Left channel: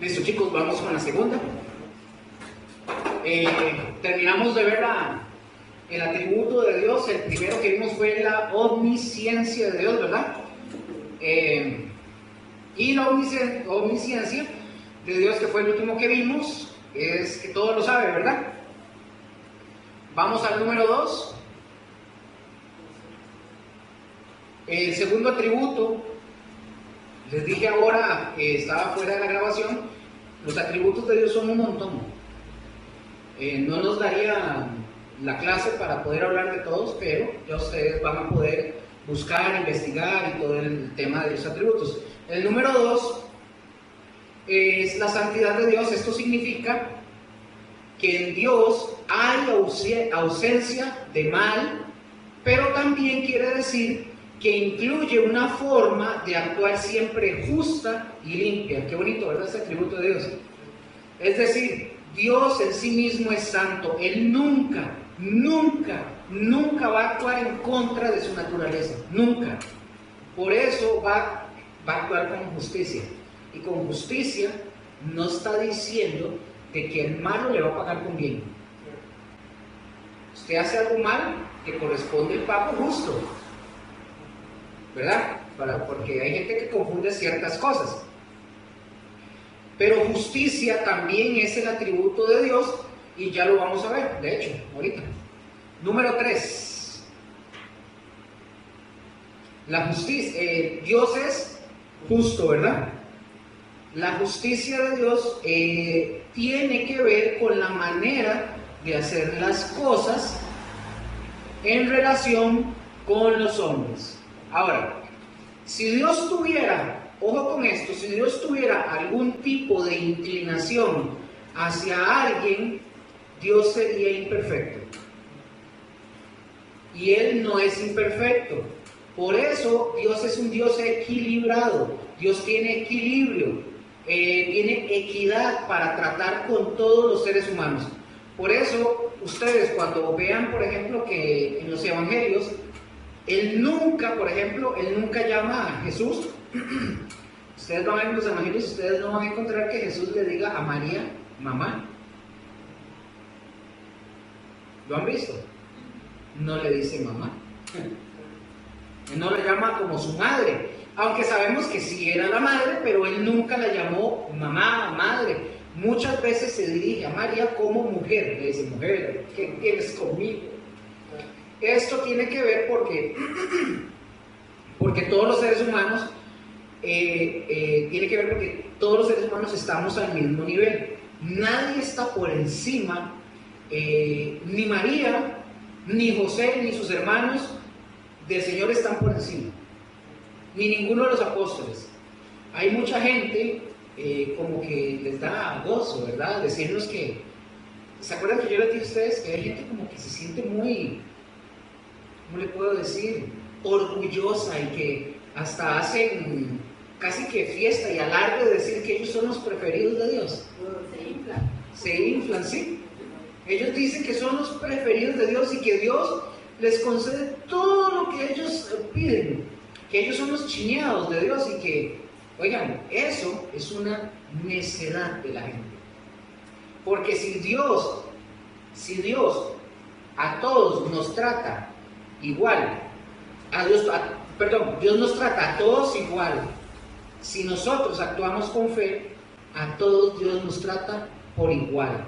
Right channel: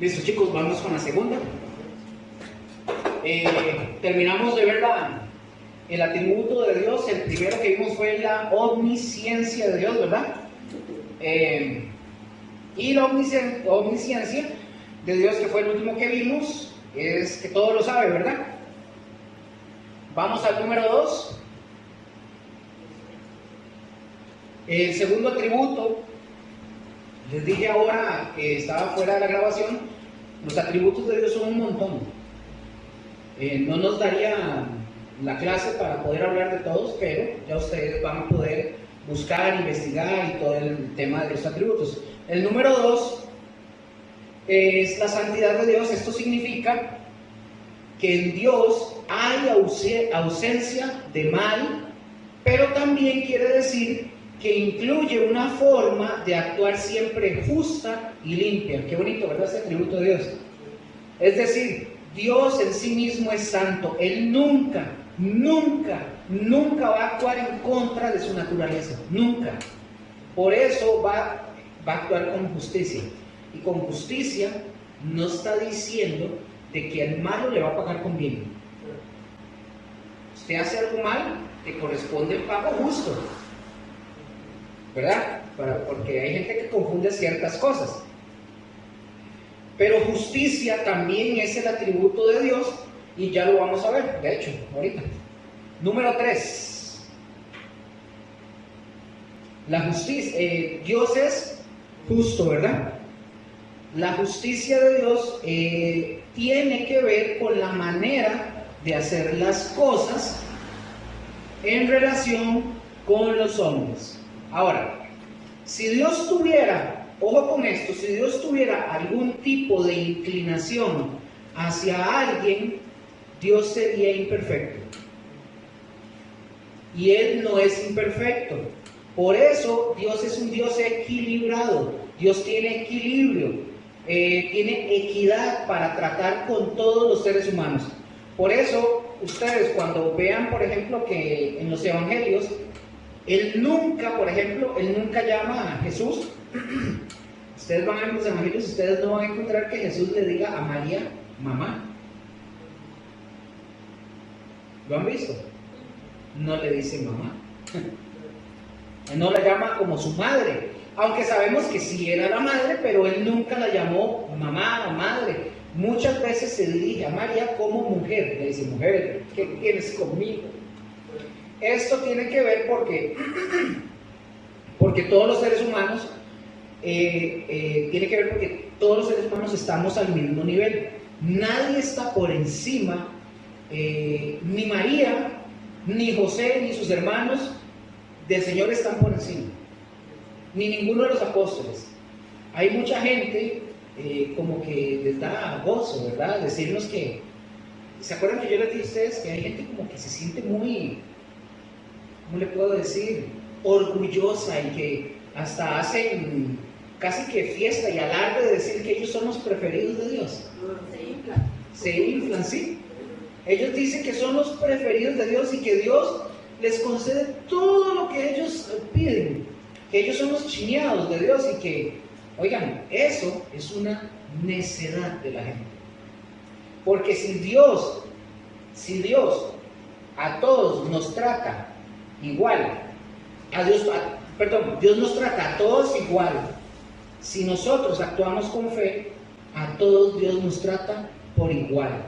Listo, chicos, vamos con la segunda. Terminamos de ver el atributo de Dios. El primero que vimos fue la omnisciencia de Dios, ¿verdad? Y la omnisciencia de Dios, que fue el último que vimos, es que todo lo sabe, ¿verdad? Vamos al número 2. El segundo atributo, les dije ahora que estaba fuera de la grabación, los atributos de Dios son un montón. No nos daría la clase para poder hablar de todos, pero ya ustedes van a poder buscar, investigar y todo el tema de los atributos. El número 2 es la santidad de Dios. Esto significa que en Dios hay ausencia de mal, pero también quiere decir que incluye una forma de actuar siempre justa y limpia. Qué bonito, ¿verdad? Este atributo de Dios. Es decir, Dios en sí mismo es santo. Él nunca va a actuar en contra de su naturaleza. Nunca. Por eso va a actuar con justicia. Y con justicia no está diciendo de que el malo le va a pagar con bien. Usted hace algo mal, le corresponde el pago justo, ¿verdad? Porque hay gente que confunde ciertas cosas. Pero justicia también es el atributo de Dios y ya lo vamos a ver, de hecho, ahorita. Número 3. La justicia. Dios es justo, ¿verdad? La justicia de Dios tiene que ver con la manera de hacer las cosas en relación con los hombres. Ahora, si Dios tuviera, ojo con esto, si Dios tuviera algún tipo de inclinación hacia alguien, Dios sería imperfecto. Y Él no es imperfecto. Por eso Dios es un Dios equilibrado. Dios tiene equilibrio, tiene equidad para tratar con todos los seres humanos. Por eso ustedes cuando vean, por ejemplo, que en los evangelios, Él nunca llama a Jesús. Ustedes van a ver los evangelios, ustedes no van a encontrar que Jesús le diga a María, mamá. ¿Lo han visto? No le dice mamá. Él no la llama como su madre, aunque sabemos que sí era la madre, pero Él nunca la llamó mamá, madre. Muchas veces se dirige a María como mujer, le dice, mujer, ¿qué tienes conmigo? Esto tiene que ver porque todos los seres humanos, tiene que ver porque todos los seres humanos estamos al mismo nivel. Nadie está por encima, ni María, ni José, ni sus hermanos del Señor están por encima, ni ninguno de los apóstoles. Hay mucha gente como que les da gozo, ¿verdad? Decirnos que, ¿se acuerdan que yo les dije a ustedes que hay gente como que se siente muy, ¿cómo le puedo decir?, orgullosa y que hasta hacen casi que fiesta y alarde de decir que ellos son los preferidos de Dios? Se inflan, sí. Ellos dicen que son los preferidos de Dios y que Dios les concede todo lo que ellos piden, que ellos son los chineados de Dios y que, oigan, eso es una necedad de la gente. Porque si Dios a todos nos trata igual, Dios nos trata a todos igual. Si nosotros actuamos con fe, a todos Dios nos trata por igual.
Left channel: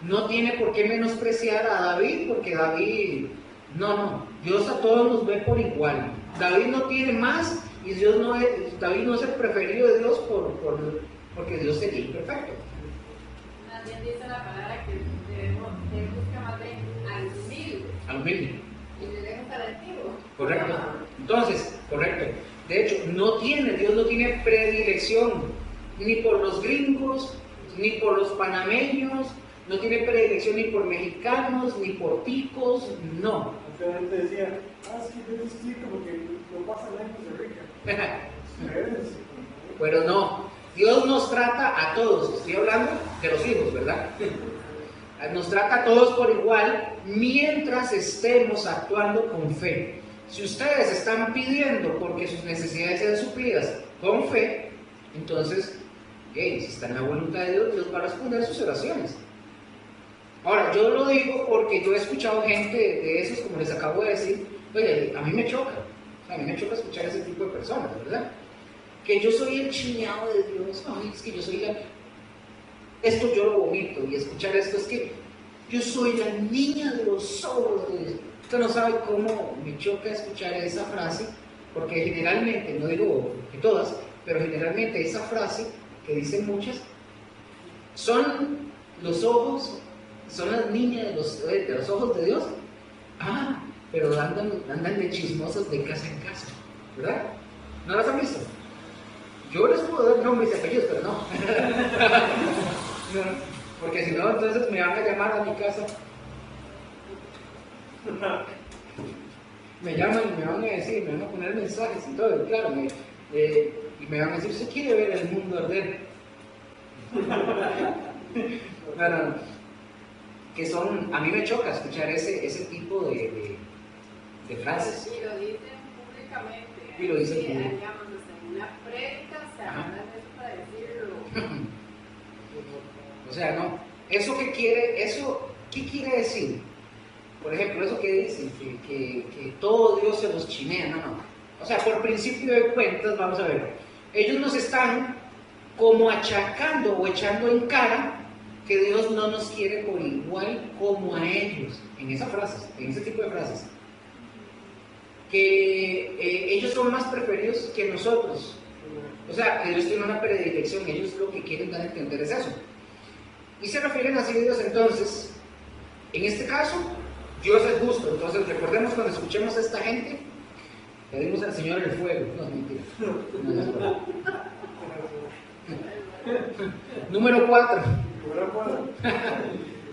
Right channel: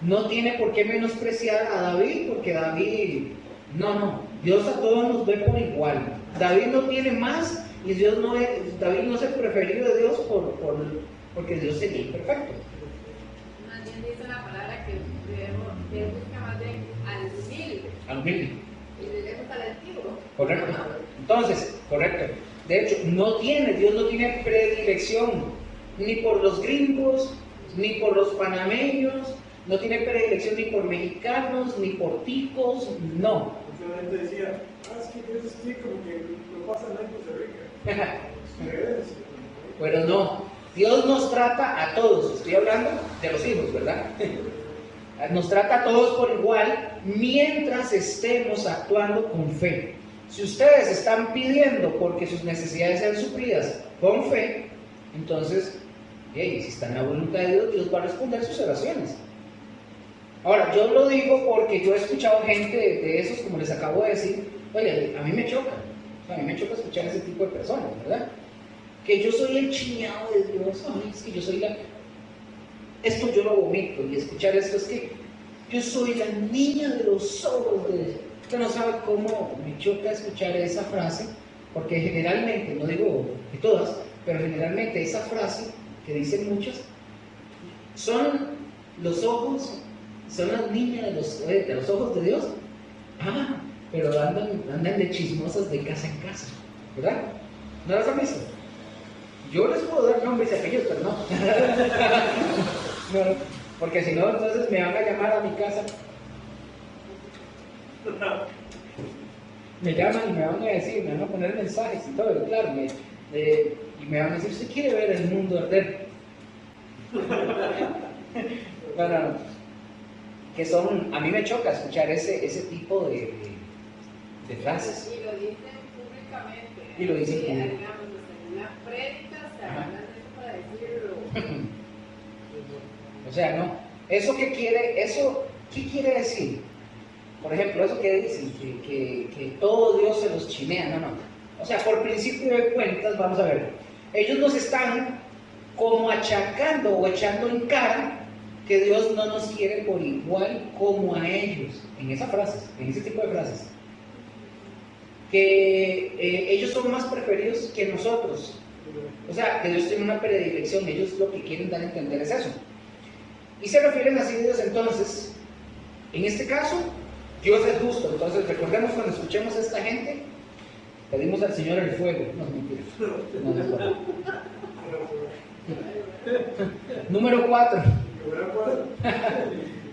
No tiene por qué menospreciar a David, porque David, no, Dios a todos nos ve por igual. David no tiene más y David no es el preferido de Dios porque Dios sería imperfecto. Más bien dice la palabra que debemos buscar más bien al humilde. Y debemos al antiguo. Correcto. Entonces, correcto. De hecho, Dios no tiene predilección ni por los gringos, ni por los panameños, no tiene predilección ni por mexicanos, ni por ticos, no. Mucha gente decía, es que es como que lo pasan en Costa Rica. Pero no, Dios nos trata a todos, estoy hablando de los hijos, ¿verdad? Nos trata a todos por igual mientras estemos actuando con fe. Si ustedes están pidiendo porque sus necesidades sean suplidas con fe, entonces si está en la voluntad de Dios, Dios va a responder sus oraciones. Ahora, yo lo digo porque yo he escuchado gente de esos, como les acabo de decir, oye, a mí me choca escuchar ese tipo de personas, ¿verdad? Que yo soy el chiñado de Dios, ay, es que yo soy esto yo lo vomito, y escuchar esto es que yo soy la niña de los ojos de Dios. Usted no sabe cómo me choca escuchar esa frase, porque generalmente, no digo que todas, pero generalmente esa frase que dicen muchas, son los ojos, son las niñas de los ojos de Dios. Ah, pero andan de chismosas de casa en casa, ¿verdad? ¿No las han visto? Yo les puedo dar nombres y apellidos, pero no. No, porque si no, entonces me van a llamar a mi casa. Me llaman y me van a decir, me van a poner mensajes y todo, claro, y me van a decir, ¿usted quiere ver el mundo arder? Claro, que son, a mí me choca escuchar ese tipo de frases. Y lo dicen públicamente. Y lo dicen públicamente. Digamos, en una prédica se hablan de eso para decirlo. O sea, no. ¿Qué quiere decir? Por ejemplo, eso que dicen, que todo Dios se los chinea, no. O sea, por principio de cuentas, vamos a ver, ellos nos están como achacando o echando en cara que Dios no nos quiere por igual como a ellos, en ese tipo de frases. Que ellos son más preferidos que nosotros. O sea, que Dios tiene una predilección, ellos lo que quieren dar a entender es eso. Y se refieren así a Dios entonces, en este caso, Dios es justo. Entonces recordemos cuando escuchemos a esta gente, pedimos al Señor el fuego. No, mentira. Número 4.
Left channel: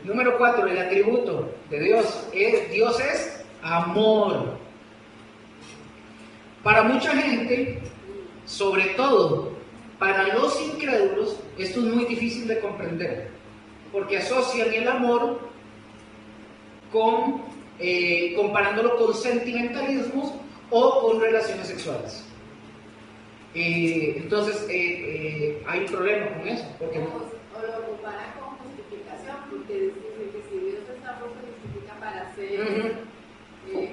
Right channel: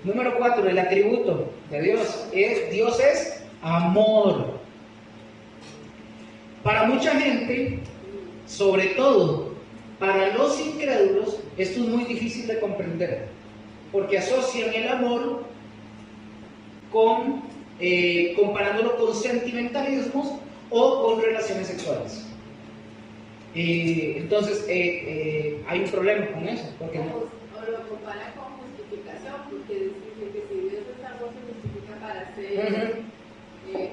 Número 4, el atributo de Dios es amor. Para mucha gente, sobre todo para los incrédulos, esto es muy difícil de comprender, porque asocian el amor comparándolo con sentimentalismos o con relaciones sexuales. Entonces, hay un problema con eso. Porque o lo comparan con justificación, porque dicen que si Dios es amor, se justifica para hacer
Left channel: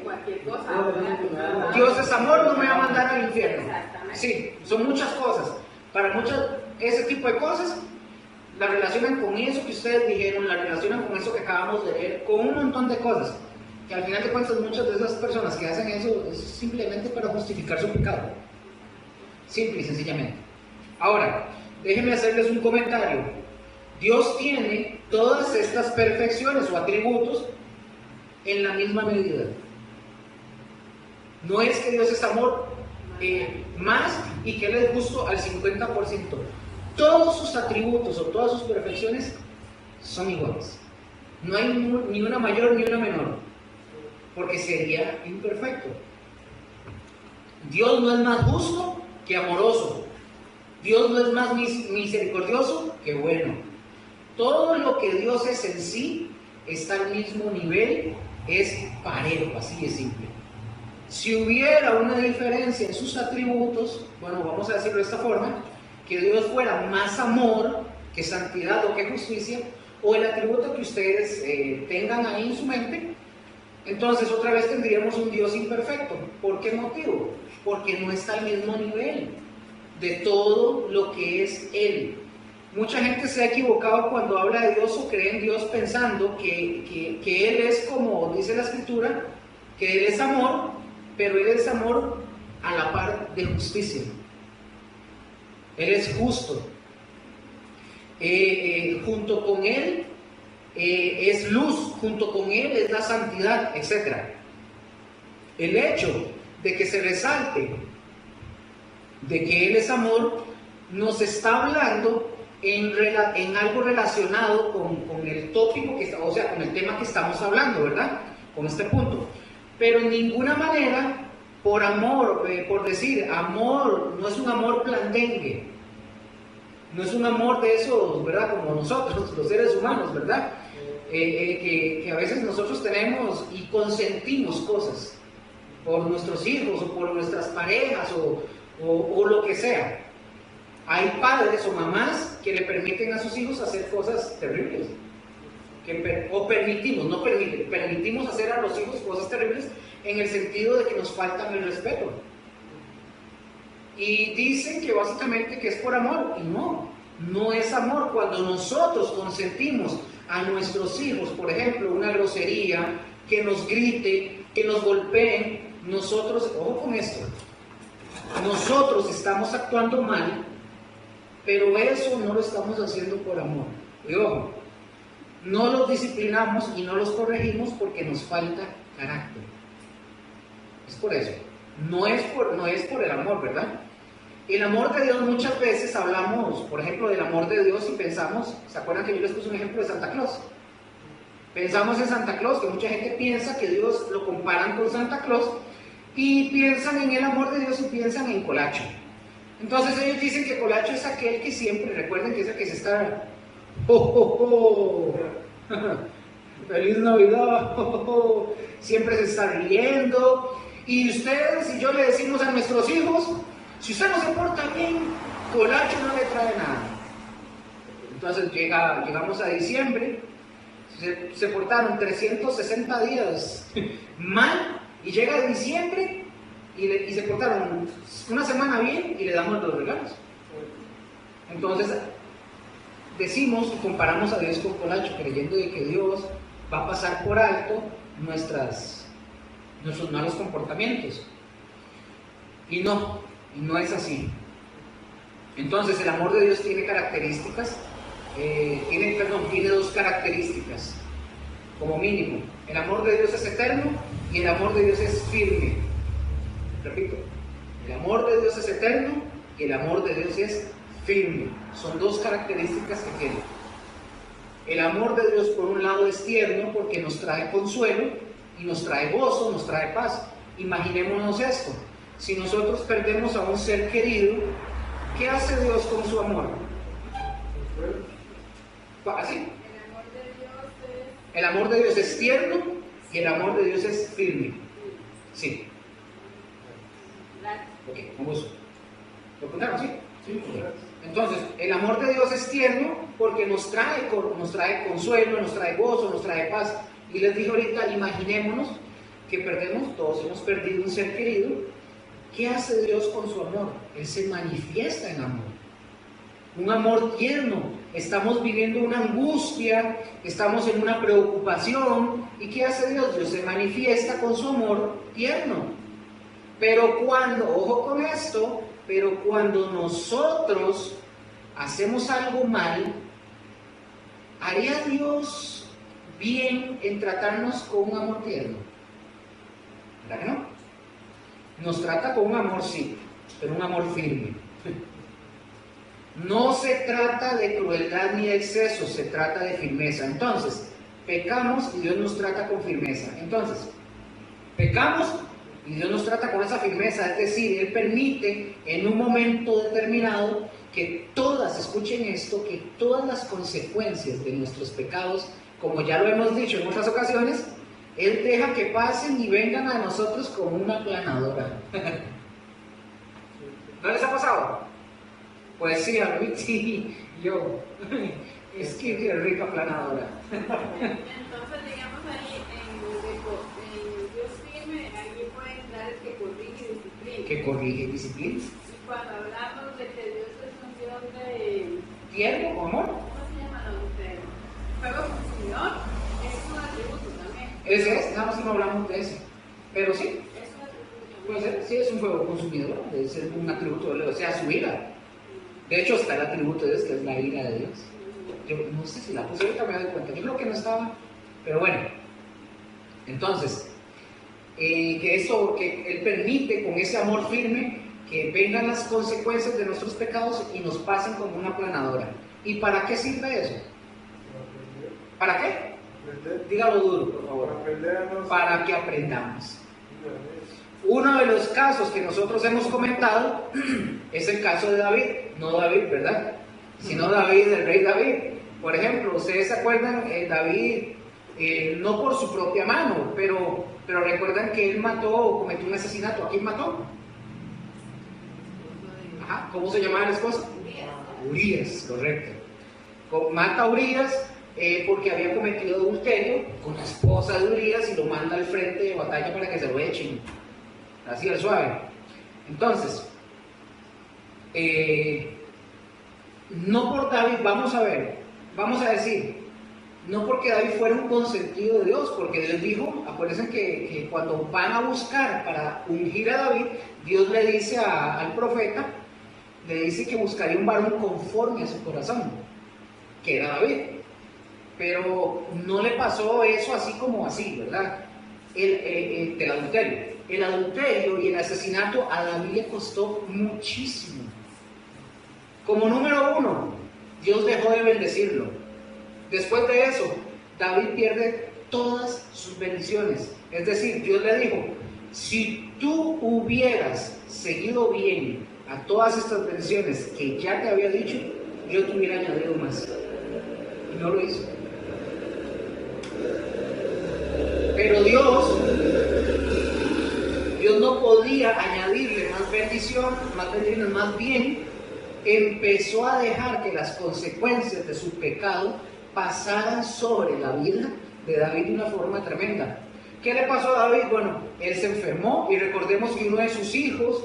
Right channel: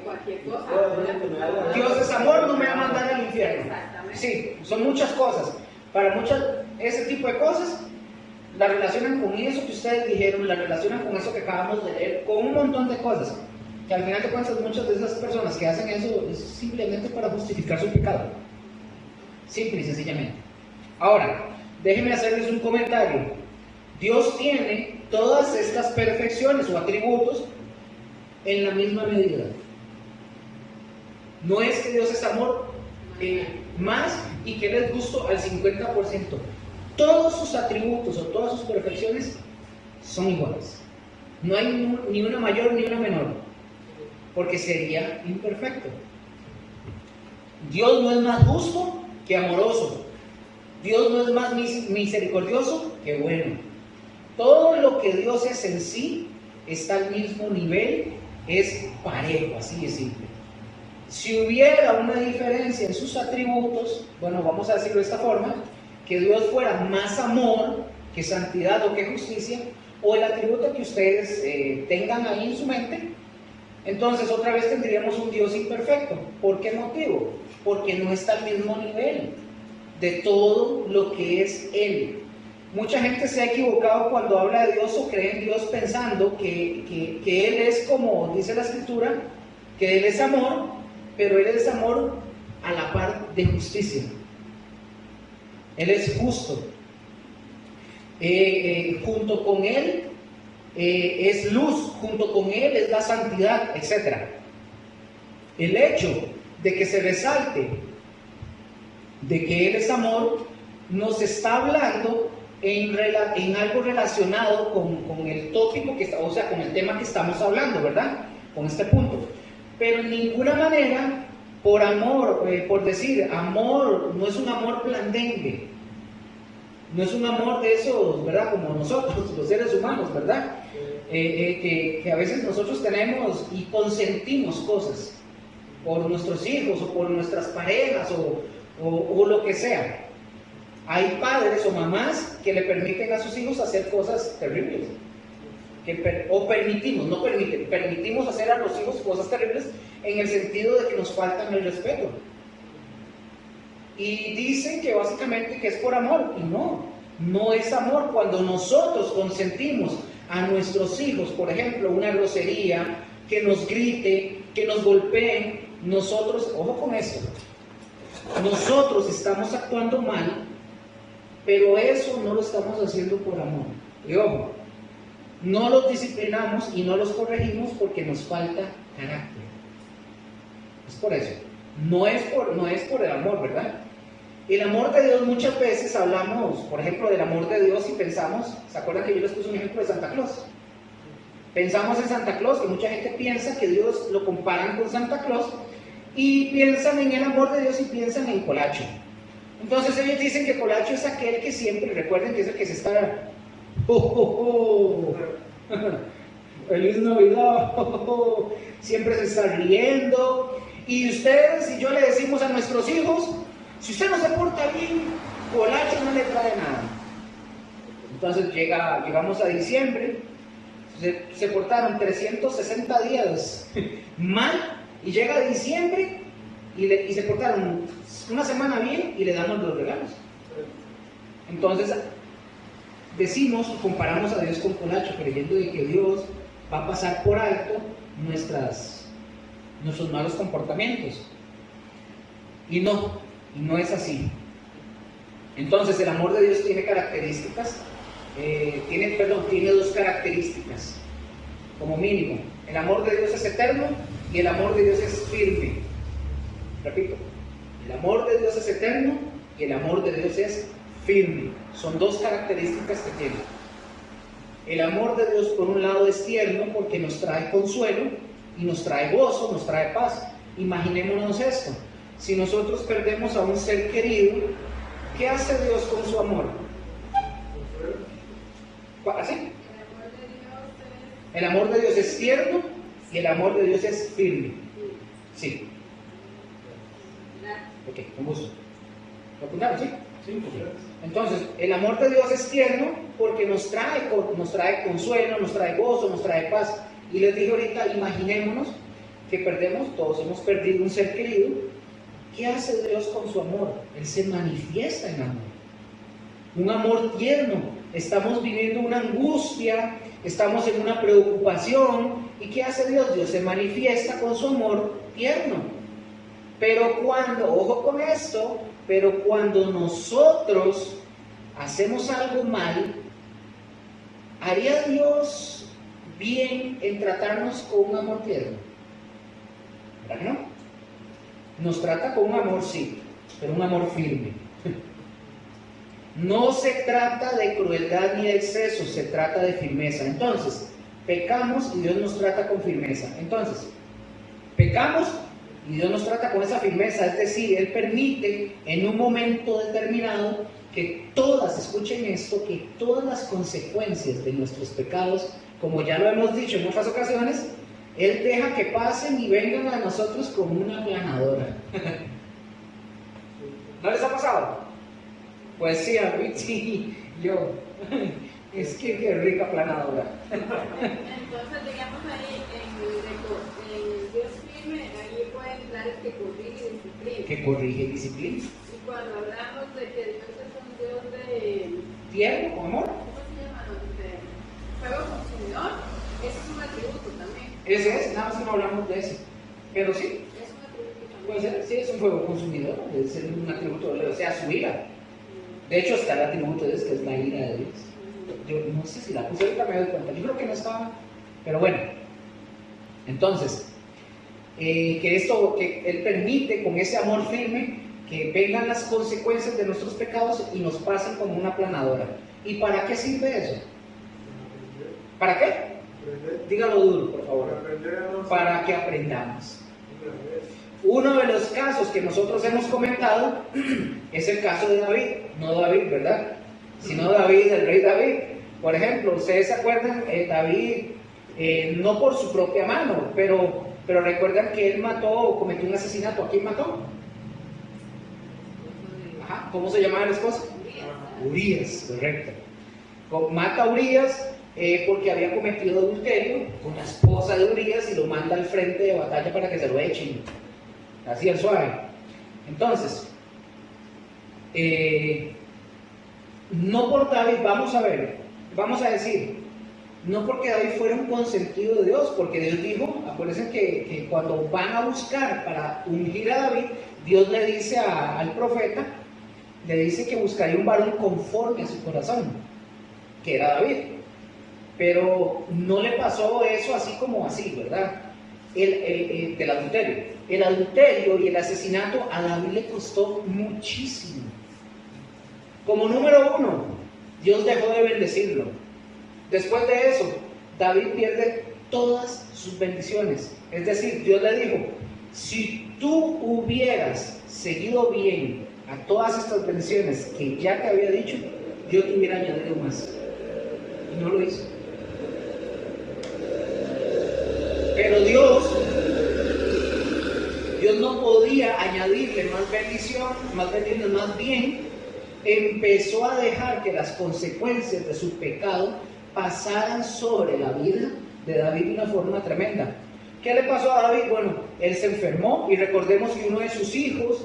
cualquier cosa. Dios es amor, no me va a mandar al infierno. Exactamente. Sí, son muchas cosas. Para ese tipo de cosas, la relacionan con eso que ustedes dijeron, la relacionan con eso que acabamos de leer, con un montón de cosas. Que al final de cuentas, muchas de esas personas que hacen eso es simplemente para justificar su pecado. Simple y sencillamente. Ahora, déjenme hacerles un comentario. Dios tiene todas estas perfecciones o atributos en la misma medida. No es que Dios es amor más y que Él es justo al 50%. Todos sus atributos o todas sus perfecciones son iguales. No hay ni una mayor ni una menor, porque sería imperfecto. Dios no es más justo que amoroso. Dios no es más misericordioso que bueno. Todo lo que Dios es en sí está al mismo nivel, es parejo, así de simple. Si hubiera una diferencia en sus atributos, bueno, vamos a decirlo de esta forma, que Dios fuera más amor que santidad o que justicia, o el atributo que ustedes tengan ahí en su mente, entonces otra vez tendríamos un Dios imperfecto. ¿Por qué motivo? Porque no está al mismo nivel de todo lo que es Él. Mucha gente se ha equivocado cuando habla de Dios o cree en Dios pensando que Él es, como dice la Escritura, que Él es amor, pero Él es amor a la par de justicia. Él es justo. Junto con Él es luz, junto con Él es la santidad, etc. El hecho de que se resalte de que Él es amor nos está hablando en algo relacionado con el tópico o sea, con el tema que estamos hablando, ¿verdad? Con este punto. Pero en ninguna manera, por amor, por decir, amor, no es un amor blandengue. No es un amor de esos, ¿verdad? Como nosotros, los seres humanos, ¿verdad? Que a veces nosotros tenemos y consentimos cosas por nuestros hijos o por nuestras parejas o lo que sea. Hay padres o mamás que le permiten a sus hijos hacer cosas terribles. Permitimos hacer a los hijos cosas terribles en el sentido de que nos faltan el respeto. Y dicen que básicamente que es por amor, y no es amor. Cuando nosotros consentimos a nuestros hijos, por ejemplo, una grosería, que nos grite, que nos golpeen, nosotros, ojo con esto, nosotros estamos actuando mal, pero eso no lo estamos haciendo por amor. Y ojo, no los disciplinamos y no los corregimos porque nos falta carácter. Es por eso. No es por el amor, ¿verdad? El amor de Dios, muchas veces hablamos, por ejemplo, del amor de Dios y pensamos, ¿se acuerdan que yo les puse un ejemplo de Santa Claus? Pensamos en Santa Claus, que mucha gente piensa que Dios lo comparan con Santa Claus y piensan en el amor de Dios y piensan en Colacho. Entonces ellos dicen que Colacho es aquel que siempre, recuerden que es el que se está... ¡Oh, oh, oh! ¡Feliz Navidad! ¡Oh, oh, oh! Siempre se está riendo. Y ustedes y yo le decimos a nuestros hijos, si usted no se porta bien, Colacho no le trae nada. Entonces llegamos a diciembre, se portaron 360 días mal, y llega diciembre y se portaron una semana bien y le damos los regalos. Entonces decimos y comparamos a Dios con Colacho, creyendo de que Dios va a pasar por alto nuestros malos comportamientos. Y no es así. Entonces el amor de Dios tiene características, tiene dos características, como mínimo. El amor de Dios es eterno y el amor de Dios es firme. Repito, el amor de Dios es eterno y el amor de Dios es firme. Son dos características que tiene. El amor de Dios, por un lado, es tierno porque nos trae consuelo y nos trae gozo, nos trae paz. Imaginémonos esto: si nosotros perdemos a un ser querido, ¿qué hace Dios con su amor? ¿Así? El amor de Dios es tierno y el amor de Dios es firme. Sí. Ok, con gusto. ¿Lo apuntaron? Sí. Sí, okay. Entonces, el amor de Dios es tierno porque nos trae consuelo, nos trae gozo, nos trae paz. Y les dije ahorita, imaginémonos que todos hemos perdido un ser querido. ¿Qué hace Dios con su amor? Él se manifiesta en amor. Un amor tierno. Estamos viviendo una angustia, estamos en una preocupación. ¿Y qué hace Dios? Dios se manifiesta con su amor tierno. Pero ojo con esto, pero cuando nosotros hacemos algo mal, ¿haría Dios bien en tratarnos con un amor tierno? ¿Verdad que no? Nos trata con un amor, sí, pero un amor firme. No se trata de crueldad ni de exceso, se trata de firmeza. Entonces, pecamos y Dios nos trata con firmeza. Entonces, pecamos y Dios nos trata con esa firmeza, es decir, Él permite en un momento determinado que escuchen esto, que todas las consecuencias de nuestros pecados, como ya lo hemos dicho en otras ocasiones, Él deja que pasen y vengan a nosotros como una aplanadora. ¿No les ha pasado? Pues sí, a mí sí, yo. Es que qué rica aplanadora. Entonces, digamos ahí, en Dios firme, ahí pueden dar el que corrige y disciplina. Que corrige y disciplina. Y cuando hablamos de que Dios es un Dios de... ¿Tierno o amor? ¿Cómo se llama? Fuego consumidor. Ese es un atributo también. Ese es, nada más que no hablamos de ese. Pero sí. Es un atributo también. Puede ser, sí, es un fuego consumidor, debe ser un atributo, o sea, su ira. De hecho, está el atributo de Dios, que es la ira de Dios. Yo no sé si la puse, ahorita me doy cuenta. Yo creo que no estaba, pero bueno. Entonces, que Él permite con ese amor firme que vengan las consecuencias de nuestros pecados y nos pasen como una aplanadora. ¿Y para qué sirve eso? ¿Para qué? Dígalo duro, por favor. Para que aprendamos. Uno de los casos que nosotros hemos comentado es el caso de David, no David, ¿verdad? Sino David, el rey David. Por ejemplo, ustedes se acuerdan, David, no por su propia mano, pero recuerdan que él mató o cometió un asesinato. ¿A quién mató? Ajá, ¿cómo se llamaba el esposo? Urías, correcto. Mata a Urías porque había cometido adulterio con la esposa de Urías y lo manda al frente de batalla para que se lo echen. Así al suave. Entonces, no por David, vamos a decir, no porque David fuera un consentido de Dios, porque Dios dijo, acuérdense que cuando van a buscar para ungir a David, Dios le dice al profeta, le dice que buscaría un varón conforme a su corazón, que era David. Pero no le pasó eso así como así, ¿verdad? Del adulterio. El adulterio y el asesinato a David le costó muchísimo. Como número uno, Dios dejó de bendecirlo. Después de eso, David pierde todas sus bendiciones. Es decir, Dios le dijo, si tú hubieras seguido bien a todas estas bendiciones que ya te había dicho, yo te hubiera añadido más. Y no lo hizo. Pero Dios no podía añadirle más bendiciones, más bien empezó a dejar que las consecuencias de su pecado pasaran sobre la vida de David de una forma tremenda. ¿Qué le pasó a David? Bueno, él se enfermó y recordemos que uno de sus hijos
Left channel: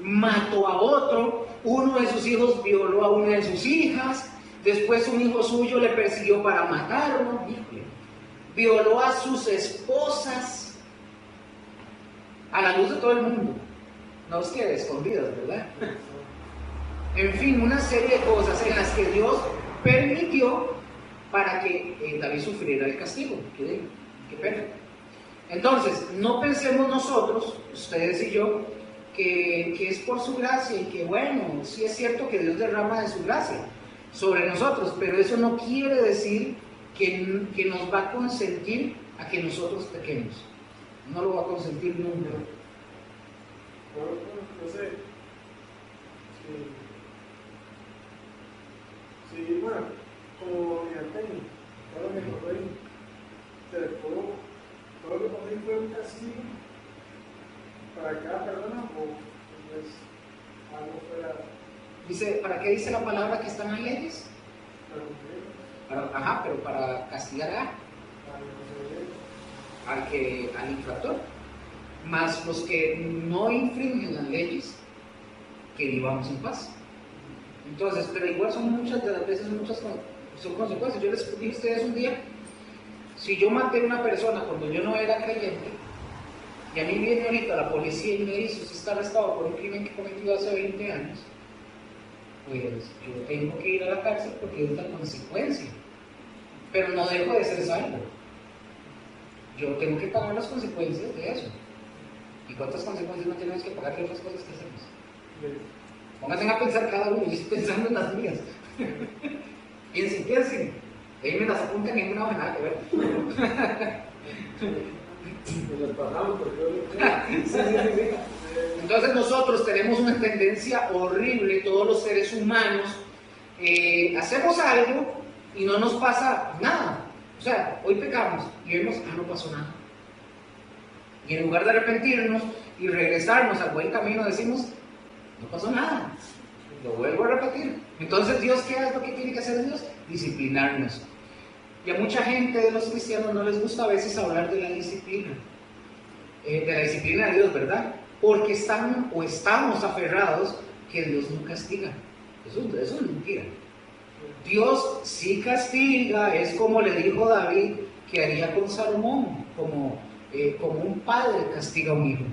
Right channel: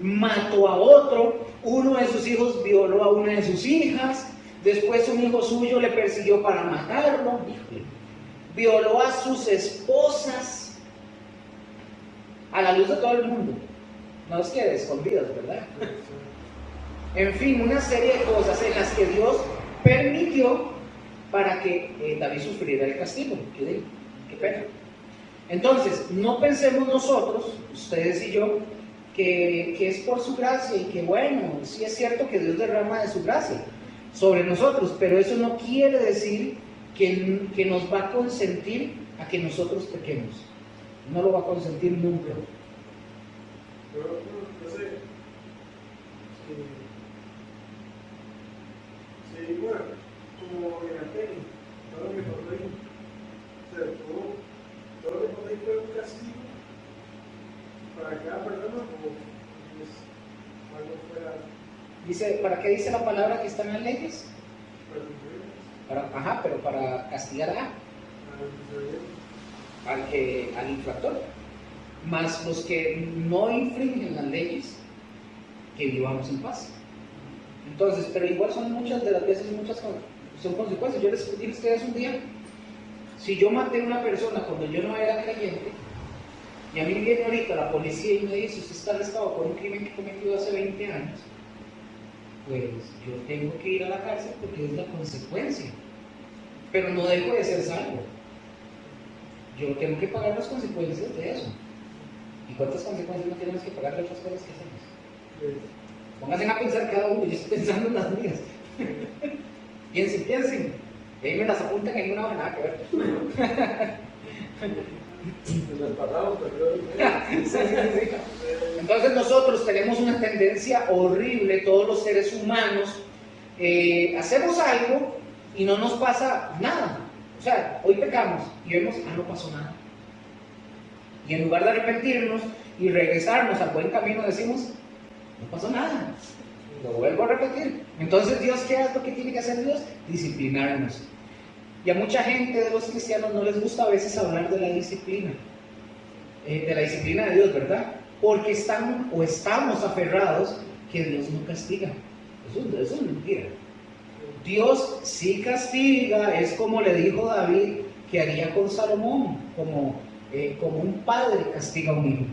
mató a otro, uno de sus hijos violó a una de sus hijas, después un hijo suyo le persiguió para matarlo, violó a sus esposas a la luz de todo el mundo, no os quede escondidas, ¿verdad? En fin, una serie de cosas en las que Dios permitió para que David sufriera el castigo. Qué pena. Entonces, no pensemos nosotros, ustedes y yo, que es por su gracia y que bueno, sí es cierto que Dios derrama de su gracia sobre nosotros, pero eso no quiere decir que nos va a consentir a que nosotros pequemos. No lo va a consentir nunca. Yo sé. Sí, bueno, como en Atenas, todo lo que pasó ahí, o sea, todo lo que pasó ahí fue un castigo para cada persona o pues, algo fuera. Dice, ¿para qué dice la palabra que están las leyes? Pero para castigar al infractor, más los que no infringen las leyes, que vivamos en paz. Entonces, pero igual son muchas de las veces, son consecuencias. Yo les dije a ustedes un día, si yo maté a una persona cuando yo no era creyente, y a mí viene ahorita la policía y me dice, usted está arrestado por un crimen que cometió hace 20 años, pues yo tengo que ir a la cárcel porque es la consecuencia. Pero no dejo de ser salvo. Yo tengo que pagar las consecuencias de eso. ¿Y cuántas consecuencias no tenemos que pagar de otras cosas que hacemos? Pónganse a pensar cada uno, yo estoy pensando en las mías. Piensen. Y ahí me las apuntan en una hoja, nada que ver. Sí. Entonces nosotros tenemos una tendencia horrible, todos los seres humanos, hacemos algo y no nos pasa nada. O sea, hoy pecamos y vemos, no pasó nada. Y en lugar de arrepentirnos y regresarnos al buen camino, decimos, no pasó nada. Lo vuelvo a repetir. Entonces, ¿Dios qué es lo que tiene que hacer Dios? Disciplinarnos. Y a mucha gente de los cristianos no les gusta a veces hablar de la disciplina. De la disciplina de Dios, ¿verdad? Porque estamos aferrados que Dios no castiga. Eso es mentira. Dios sí castiga, es como le dijo David que haría con Salomón, como un padre castiga a un hijo.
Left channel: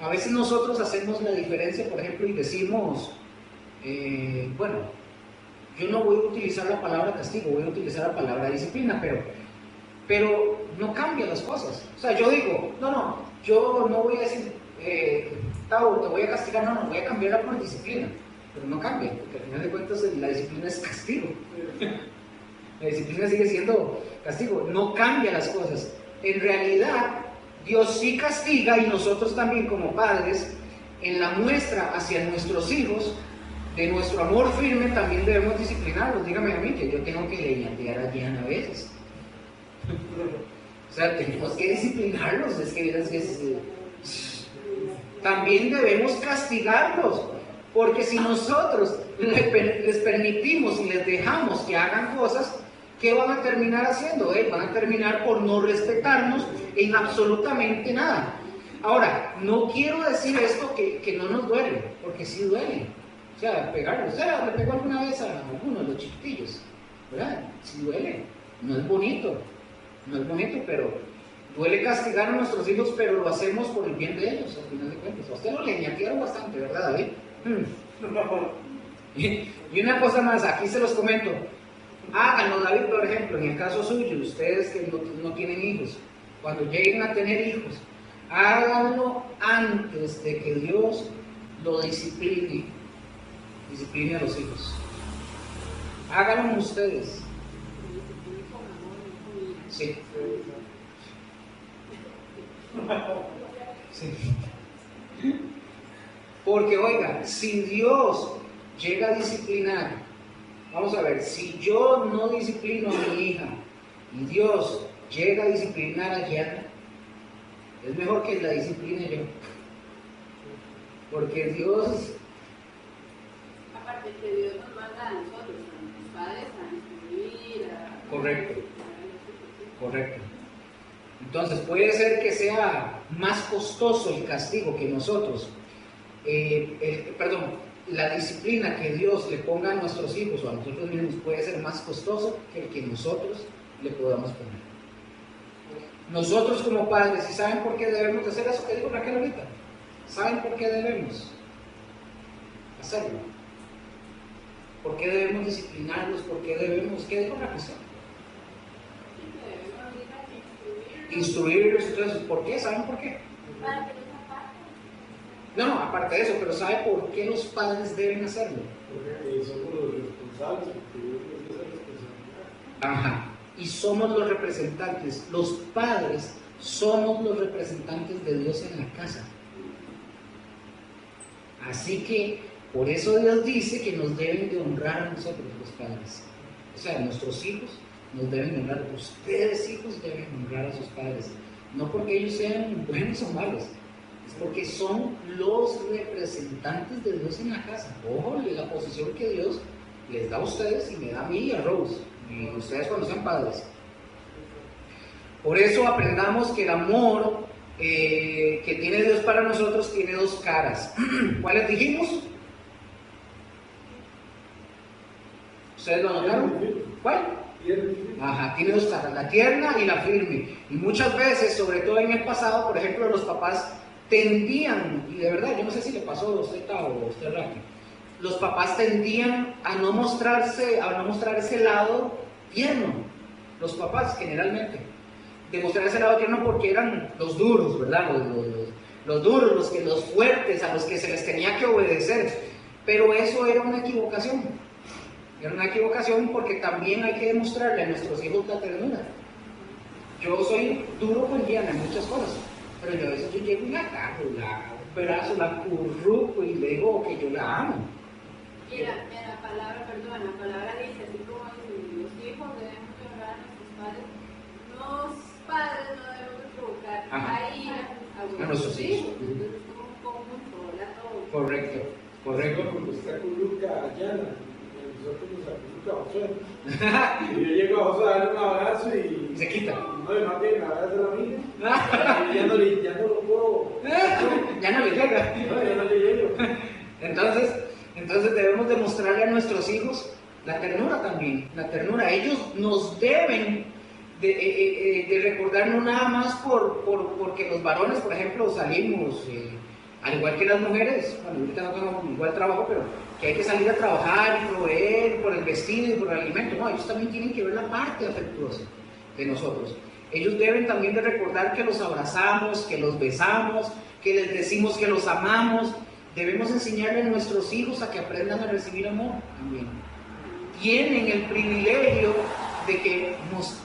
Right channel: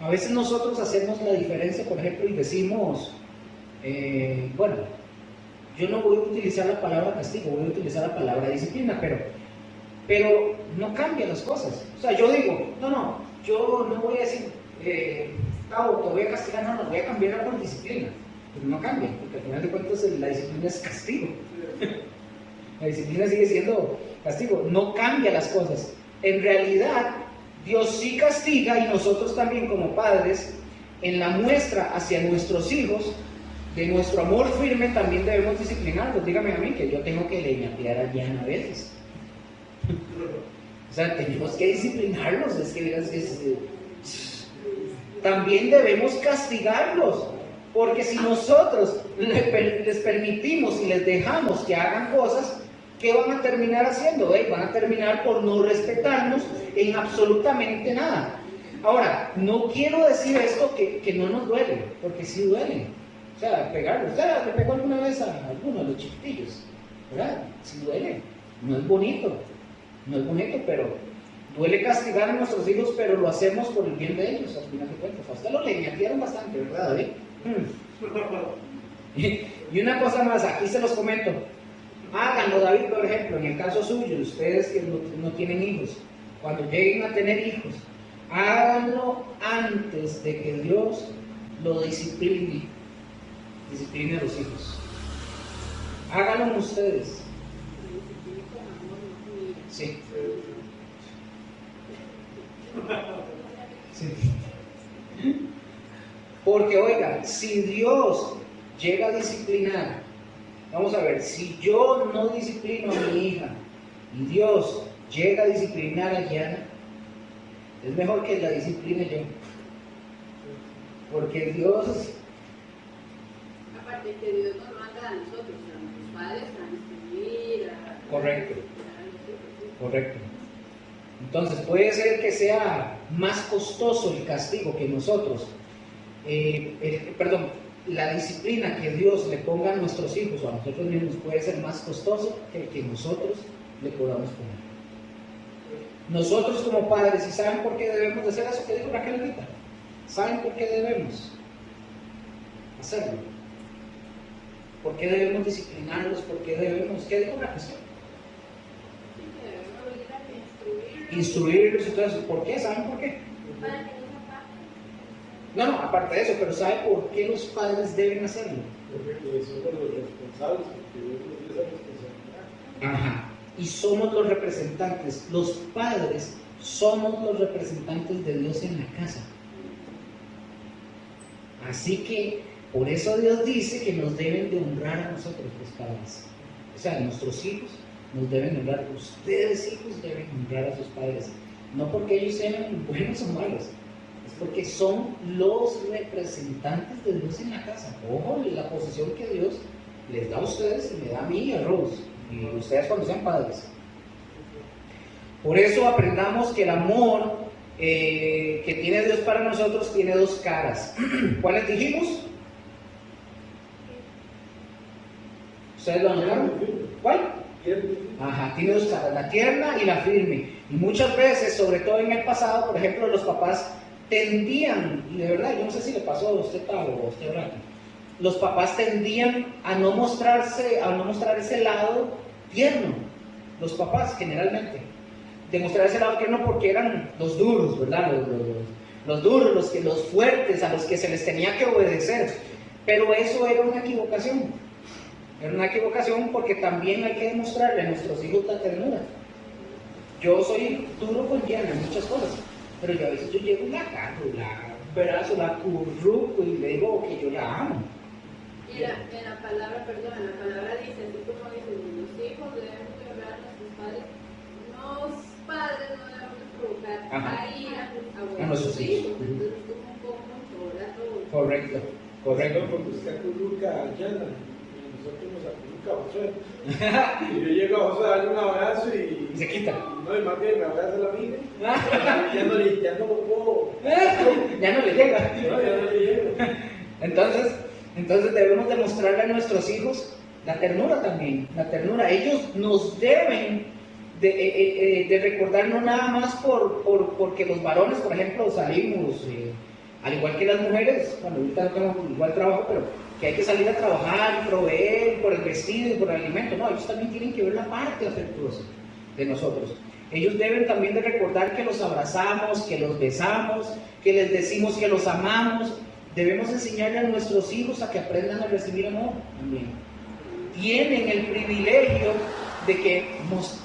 A veces nosotros hacemos la diferencia, por ejemplo, y decimos, bueno, yo no voy a utilizar la palabra castigo, voy a utilizar la palabra disciplina, pero no cambia las cosas. O sea, yo digo, yo no voy a decir, Tavo, te voy a castigar, no, voy a cambiarla por disciplina. Pero no cambia, porque al final de cuentas la disciplina es castigo. La disciplina sigue siendo castigo, no cambia las cosas. En realidad, Dios sí castiga y nosotros también como padres, en la muestra hacia nuestros hijos, de nuestro amor firme, también debemos disciplinarlos. Dígame a mí que yo tengo que leñatear a Jan a veces. O sea, tenemos que disciplinarlos, también debemos castigarlos. Porque si nosotros les permitimos y les dejamos que hagan cosas, ¿qué van a terminar haciendo? Van a terminar por no respetarnos en absolutamente nada. Ahora, no quiero decir esto que no nos duele, porque sí duele. O sea, pegarlos. O sea, le pegó alguna vez a algunos, los chiquitillos. ¿Verdad? Sí duele. No es bonito. No es bonito, pero duele castigar a nuestros hijos, pero lo hacemos por el bien de ellos, al final de cuentas. A usted lo leñatearon bastante, ¿verdad? Y una cosa más, aquí se los comento. Háganlo, David, por ejemplo, en el caso suyo, ustedes que no tienen hijos, cuando lleguen a tener hijos, háganlo antes de que Dios lo discipline a los hijos. Háganlo ustedes. Sí. Sí. Porque oiga, si Dios llega a disciplinar, vamos a ver, si yo no disciplino a mi hija y Dios llega a disciplinar a Yana, es mejor que la discipline yo. Porque Dios... Aparte que Dios nos manda a nosotros, a nuestros padres, a instruir, a... Correcto. Correcto. Entonces puede ser que sea más costoso el castigo que nosotros, la disciplina que Dios le ponga a nuestros hijos o a nosotros mismos puede ser más costoso que el que nosotros le podamos poner. Nosotros como padres, ¿y saben por qué debemos de hacer eso que dijo Raquel ahorita? ¿Saben por qué debemos hacerlo? ¿Por qué debemos disciplinarlos? ¿Por qué debemos? ¿Qué dijo Raquel? Instruirlos y todo eso. ¿Por qué? ¿Saben por qué? No, aparte de eso, pero ¿sabe por qué los padres deben hacerlo? Porque somos los responsables, porque Dios nos dio esa responsabilidad. Ajá. Y somos los representantes. Los padres somos los representantes de Dios en la casa. Así que, por eso Dios dice que nos deben de honrar a nosotros, los padres. O sea, nuestros hijos nos deben honrar. Ustedes, hijos, deben honrar a sus padres. No porque ellos sean buenos o malos. Es porque son los representantes de Dios en la casa. Ojo, la posición que Dios les da a ustedes y me da a mí y a Rose. Y ustedes cuando sean padres. Por eso aprendamos que el amor que tiene Dios para nosotros tiene dos caras. ¿Cuáles dijimos? ¿Ustedes lo notaron? ¿Cuál? Ajá, tiene dos caras, la tierna y la firme. Y muchas veces, sobre todo en el pasado, por ejemplo, los papás tendían, y de verdad, yo no sé si le pasó a usted o a usted Raquel, los papás tendían a no mostrar ese lado tierno, los papás generalmente, demostrar ese lado tierno porque eran los duros, ¿verdad? Los duros, los fuertes, a los que se les tenía que obedecer, pero eso era una equivocación porque también hay que demostrarle a nuestros hijos la ternura. Yo soy duro con Diana en muchas cosas, pero yo a veces yo llego y la cago, la curruco y le digo que yo la amo. Y en la palabra dice, así como dice, los hijos deben honrar a nuestros padres, los padres no deben provocar a ira a nuestros hijos. Entonces es como un poco controlar todo. Correcto. Porque usted acurruca a Yana, y nosotros nos acurruca a Josué. Y yo llego a Josué a darle un abrazo y se quita. No, y más bien me abraza la mía. Ya no lo puedo. Ya no le llega. No, ya no le llego. Entonces debemos demostrarle a nuestros hijos la ternura también, la ternura. Ellos nos deben de recordar no nada más porque los varones, por ejemplo, salimos, al igual que las mujeres, bueno, ahorita no tengo igual trabajo, pero que hay que salir a trabajar y proveer por el vestido y por el alimento. No, ellos también tienen que ver la parte afectuosa de nosotros. Ellos deben también de recordar que los abrazamos, que los besamos, que les decimos que los amamos. Debemos enseñarle a nuestros hijos a que aprendan a recibir amor también. Tienen el privilegio de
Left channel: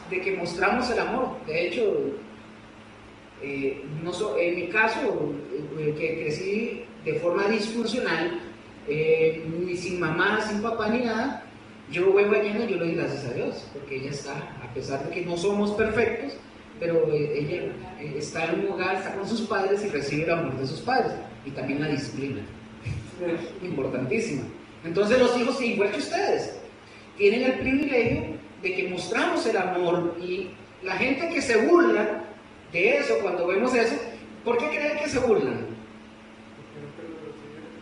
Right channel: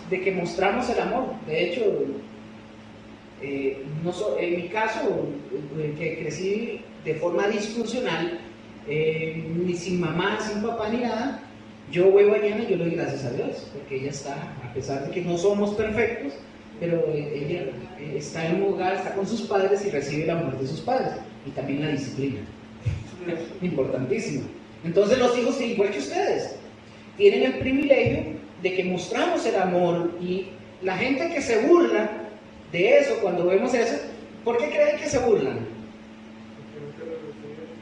que mostramos el amor. De hecho, en mi caso, que crecí de forma disfuncional, ni sin mamá, sin papá, ni nada, yo veo a Yana y yo le doy gracias a Dios, porque ella está, a pesar de que no somos perfectos, pero ella está en un hogar, está con sus padres y recibe el amor de sus padres, y también la disciplina. Importantísima. Entonces los hijos, igual que ustedes, tienen el privilegio de que mostramos el amor, y la gente que se burla de eso, cuando vemos eso, ¿por qué creen que se burlan?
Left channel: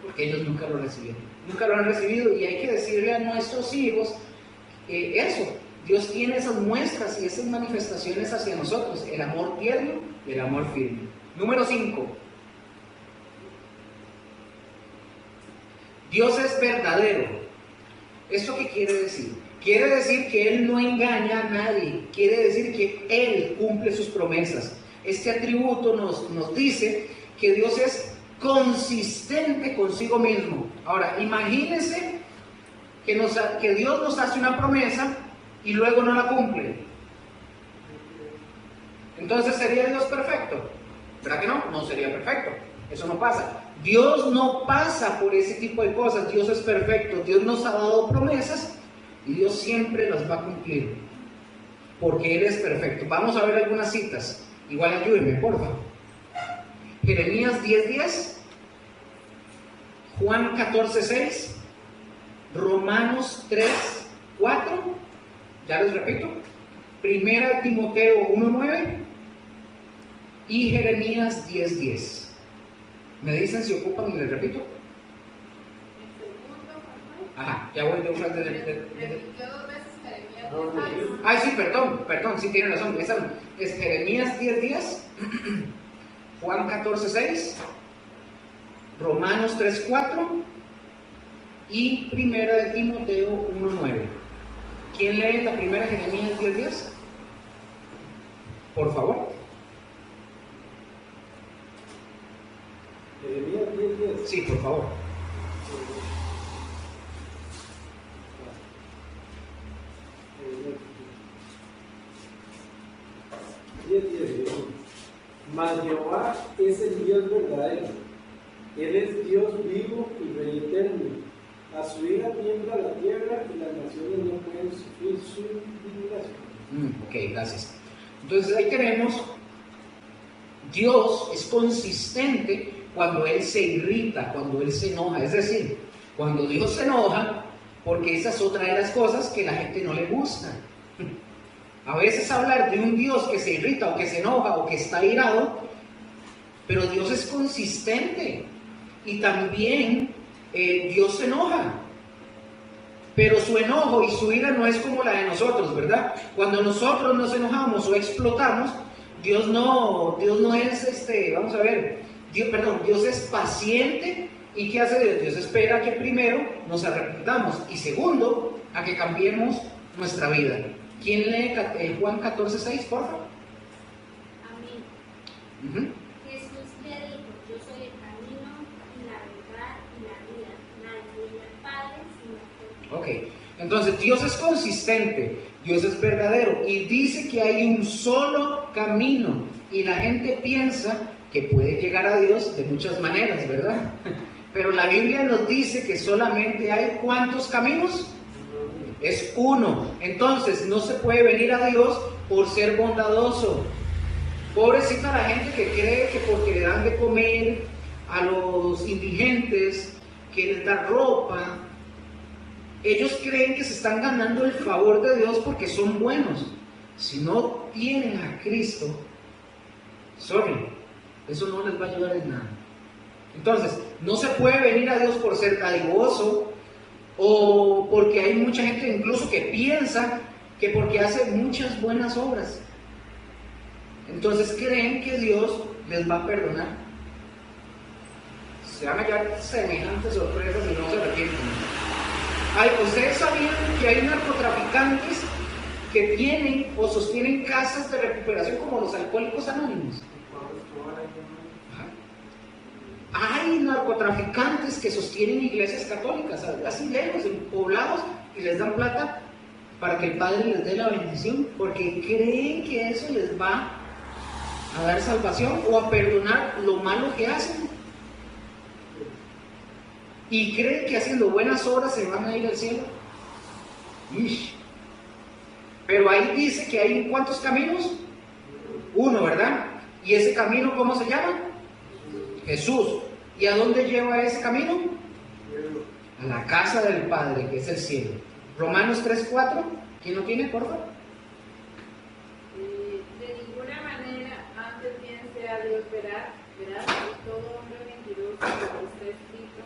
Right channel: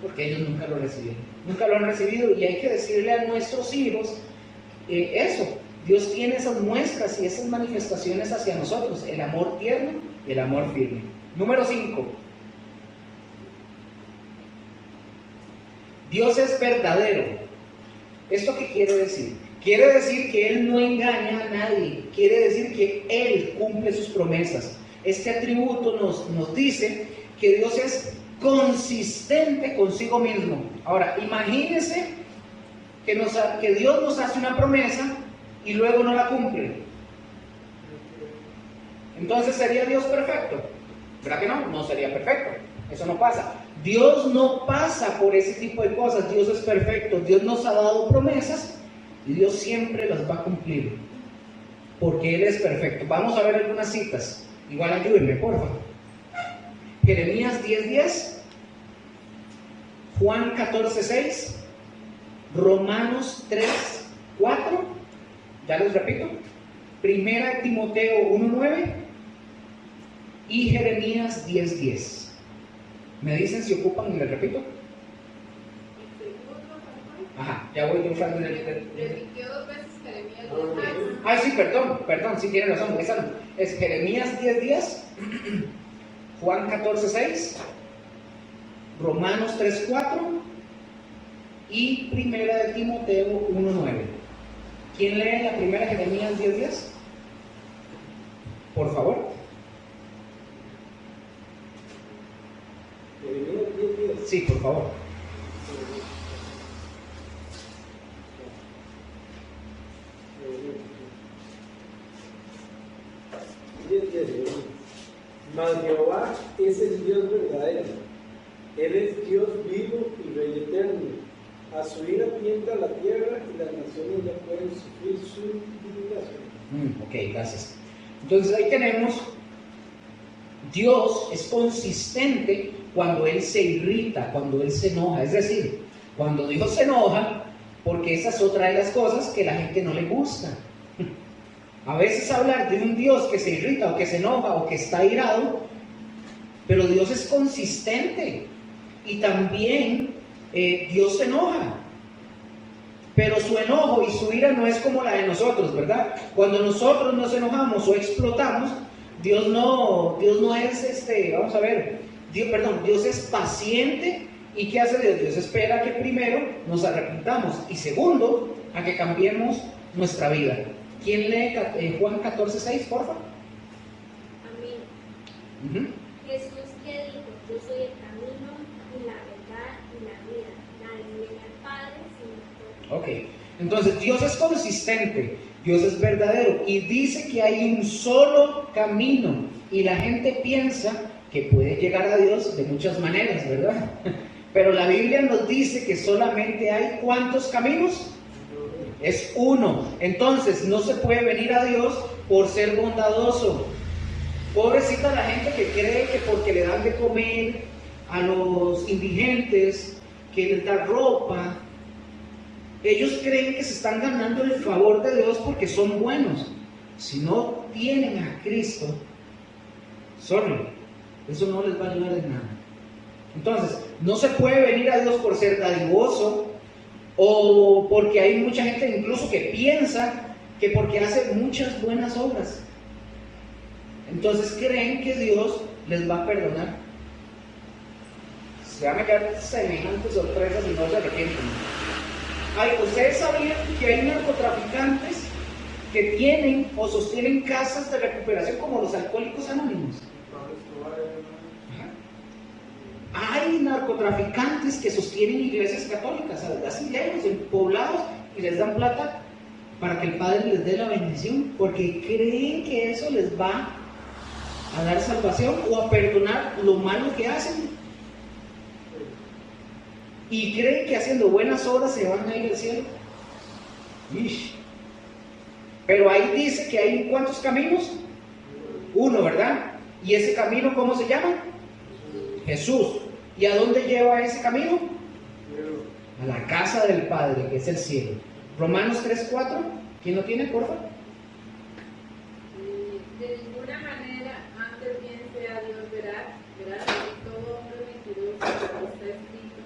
Porque ellos nunca lo recibieron, nunca lo han recibido, y hay que decirle a nuestros hijos eso. Dios tiene esas muestras y esas manifestaciones hacia nosotros, el amor tierno y el amor firme. Número 5. Dios es verdadero. ¿Esto qué quiere decir? Quiere decir que Él no engaña a nadie, quiere decir que Él cumple sus promesas. Este atributo nos dice que Dios es consistente consigo mismo. Ahora, imagínense que Dios nos hace una promesa y luego no la cumple. Entonces, ¿sería Dios perfecto? ¿Verdad que no? No sería perfecto. Eso no pasa. Dios no pasa por ese tipo de cosas. Dios es perfecto. Dios nos ha dado promesas y Dios siempre las va a cumplir, porque Él es perfecto. Vamos a ver algunas citas. Igual ayúdenme, porfa. Jeremías 10:10, Juan 14:6, Romanos 3:4, ya les repito, 1 Timoteo 1:9 y Jeremías 10:10. ¿Me dicen si ocupan y les repito? Ajá, ya voy dos veces. Repitió 2 veces Jeremías 10. Sí, perdón, sí tiene razón, es Jeremías 10:10, Juan 14:6, Romanos 3:4 y 1 Timoteo 1:9. ¿Quién lee la primera Jeremías 10:10? Por favor. Jeremías 10:10. Sí, por favor. Mas Jehová es el Dios verdadero. Él es Dios vivo y Rey eterno. A su ira tiembla la tierra y las naciones no pueden sufrir su indignación. Ok, gracias. Entonces ahí tenemos, Dios es consistente cuando Él se irrita, cuando Él se enoja. Es decir, cuando Dios se enoja, porque esa es otra de las cosas que a la gente no le gusta. A veces hablar de un Dios que se irrita o que se enoja o que está irado, pero Dios es consistente y también Dios se enoja, pero su enojo y su ira no es como la de nosotros, ¿verdad? Cuando nosotros nos enojamos o explotamos, Dios no es vamos a ver, Dios es paciente. ¿Y qué hace Dios? Dios espera que primero nos arrepintamos y segundo, a que cambiemos nuestra vida. ¿Quién lee Juan 14:6, por favor? Amén. Jesús le dijo: yo soy el camino y la verdad y la vida. Nadie viene al Padre sino por mí. Ok, entonces Dios es consistente, Dios es verdadero y dice que hay un solo camino, y la gente piensa que puede llegar a Dios de muchas maneras, ¿verdad? Pero la Biblia nos dice que solamente hay ¿cuántos caminos? Es uno. Entonces no se puede venir a Dios por ser bondadoso. Pobrecita la gente que cree que porque le dan de comer a los indigentes, que les da ropa, ellos creen que se están ganando el favor de Dios porque son buenos. Si no tienen a Cristo, eso no les va a ayudar en nada. Entonces, no se puede venir a Dios por ser dadivoso, o porque hay mucha gente incluso que piensa que porque hace muchas buenas obras, entonces creen que Dios les va a perdonar. Se van a quedar semejantes sorpresas y no se arrepienten. ¿Ustedes sabían que hay narcotraficantes que tienen o sostienen casas de recuperación como los alcohólicos anónimos? Hay narcotraficantes que sostienen iglesias católicas, así lejos, en poblados, y les dan plata para que el Padre les dé la bendición, porque creen que eso les va a dar salvación o a perdonar lo malo que hacen. Y creen que haciendo buenas obras se van a ir al cielo. Ish. Pero ahí dice que hay ¿cuántos caminos? Uno, ¿verdad? ¿Y ese camino cómo se llama? Jesús. ¿Y a dónde lleva ese camino? a la casa del Padre, que es el cielo. Romanos 3:4, ¿quién lo tiene, por favor? De ninguna manera, antes bien sea Dios veraz y todo hombre mentiroso, como está escrito,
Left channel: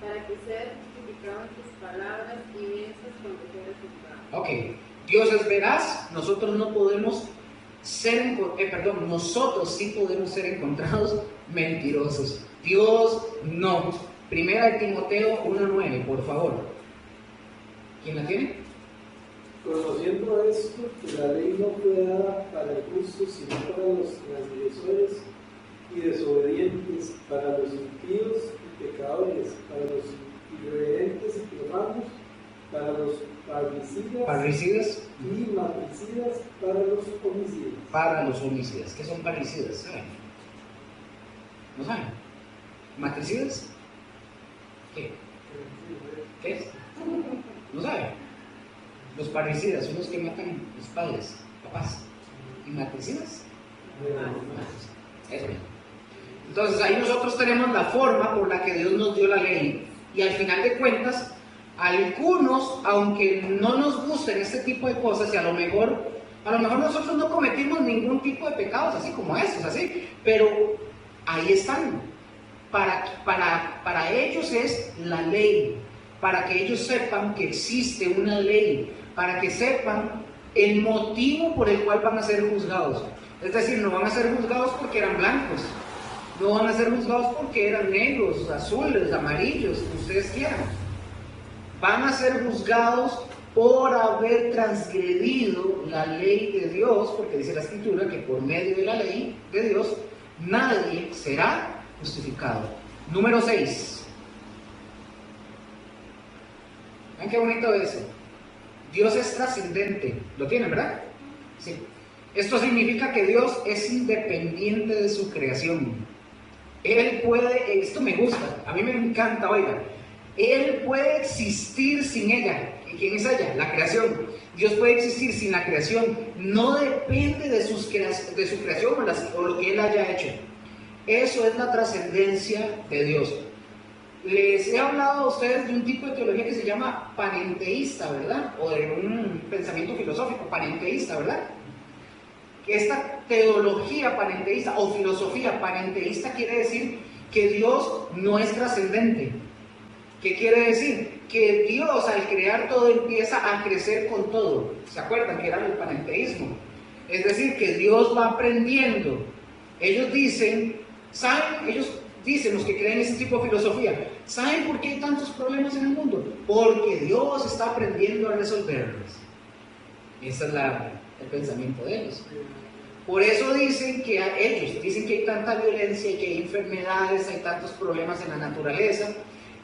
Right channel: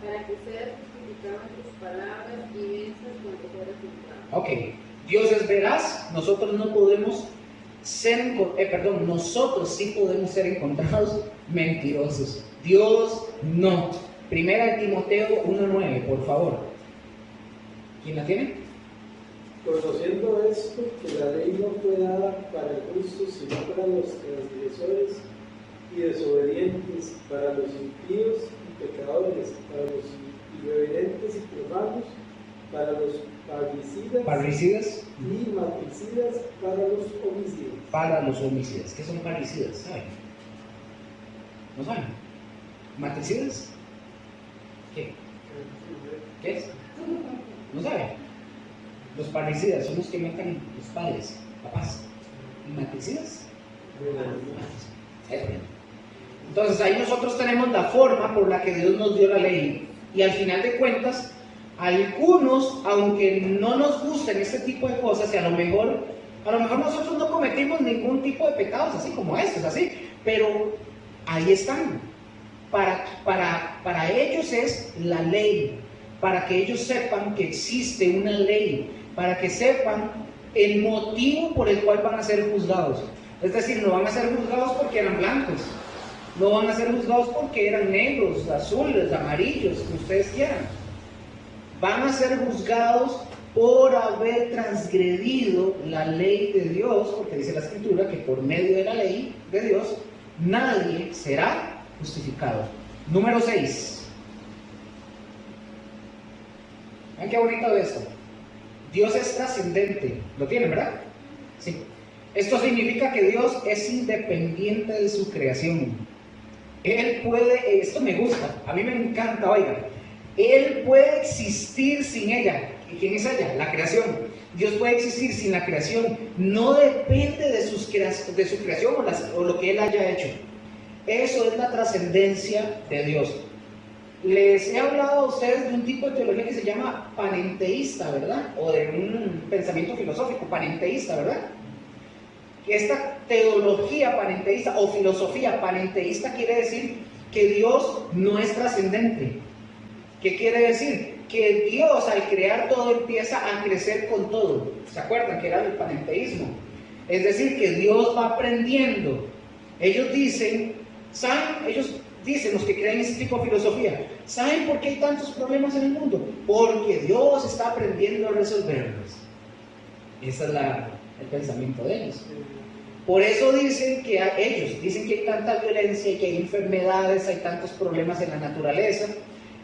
para que sea justificado en tus palabras y vienes cuando fueres juzgado. Ok, Dios es veraz, nosotros no podemos nosotros sí podemos ser encontrados mentirosos. Dios no. Primera de Timoteo 1:9, por favor. ¿Quién la tiene? Conociendo esto, que la ley no fue dada para el justo, sino para los transgresores y desobedientes, para los impíos y pecadores, para los irreverentes y profanos, para los parricidas y matricidas, para los homicidas. Para los homicidas. ¿Qué son parricidas? ¿Saben? ¿No saben? ¿Matricidas? ¿Qué? ¿Qué es? ¿No saben? Los parricidas son los que matan los padres, papás. ¿Y matricidas? Eso. Entonces ahí nosotros tenemos la forma por la que Dios nos dio la ley. Y al final de cuentas, algunos, aunque no nos gusten este tipo de cosas, y a lo mejor nosotros no cometimos ningún tipo de pecados así como estos, así, pero ahí están. Para ellos es la ley, para que ellos sepan que existe una ley, para que sepan el motivo por el cual van a ser juzgados. Es decir, no van a ser juzgados porque eran blancos, no van a ser juzgados porque eran negros, azules, amarillos, que ustedes quieran. Van a ser juzgados por haber transgredido la ley de Dios, porque dice la Escritura que por medio de la ley de Dios nadie será justificado. Número 6. ¿Ven qué bonito esto? Dios es trascendente. ¿Lo tienen, verdad? Sí. Esto significa que Dios es independiente de su creación. Él puede, esto me gusta, a mí me encanta, oiga. Él puede existir sin ella. ¿Y quién es ella? La creación. Dios puede existir sin la creación. No depende de su creación o lo que Él haya hecho. Eso es la trascendencia de Dios. Les he hablado a ustedes de un tipo de teología que se llama panenteísta, ¿verdad? O de un pensamiento filosófico panenteísta, ¿verdad? Esta teología panenteísta o filosofía panenteísta quiere decir que Dios no es trascendente. ¿Qué quiere decir? Que Dios al crear todo empieza a crecer con todo. ¿Se acuerdan que era el panenteísmo? Es decir, que Dios va aprendiendo. Ellos dicen, los que creen ese tipo de filosofía, ¿saben por qué hay tantos problemas en el mundo? Porque Dios está aprendiendo a resolverlos. Ese es el pensamiento de ellos. Por eso dicen que hay tanta violencia, que hay enfermedades, hay tantos problemas en la naturaleza.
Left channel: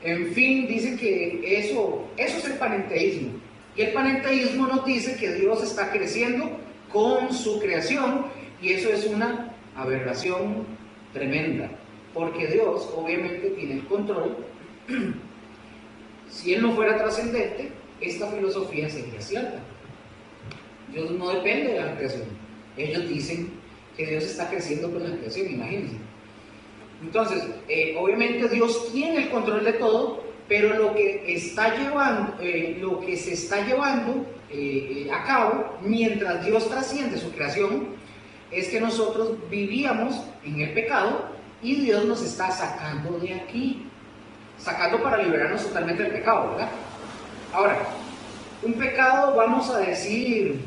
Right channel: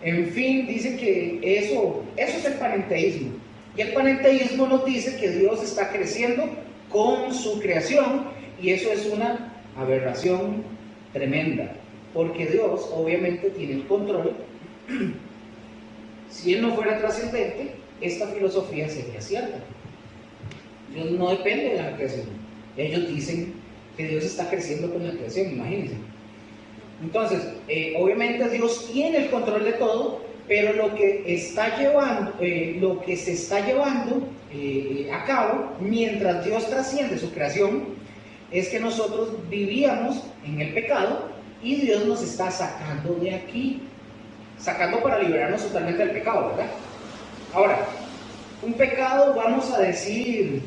En fin, dicen que eso es el panenteísmo. Y el panenteísmo nos dice que Dios está creciendo con su creación, y eso es una aberración tremenda, porque Dios obviamente tiene el control. Si Él no fuera trascendente, esta filosofía sería cierta. Dios no depende de la creación. Ellos dicen que Dios está creciendo con la creación, imagínense. Entonces, obviamente Dios tiene el control de todo, pero lo que se está llevando a cabo mientras Dios trasciende su creación es que nosotros vivíamos en el pecado y Dios nos está sacando de aquí, sacando para liberarnos totalmente del pecado, ¿verdad? Ahora, un pecado, vamos a decir,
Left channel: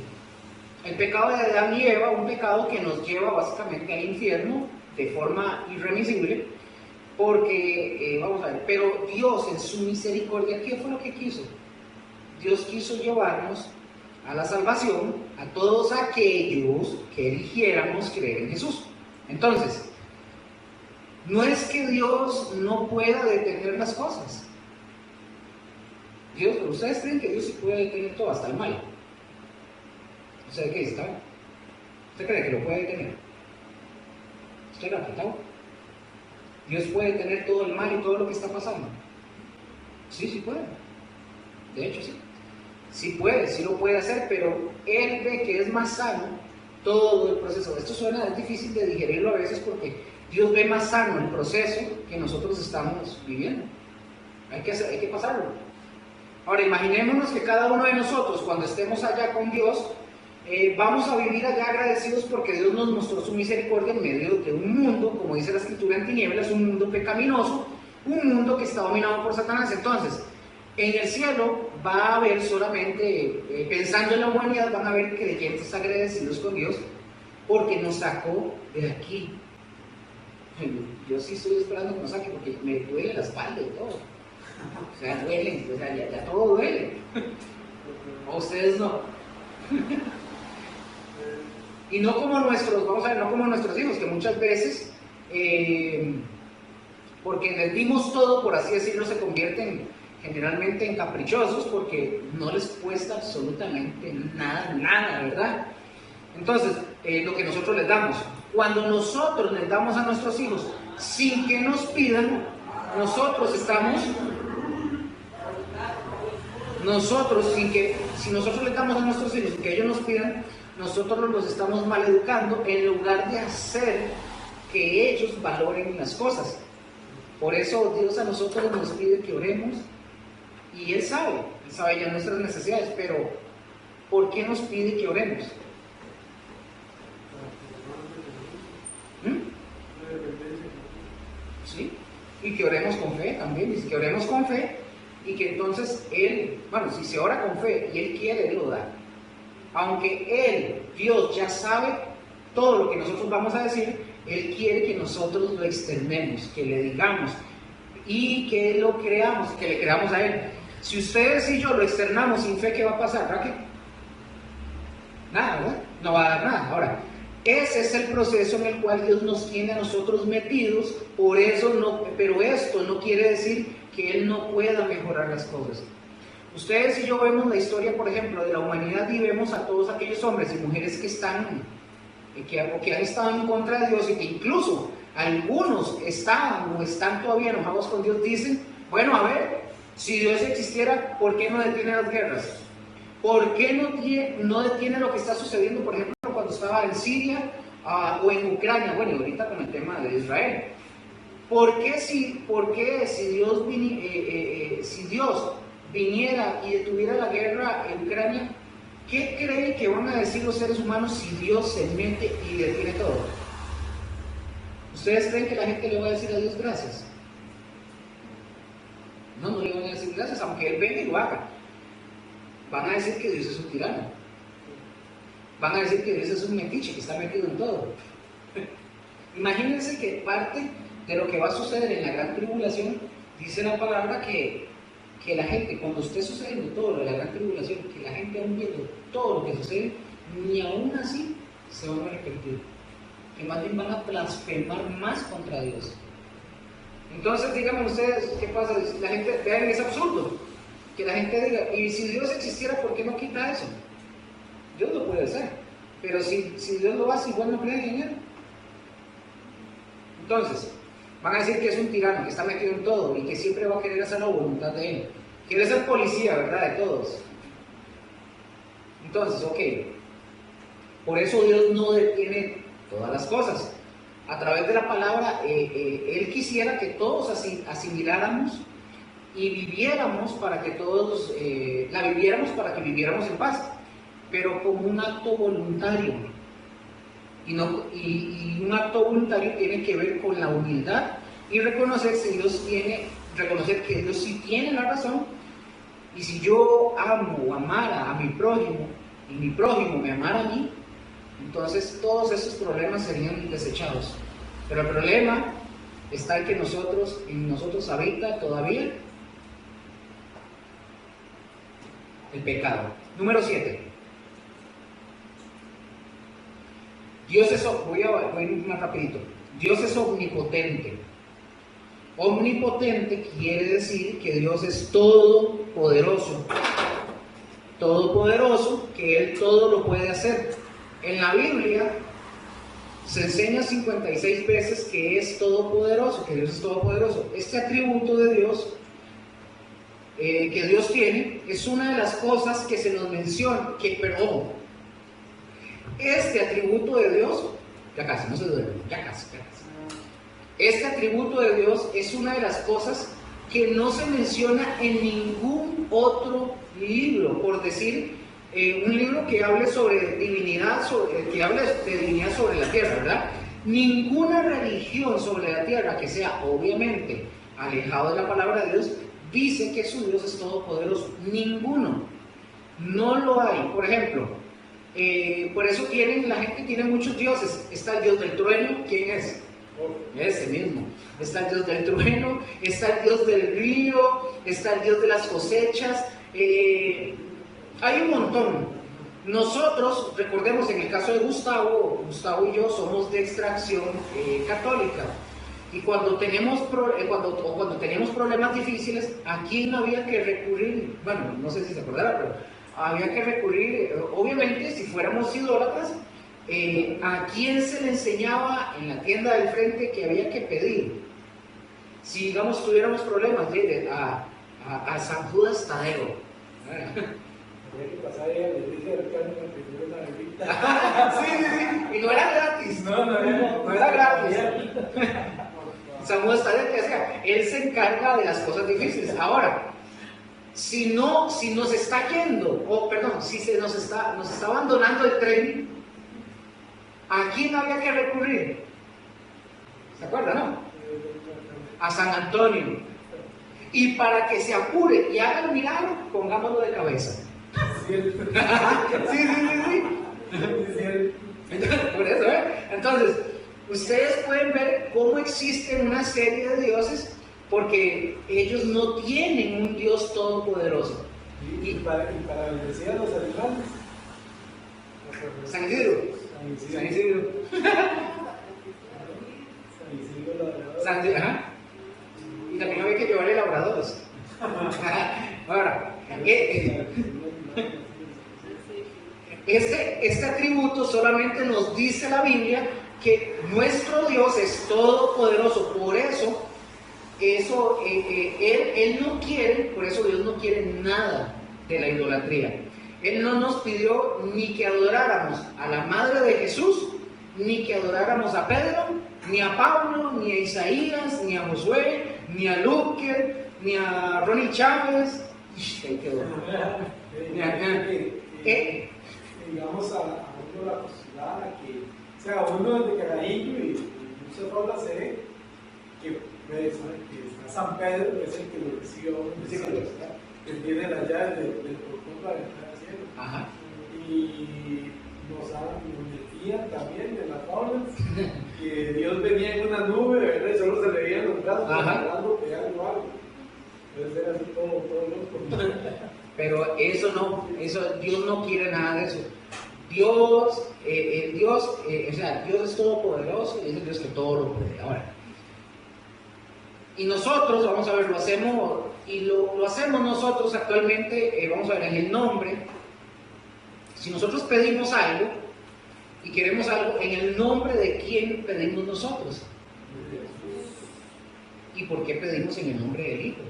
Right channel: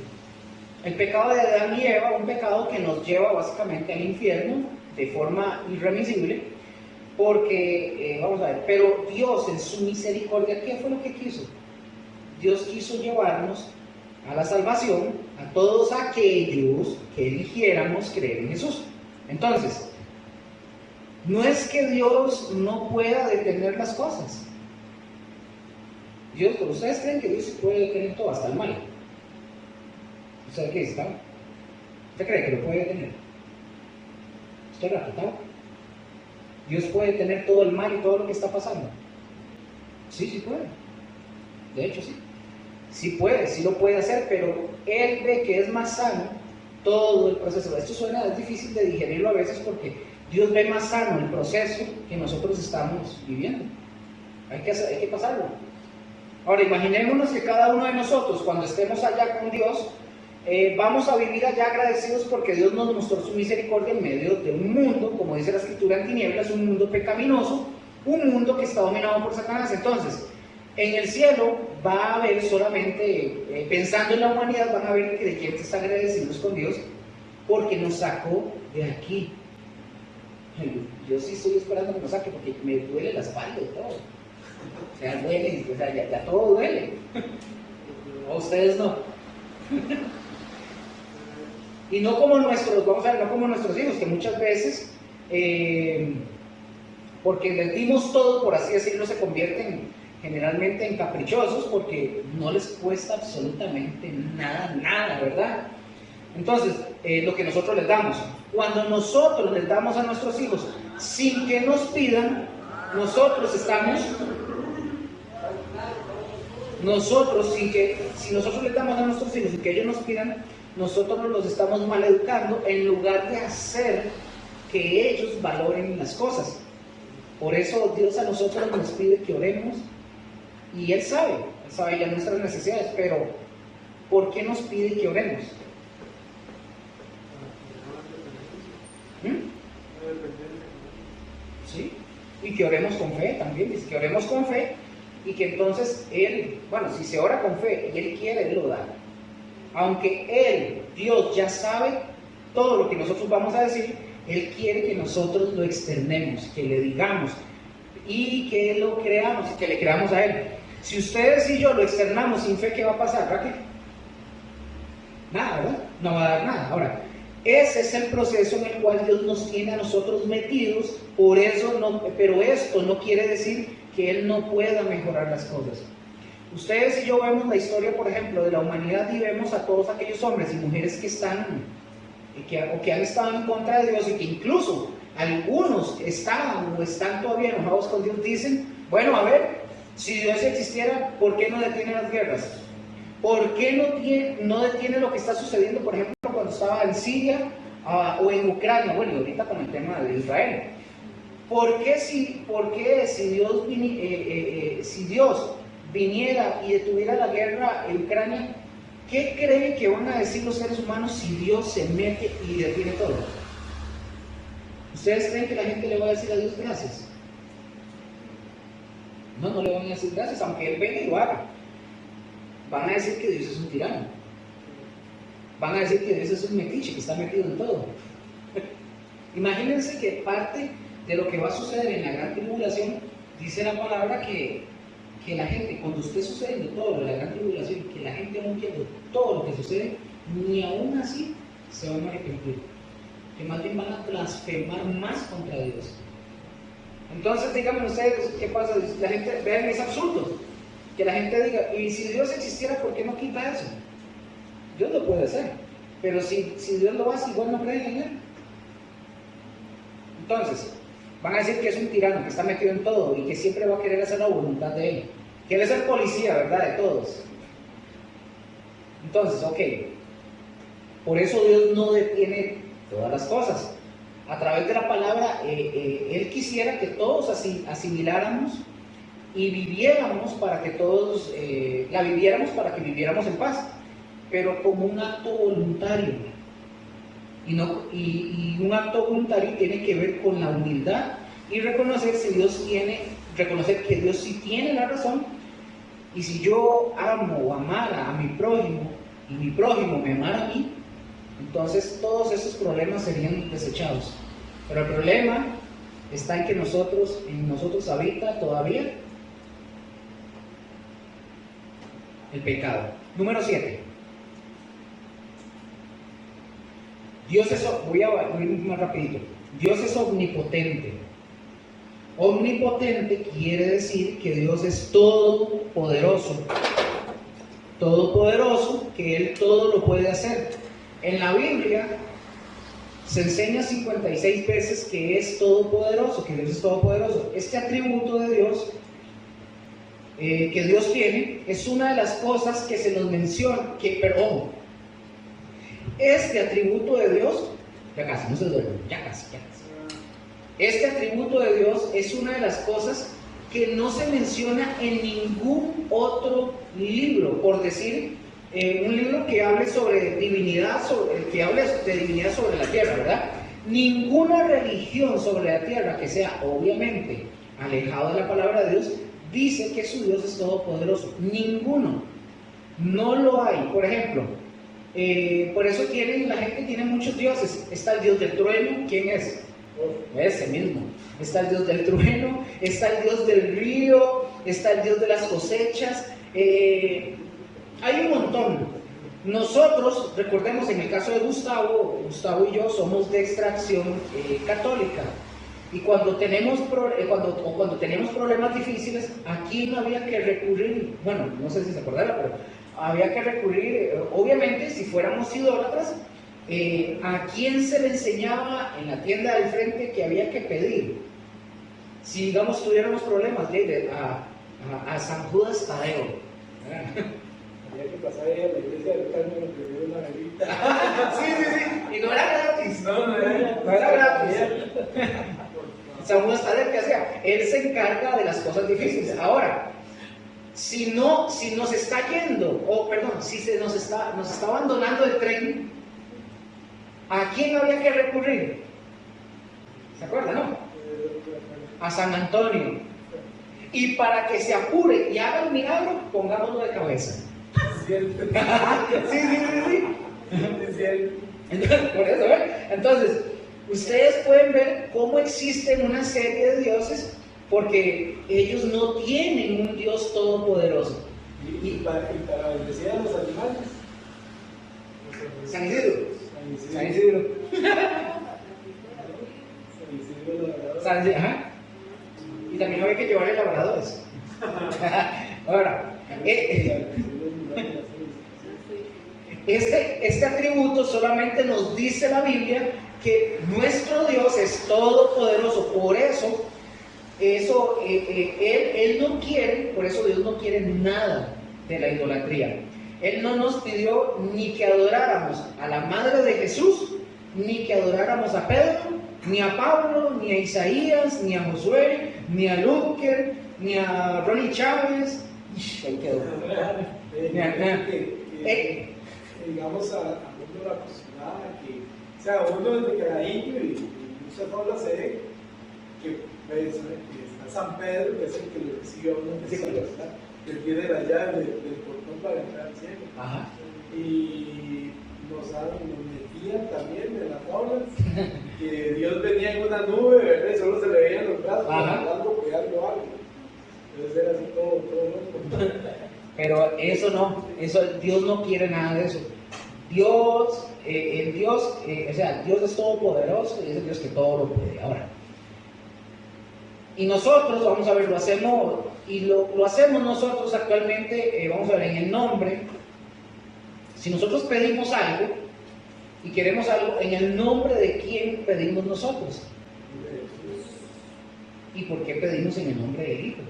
el pecado de Adán y Eva, un pecado que nos lleva básicamente al infierno de forma irremisible, porque, vamos a ver, pero Dios en su misericordia, ¿qué fue lo que quiso? Dios quiso llevarnos a la salvación a todos aquellos que eligiéramos creer en Jesús. Entonces, no es que Dios no pueda detener las cosas. ¿Ustedes creen que Dios sí puede detener todo, hasta el mal? ¿Usted qué está? ¿Usted cree que lo puede detener? ¿Usted lo ha tratado? ¿Dios puede detener todo el mal y todo lo que está pasando? Sí, sí puede. De hecho, sí. Sí puede, sí lo puede hacer, pero Él ve que es más sano todo el proceso. Esto es difícil de digerirlo a veces porque Dios ve más sano el proceso que nosotros estamos viviendo. Hay que pasarlo. Ahora, imaginémonos que cada uno de nosotros, cuando estemos allá con Dios, vamos a vivir allá agradecidos porque Dios nos mostró su misericordia en medio de un mundo, como dice la Escritura, en tinieblas, un mundo pecaminoso, un mundo que está dominado por Satanás. Entonces, en el cielo va a haber solamente, pensando en la humanidad, van a haber creyentes agradecidos con Dios porque nos sacó de aquí. Yo sí estoy esperando que nos saque porque me duele la espalda y todo. O sea, duele, o sea, ya todo duele. O ustedes no. Y no como nuestros, vamos a ver, no como nuestros hijos, que muchas veces, porque les dimos todo, por así decirlo, se convierten generalmente en caprichosos porque no les cuesta absolutamente nada, ¿verdad? Entonces, lo que nosotros les damos, cuando nosotros les damos a nuestros hijos sin que nos pidan, si nosotros les damos a nuestros hijos sin que ellos nos pidan, nosotros los estamos maleducando en lugar de hacer que ellos valoren las cosas. Por eso Dios a nosotros nos pide que oremos y Él sabe ya nuestras necesidades, pero ¿por qué nos pide que oremos? ¿Sí? Y que oremos con fe también, dice que oremos con fe y que entonces Él, bueno, si se ora con fe y Él quiere, Él lo da. Aunque Dios ya sabe todo lo que nosotros vamos a decir, Él quiere que nosotros lo externemos, que le digamos y que lo creamos, que le creamos a Él. Si ustedes y yo lo externamos sin fe, ¿qué va a pasar, Raquel? Nada, ¿verdad? No va a dar nada. Ahora, ese es el proceso en el cual Dios nos tiene a nosotros metidos, por eso pero esto no quiere decir que Él no pueda mejorar las cosas. Ustedes y yo vemos la historia, por ejemplo, de la humanidad y vemos a todos aquellos hombres y mujeres que han estado en contra de Dios y que incluso algunos estaban o están todavía enojados con Dios. Dicen, bueno, a ver, si Dios existiera, ¿por qué no detiene las guerras? ¿Por qué no detiene lo que está sucediendo, por ejemplo, cuando estaba en Siria o en Ucrania? Bueno, ahorita con el tema de Israel. ¿Por qué si Dios viniera y detuviera la guerra en Ucrania, qué creen que van a decir los seres humanos si Dios se mete y detiene todo? ¿Ustedes creen que la gente le va a decir a Dios gracias? No le van a decir gracias, aunque Él venga y lo haga. Van a decir que Dios es un tirano. Van a decir que Dios es un metiche, que está metido en todo. Imagínense que parte de lo que va a suceder en la gran tribulación, dice la palabra que la gente, cuando esté sucediendo todo lo de la gran tribulación, que la gente va viendo todo lo que sucede, ni aún así se van a arrepentir, que más bien van a blasfemar más contra Dios. Entonces, díganme ustedes, ¿qué pasa? La gente, vean, es absurdo que la gente diga, y si Dios existiera, ¿por qué no quita eso? Dios lo puede hacer, pero si Dios lo hace, igual no creen en Él. Entonces, van a decir que es un tirano, que está metido en todo y que siempre va a querer hacer la voluntad de Él. Quiere ser policía, ¿verdad? De todos. Entonces, ok. Por eso Dios no detiene todas las cosas. A través de la palabra, Él quisiera que todos asimiláramos y viviéramos para que todos, la viviéramos para que viviéramos en paz, pero como un acto voluntario. Y un acto voluntario tiene que ver con la humildad y reconocer que Dios sí tiene la razón. Y si yo amo o amara a mi prójimo y mi prójimo me amara a mí, entonces todos esos problemas serían desechados. Pero el problema está en que en nosotros habita todavía el pecado. Número 7. Voy a ir más rapidito. Dios es omnipotente. Omnipotente quiere decir que Dios es todopoderoso. Todopoderoso, que Él todo lo puede hacer. En la Biblia se enseña 56 veces que es todopoderoso, que Dios es todopoderoso. Este atributo de Dios que Dios tiene es una de las cosas que se nos menciona, este atributo de Dios, ya casi, no se duerme, ya casi. Este atributo de Dios es una de las cosas que no se menciona en ningún otro libro, por decir, un libro que hable sobre divinidad, que hable de divinidad sobre la tierra, ¿verdad? Ninguna religión sobre la tierra que sea obviamente alejado de la palabra de Dios dice que su Dios es todopoderoso. Ninguno. No lo hay. Por ejemplo, por eso la gente tiene muchos dioses. Está el dios del trueno. ¿Quién es? Ese mismo. Está el dios del trueno, está el dios del río, está el dios de las cosechas. Hay un montón. Nosotros, recordemos, en el caso de Gustavo y yo somos de extracción católica. Y cuando tenemos problemas difíciles, ¿a quién había que recurrir? Bueno, no sé si se acordará, pero había que recurrir, obviamente, si fuéramos idólatras, ¿a quién se le enseñaba en la tienda del frente que había que pedir? Si, digamos, tuviéramos problemas, a San Judas Tadeo. Había que pasar ahí a la iglesia del Taño a pedir una velita. Sí, y no era gratis. No era gratis. San Judas Tadeo, ¿qué hacía? Él se encarga de las cosas difíciles. Ahora, si nos está yendo, si se nos está abandonando el tren, ¿a quién había que recurrir? ¿Se acuerda, no? A San Antonio. Y para que se apure y haga el milagro, pongámoslo de cabeza. Sí. Por eso, ¿ven? Entonces, ustedes pueden ver cómo existen una serie de dioses porque ellos no tienen un Dios todopoderoso. Y para bendecir a los animales. San Isidro. San Isidro, ajá. Y también había que llevarle labradoras. Ahora, este atributo solamente nos dice la Biblia que nuestro Dios es todopoderoso. Por eso Él no quiere, por eso Dios no quiere nada de la idolatría. Él no nos pidió ni que adoráramos a la madre de Jesús, ni que adoráramos a Pedro, ni a Pablo, ni a Isaías, ni a Josué, ni a Luque, ni a Ronnie Chávez. Digamos a uno la posibilidad que, o sea, uno de carajillo y muchas formas se ve que está San Pedro, que es el que lo recibe a uno en el cielo, ¿verdad? Que tiene la llave del portón para entrar al cielo. Ajá. Y nos metían también en las aulas que Dios venía en una nube, ¿verdad? Y solo se le veían los brazos, hablando, pegando algo. Entonces era así todo loco. Pero eso no, Dios no quiere nada de eso. Dios es todopoderoso y es el Dios que todo lo puede. Ahora, y nosotros, vamos a ver, lo hacemos nosotros actualmente, vamos a ver, en el nombre. Si nosotros pedimos algo y queremos algo, ¿en el nombre de quién pedimos nosotros? ¿Y por qué pedimos en el nombre del Hijo?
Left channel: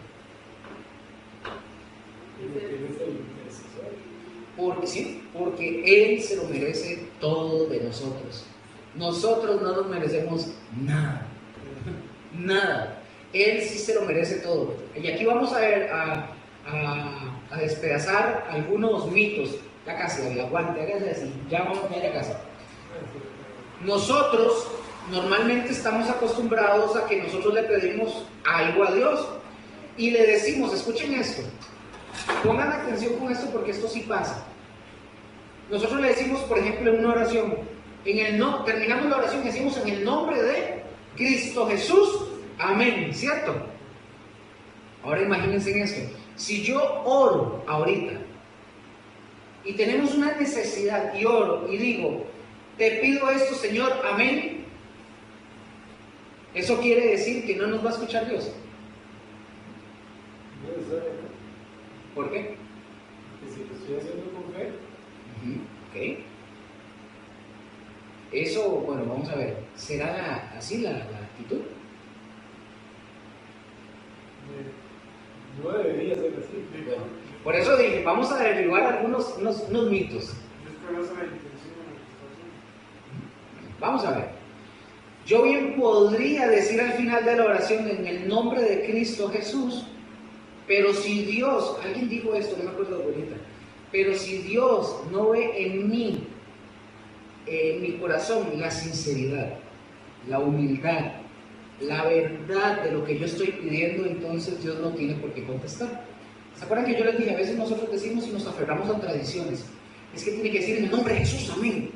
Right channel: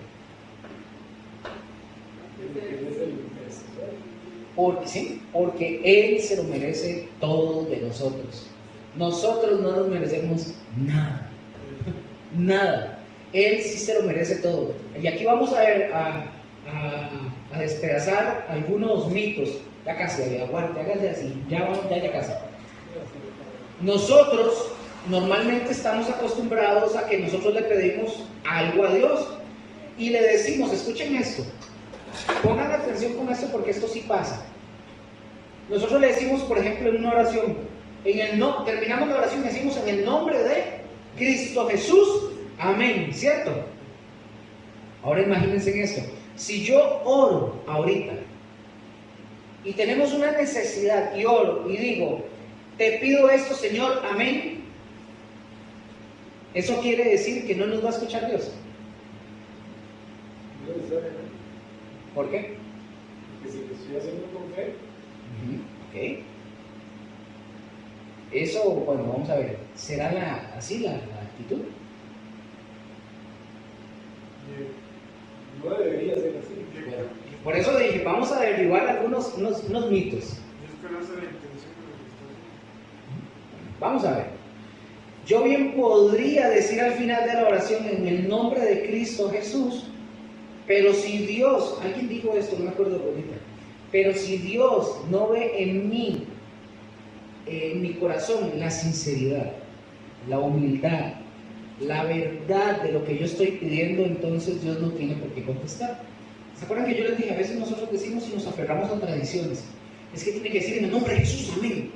Porque Él se lo merece todo de nosotros. Nosotros no nos merecemos nada. Nada. Él sí se lo merece todo. Y aquí vamos a despedazar algunos mitos. Ya casi, aguante, hágase así. Ya casi. Nosotros normalmente estamos acostumbrados a que nosotros le pedimos algo a Dios y le decimos, escuchen esto, pongan atención con esto porque esto sí pasa. Nosotros le decimos, por ejemplo, en una oración, terminamos la oración y decimos en el nombre de Cristo Jesús, amén, ¿cierto? Ahora imagínense en esto, si yo oro ahorita y tenemos una necesidad y oro y digo, te pido esto, Señor, amén, ¿eso quiere decir que no nos va a escuchar Dios? ¿Por qué? Porque si lo estoy haciendo con fe. Ok. Eso, bueno, vamos a ver, ¿será así la actitud? No debería ser así. Bueno, por eso dije, vamos a derribar algunos mitos. Vamos a ver. Yo bien podría decir al final de la oración en el nombre de Cristo Jesús, pero si Dios, alguien dijo esto, no me acuerdo ahorita, pero si Dios no ve en mí, en mi corazón, la sinceridad, la humildad, la verdad de lo que yo estoy pidiendo, entonces Dios no tiene por qué contestar. ¿Se acuerdan que yo les dije? A veces nosotros decimos y nos aferramos a tradiciones. Es que tiene que decir en el nombre de Jesús, amén.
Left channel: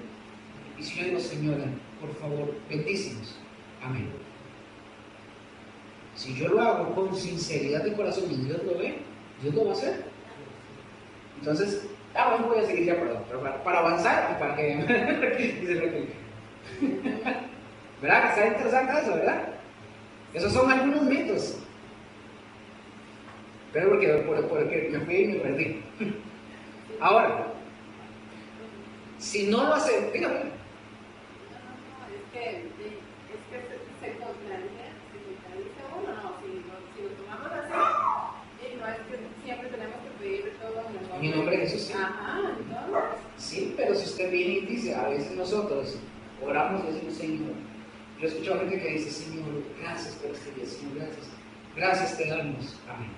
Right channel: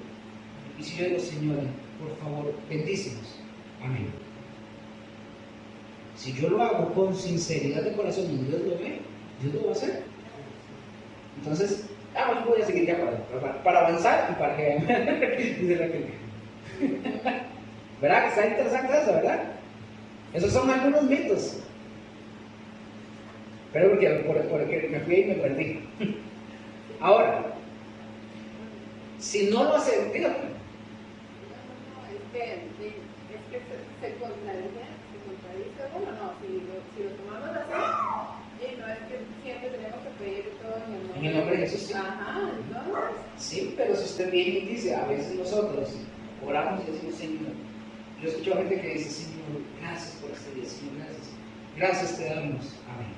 Y si yo digo, Señora, por favor, bendícenos, amén. Si yo lo hago con sinceridad de corazón y Dios lo ve, Dios lo va a hacer. Entonces, bueno, voy a seguir ya para avanzar y para que vean. Dice la clínica. ¿Verdad? Que está interesante eso, ¿verdad? Esos son algunos mitos. Pero porque me fui y me perdí. Ahora, si no lo hacen, dígame. Es que se contradice. Bueno, no, si lo tomamos así, y no es que siempre tenemos que pedir todo en el nombre de Jesús. Sí. Ajá, entonces. Sí, pero si usted viene y dice, a veces nosotros oramos y decimos, Señor, yo escucho a gente que dice, Señor, gracias por este día, Señor, gracias. Gracias te damos. Amén.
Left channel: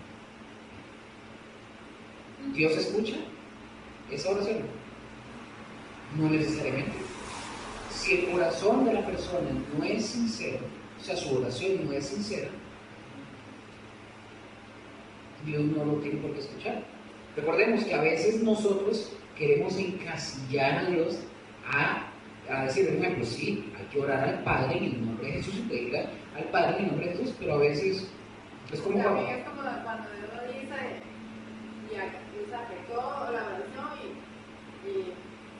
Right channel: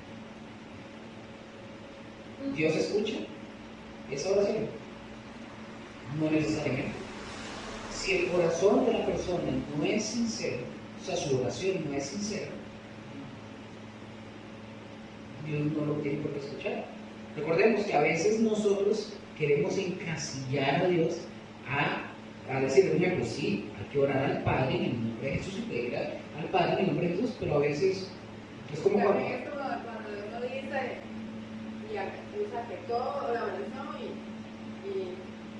¿Dios escucha esa oración? No necesariamente. Si el corazón de la persona no es sincero, o sea, su oración no es sincera, Dios no lo tiene por qué escuchar. Recordemos que a veces nosotros queremos encasillar a Dios a decir, por ejemplo, sí, hay que orar al Padre en el nombre de Jesús y pedirle al Padre en el nombre de Jesús, pero a veces es como cuando uno dice y usa que todo la oración y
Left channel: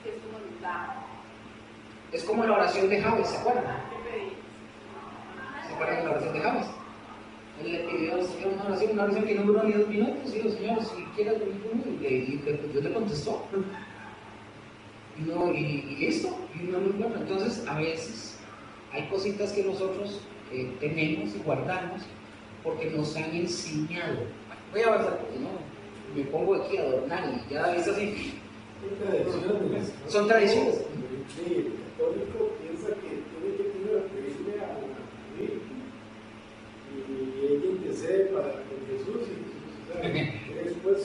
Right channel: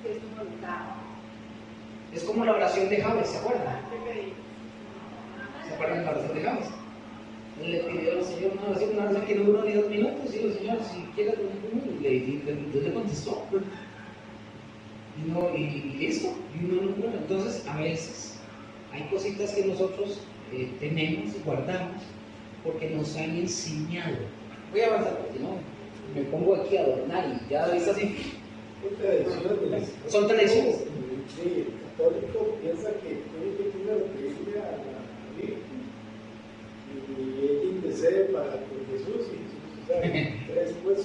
es su voluntad. Es como la oración de Jabes, ¿se acuerdan? ¿Qué pedí? ¿Se acuerdan de la oración de Jabes? Él le pidió al Señor una oración que no duró ni 2 minutos, y dijo, Señor, si quieres dormir conmigo, y Dios le contestó. Y listo, y uno no. Entonces, a veces hay cositas que nosotros tenemos y guardamos porque nos han enseñado. Voy a avanzar porque no me pongo aquí a adornar y ya ves así. Son tradiciones. Sí, el católico piensa que tiene que primero pedirle a la Virgen y ella intercede para con Jesús y después.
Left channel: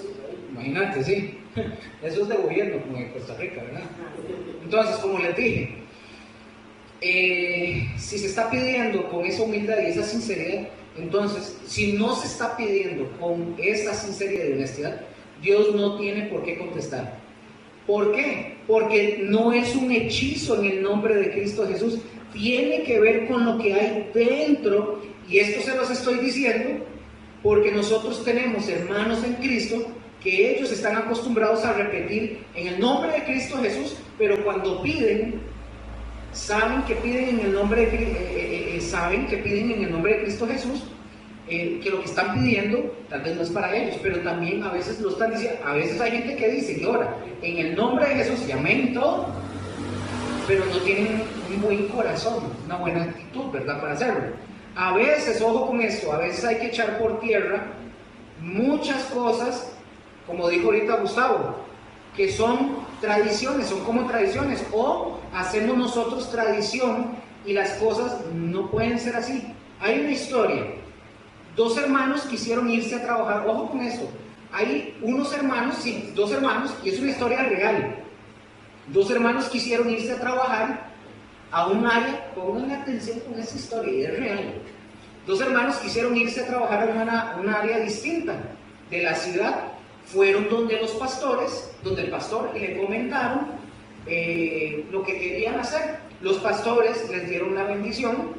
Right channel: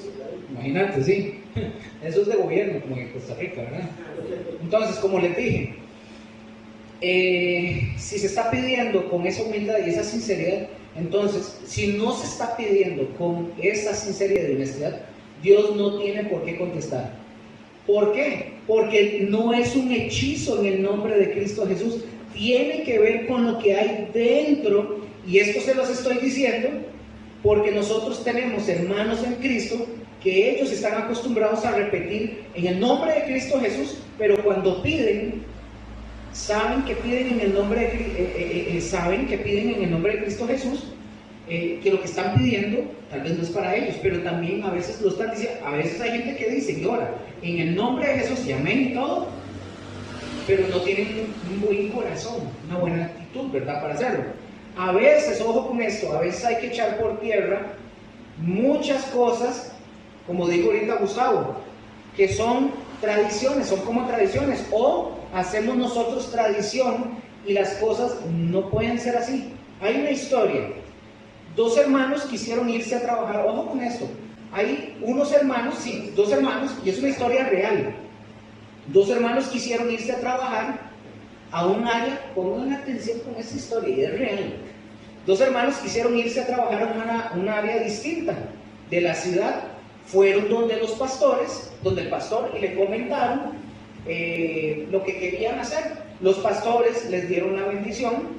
Imagínate, sí. Eso es de gobierno, como en Costa Rica, ¿verdad? Entonces, como les dije, si se está pidiendo con esa humildad y esa sinceridad, entonces, si no se está pidiendo con esa sinceridad y honestidad, Dios no tiene por qué contestar. ¿Por qué? Porque no es un hechizo en el nombre de Cristo Jesús. Tiene que ver con lo que hay dentro. Y esto se los estoy diciendo porque nosotros tenemos hermanos en Cristo que ellos están acostumbrados a repetir en el nombre de Cristo Jesús, pero cuando piden, saben que piden en el nombre de Cristo Jesús, que lo que están pidiendo tal vez no es para ellos, pero también a veces lo están diciendo. A veces hay gente que dice que ora en el nombre de Jesús y amén y todo, pero no tienen un buen corazón, una buena actitud, ¿verdad? Para hacerlo. A veces, ojo con esto, a veces hay que echar por tierra muchas cosas, como dijo ahorita Gustavo, que son tradiciones, son como tradiciones, o hacemos nosotros tradición y las cosas no pueden ser así. Hay una historia. 2 hermanos quisieron irse a trabajar, ojo con esto, hay unos hermanos, sí, 2 hermanos, y es una historia real. 2 hermanos quisieron irse a trabajar a un área, pongan atención con esta historia, y es real. 2 hermanos quisieron irse a trabajar en un área distinta de la ciudad, fueron donde los pastores, donde el pastor, y le comentaron lo que querían hacer. Los pastores les dieron la bendición,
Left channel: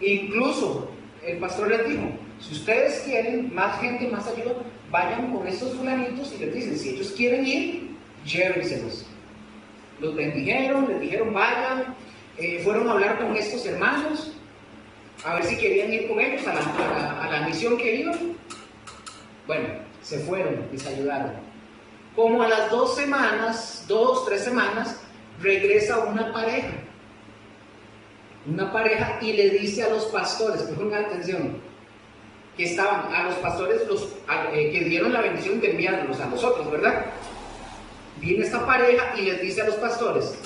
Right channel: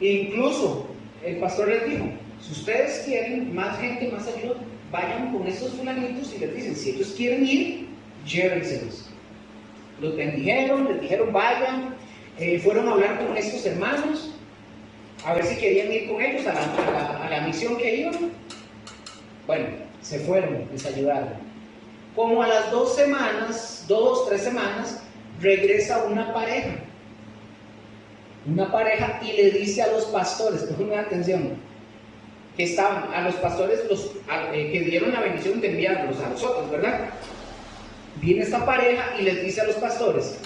e incluso el pastor les dijo, si ustedes quieren más gente, más ayuda, vayan con estos fulanitos y les dicen, si ellos quieren ir, llévenselos. Los bendijeron, les dijeron vayan, fueron a hablar con estos hermanos, a ver si querían ir con ellos a la misión que iban. Bueno, se fueron, les ayudaron. Como a las 2 semanas, 2, 3 semanas, regresa una pareja y le dice a los pastores, pongan atención, que estaban, a los pastores que dieron la bendición de enviarlos a nosotros, ¿verdad? Viene esta pareja y les dice a los pastores,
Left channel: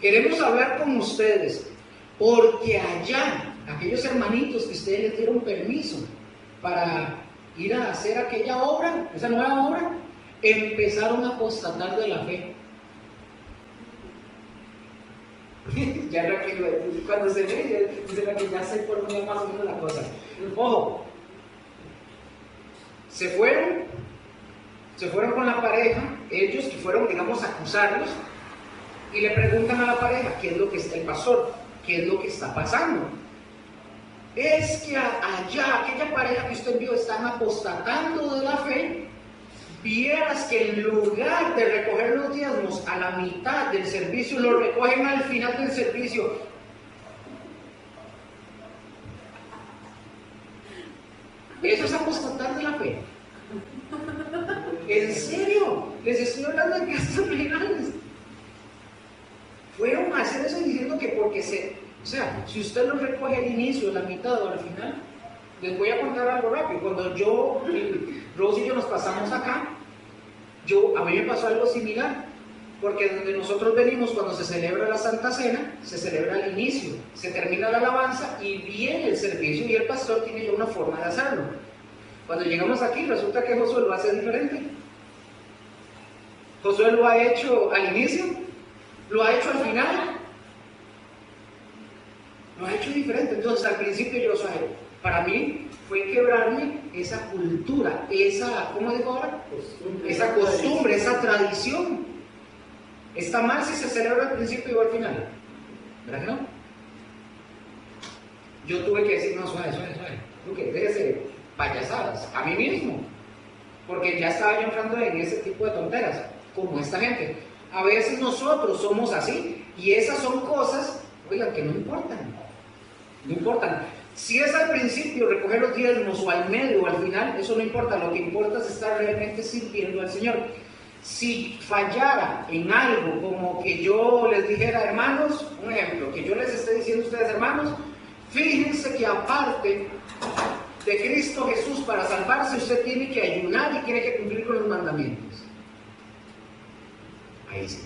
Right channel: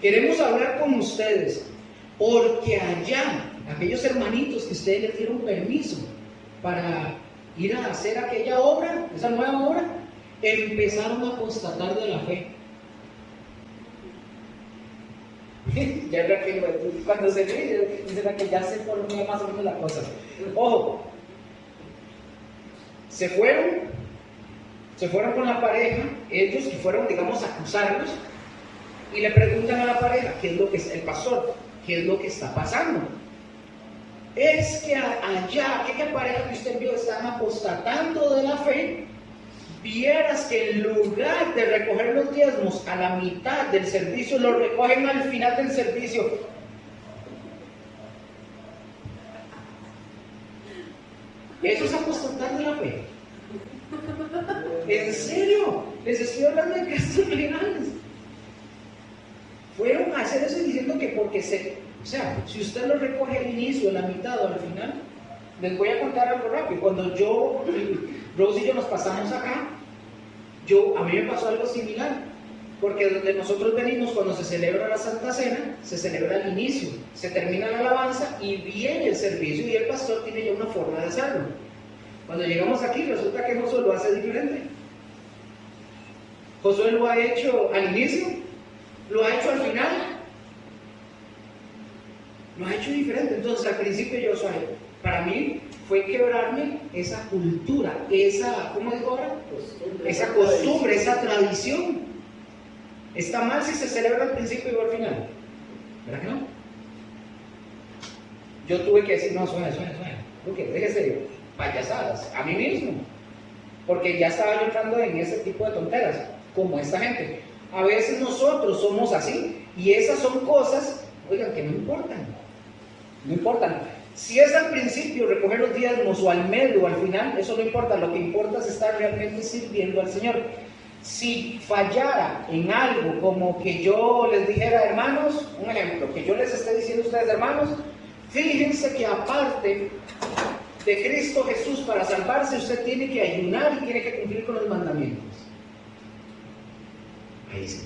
queremos hablar con ustedes, porque allá, aquellos hermanitos que ustedes les dieron permiso para ir a hacer aquella obra, esa nueva obra, empezaron a apostatar de la fe. Ya cuando se ve, dicen que ya sé por dónde más o menos la cosa. Ojo, se fueron con la pareja, ellos que fueron, digamos, a acusarlos, y le preguntan a la pareja, ¿qué es lo que el pastor? ¿Qué es lo que está pasando? Es que allá, aquella pareja que usted vio, están apostatando de la fe. Vieras que en lugar de recoger los diezmos a la mitad del servicio, lo recogen al final del servicio. Eso es apostatar de la fe. ¿En serio? Les estoy hablando de gastos legales. Fueron a hacer eso diciendo que porque o sea, si usted lo recoge al inicio, a la mitad o al final, les voy a contar algo rápido. Cuando Rose y yo nos pasamos acá, a mí me pasó algo similar, porque donde nosotros venimos, cuando se celebra la Santa Cena, se celebra al inicio, se termina la alabanza y viene el servicio, y el pastor tiene ya una forma de hacerlo. Cuando llegamos aquí, resulta que Josué lo hace diferente. Josué lo ha hecho al inicio, lo ha hecho al final, lo ha hecho diferente. Entonces, al principio yo, para mí fue quebrarme esa cultura, ¿cómo digo ahora? Esa costumbre, esa tradición. Está mal si se celebra al principio y al final, ¿verdad que no? Yo tuve que decir, no, suena, porque déjese payasadas, a mí mismo, porque ya estaba yo entrando en ese tipo de tonteras, como esta gente. A veces nosotros somos así, y esas son cosas, oigan, que no importan. Si es al principio recoger los diezmos, o al medio, o al final, eso no importa. Lo que importa es estar realmente sirviendo al Señor. Si fallara en algo, como que yo les dijera, hermanos, un ejemplo, que yo les esté diciendo a ustedes, hermanos, fíjense que aparte de Cristo Jesús para salvarse, usted tiene que ayunar y tiene que cumplir con los mandamientos. Ahí sí.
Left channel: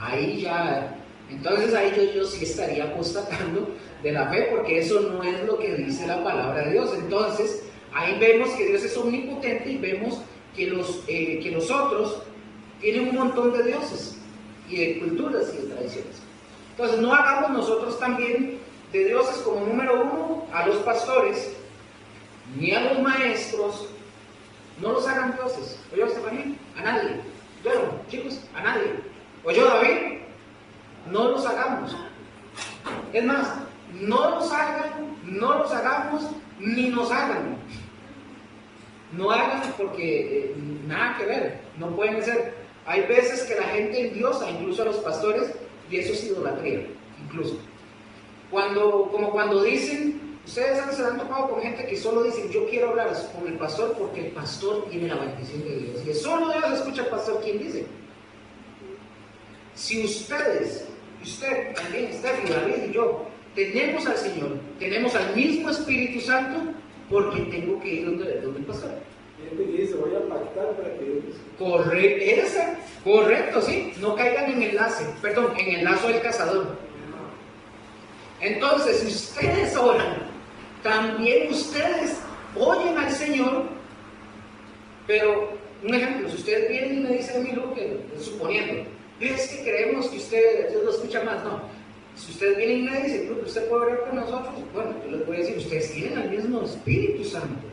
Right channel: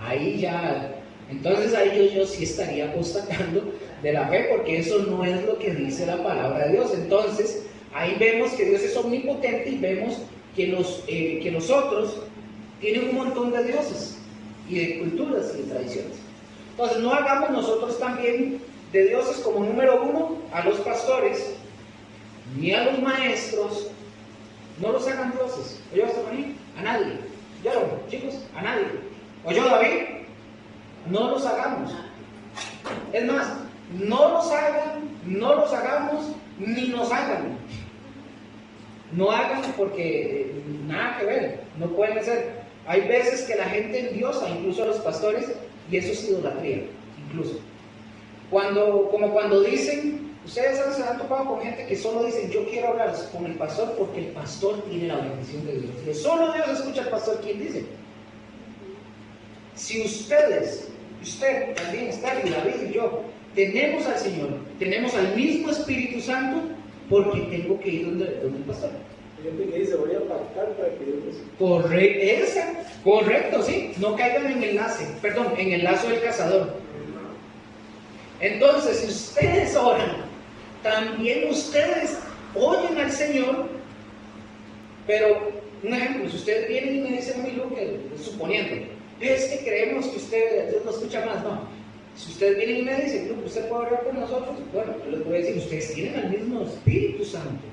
Ahí ya. Entonces ahí yo sí estaría apostatando de la fe, porque eso no es lo que dice la palabra de Dios. Entonces ahí vemos que Dios es omnipotente, y vemos que los otros tienen un montón de dioses y de culturas y de tradiciones. Entonces no hagamos nosotros también de dioses como número uno a los pastores ni a los maestros. No los hagan dioses. ¿Oyó, Estefanía? A nadie. Yo, chicos, a nadie. ¿Oyó, David? No los hagamos. Es más, no los hagan, no los hagamos, ni nos hagan. No hagan porque nada que ver, no pueden ser. Hay veces que la gente endiosa, incluso a los pastores, y eso es idolatría, incluso. Como cuando dicen, ustedes se han topado con gente que solo dicen, yo quiero hablar con el pastor porque el pastor tiene la bendición de Dios. Y solo Dios escucha al pastor quien dice. Si usted también, David y yo, tenemos al Señor, tenemos al mismo Espíritu Santo, porque tengo que ir donde el pastor. Hay gente que dice, voy a pactar para que Dios Correcto, sí. No caigan en el lazo del cazador. Entonces, si ustedes oran, también ustedes oyen al Señor. Pero, un ejemplo, si ustedes vienen y me dicen a mí, suponiendo, es que creemos que ustedes lo escuchan más, no. Si ustedes vienen y me dicen, usted puede orar con nosotros, bueno, yo les voy a decir, ustedes tienen el mismo Espíritu Santo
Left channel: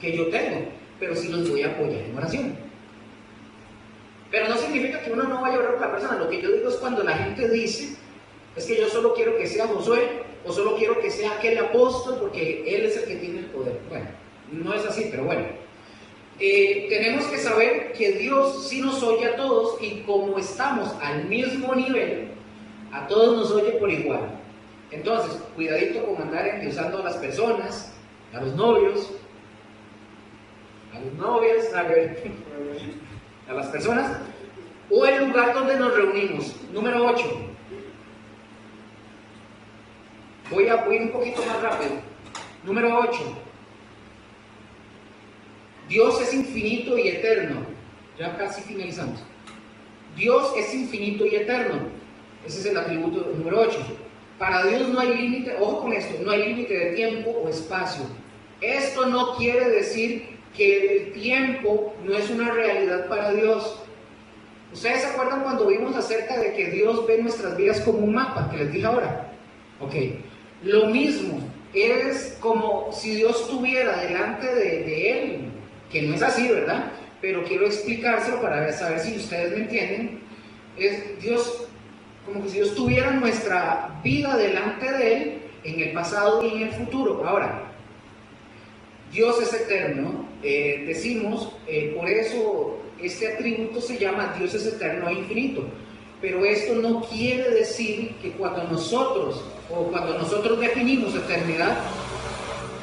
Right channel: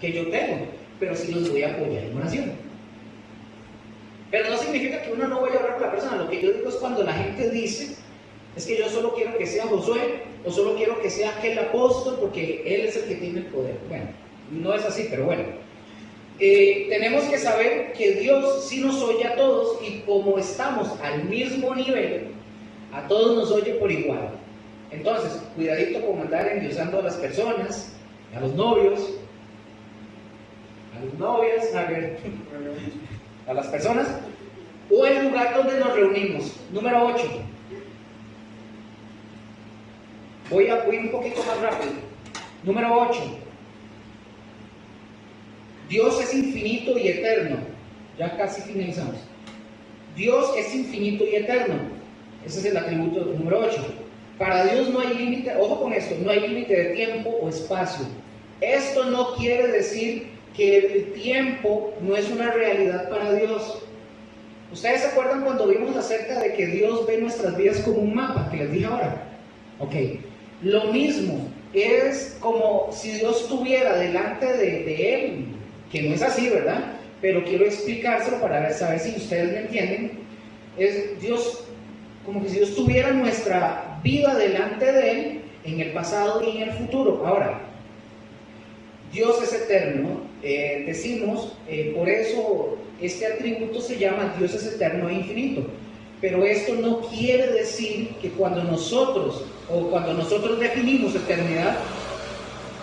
que yo tengo, pero sí los voy a apoyar en oración. Pero no significa que uno no vaya a orar por la persona. Lo que yo digo es cuando la gente dice, es que yo solo quiero que sea Josué, o solo quiero que sea aquel apóstol, porque él es el que tiene el poder. Bueno, no es así, pero bueno. Tenemos que saber que Dios sí nos oye a todos, y como estamos al mismo nivel, a todos nos oye por igual. Entonces, cuidadito con andar endiosando a las personas, a los novios, a las novias, a las personas, o el lugar donde nos reunimos. Número 8. Voy a ir un poquito más rápido. Número 8. Dios es infinito y eterno. Ya casi finalizamos. Dios es infinito y eterno. Ese es el atributo número 8. Para Dios no hay límite, ojo con esto, no hay límite de tiempo o espacio. Esto no quiere decir que el tiempo no es una realidad para Dios. ¿Ustedes se acuerdan cuando vimos acerca de que Dios ve nuestras vidas como un mapa, que les dije ahora? Ok, lo mismo, es como si Dios estuviera delante de Él, que no es así, ¿verdad? Pero quiero explicárselo para saber si ustedes me entienden. Es Dios, como que si Dios tuviera nuestra vida delante de Él, en el pasado y en el futuro. Ahora, Dios es eterno, decimos, por eso este atributo se llama Dios es eterno e infinito. Pero esto no quiere decir que cuando nosotros definimos eternidad,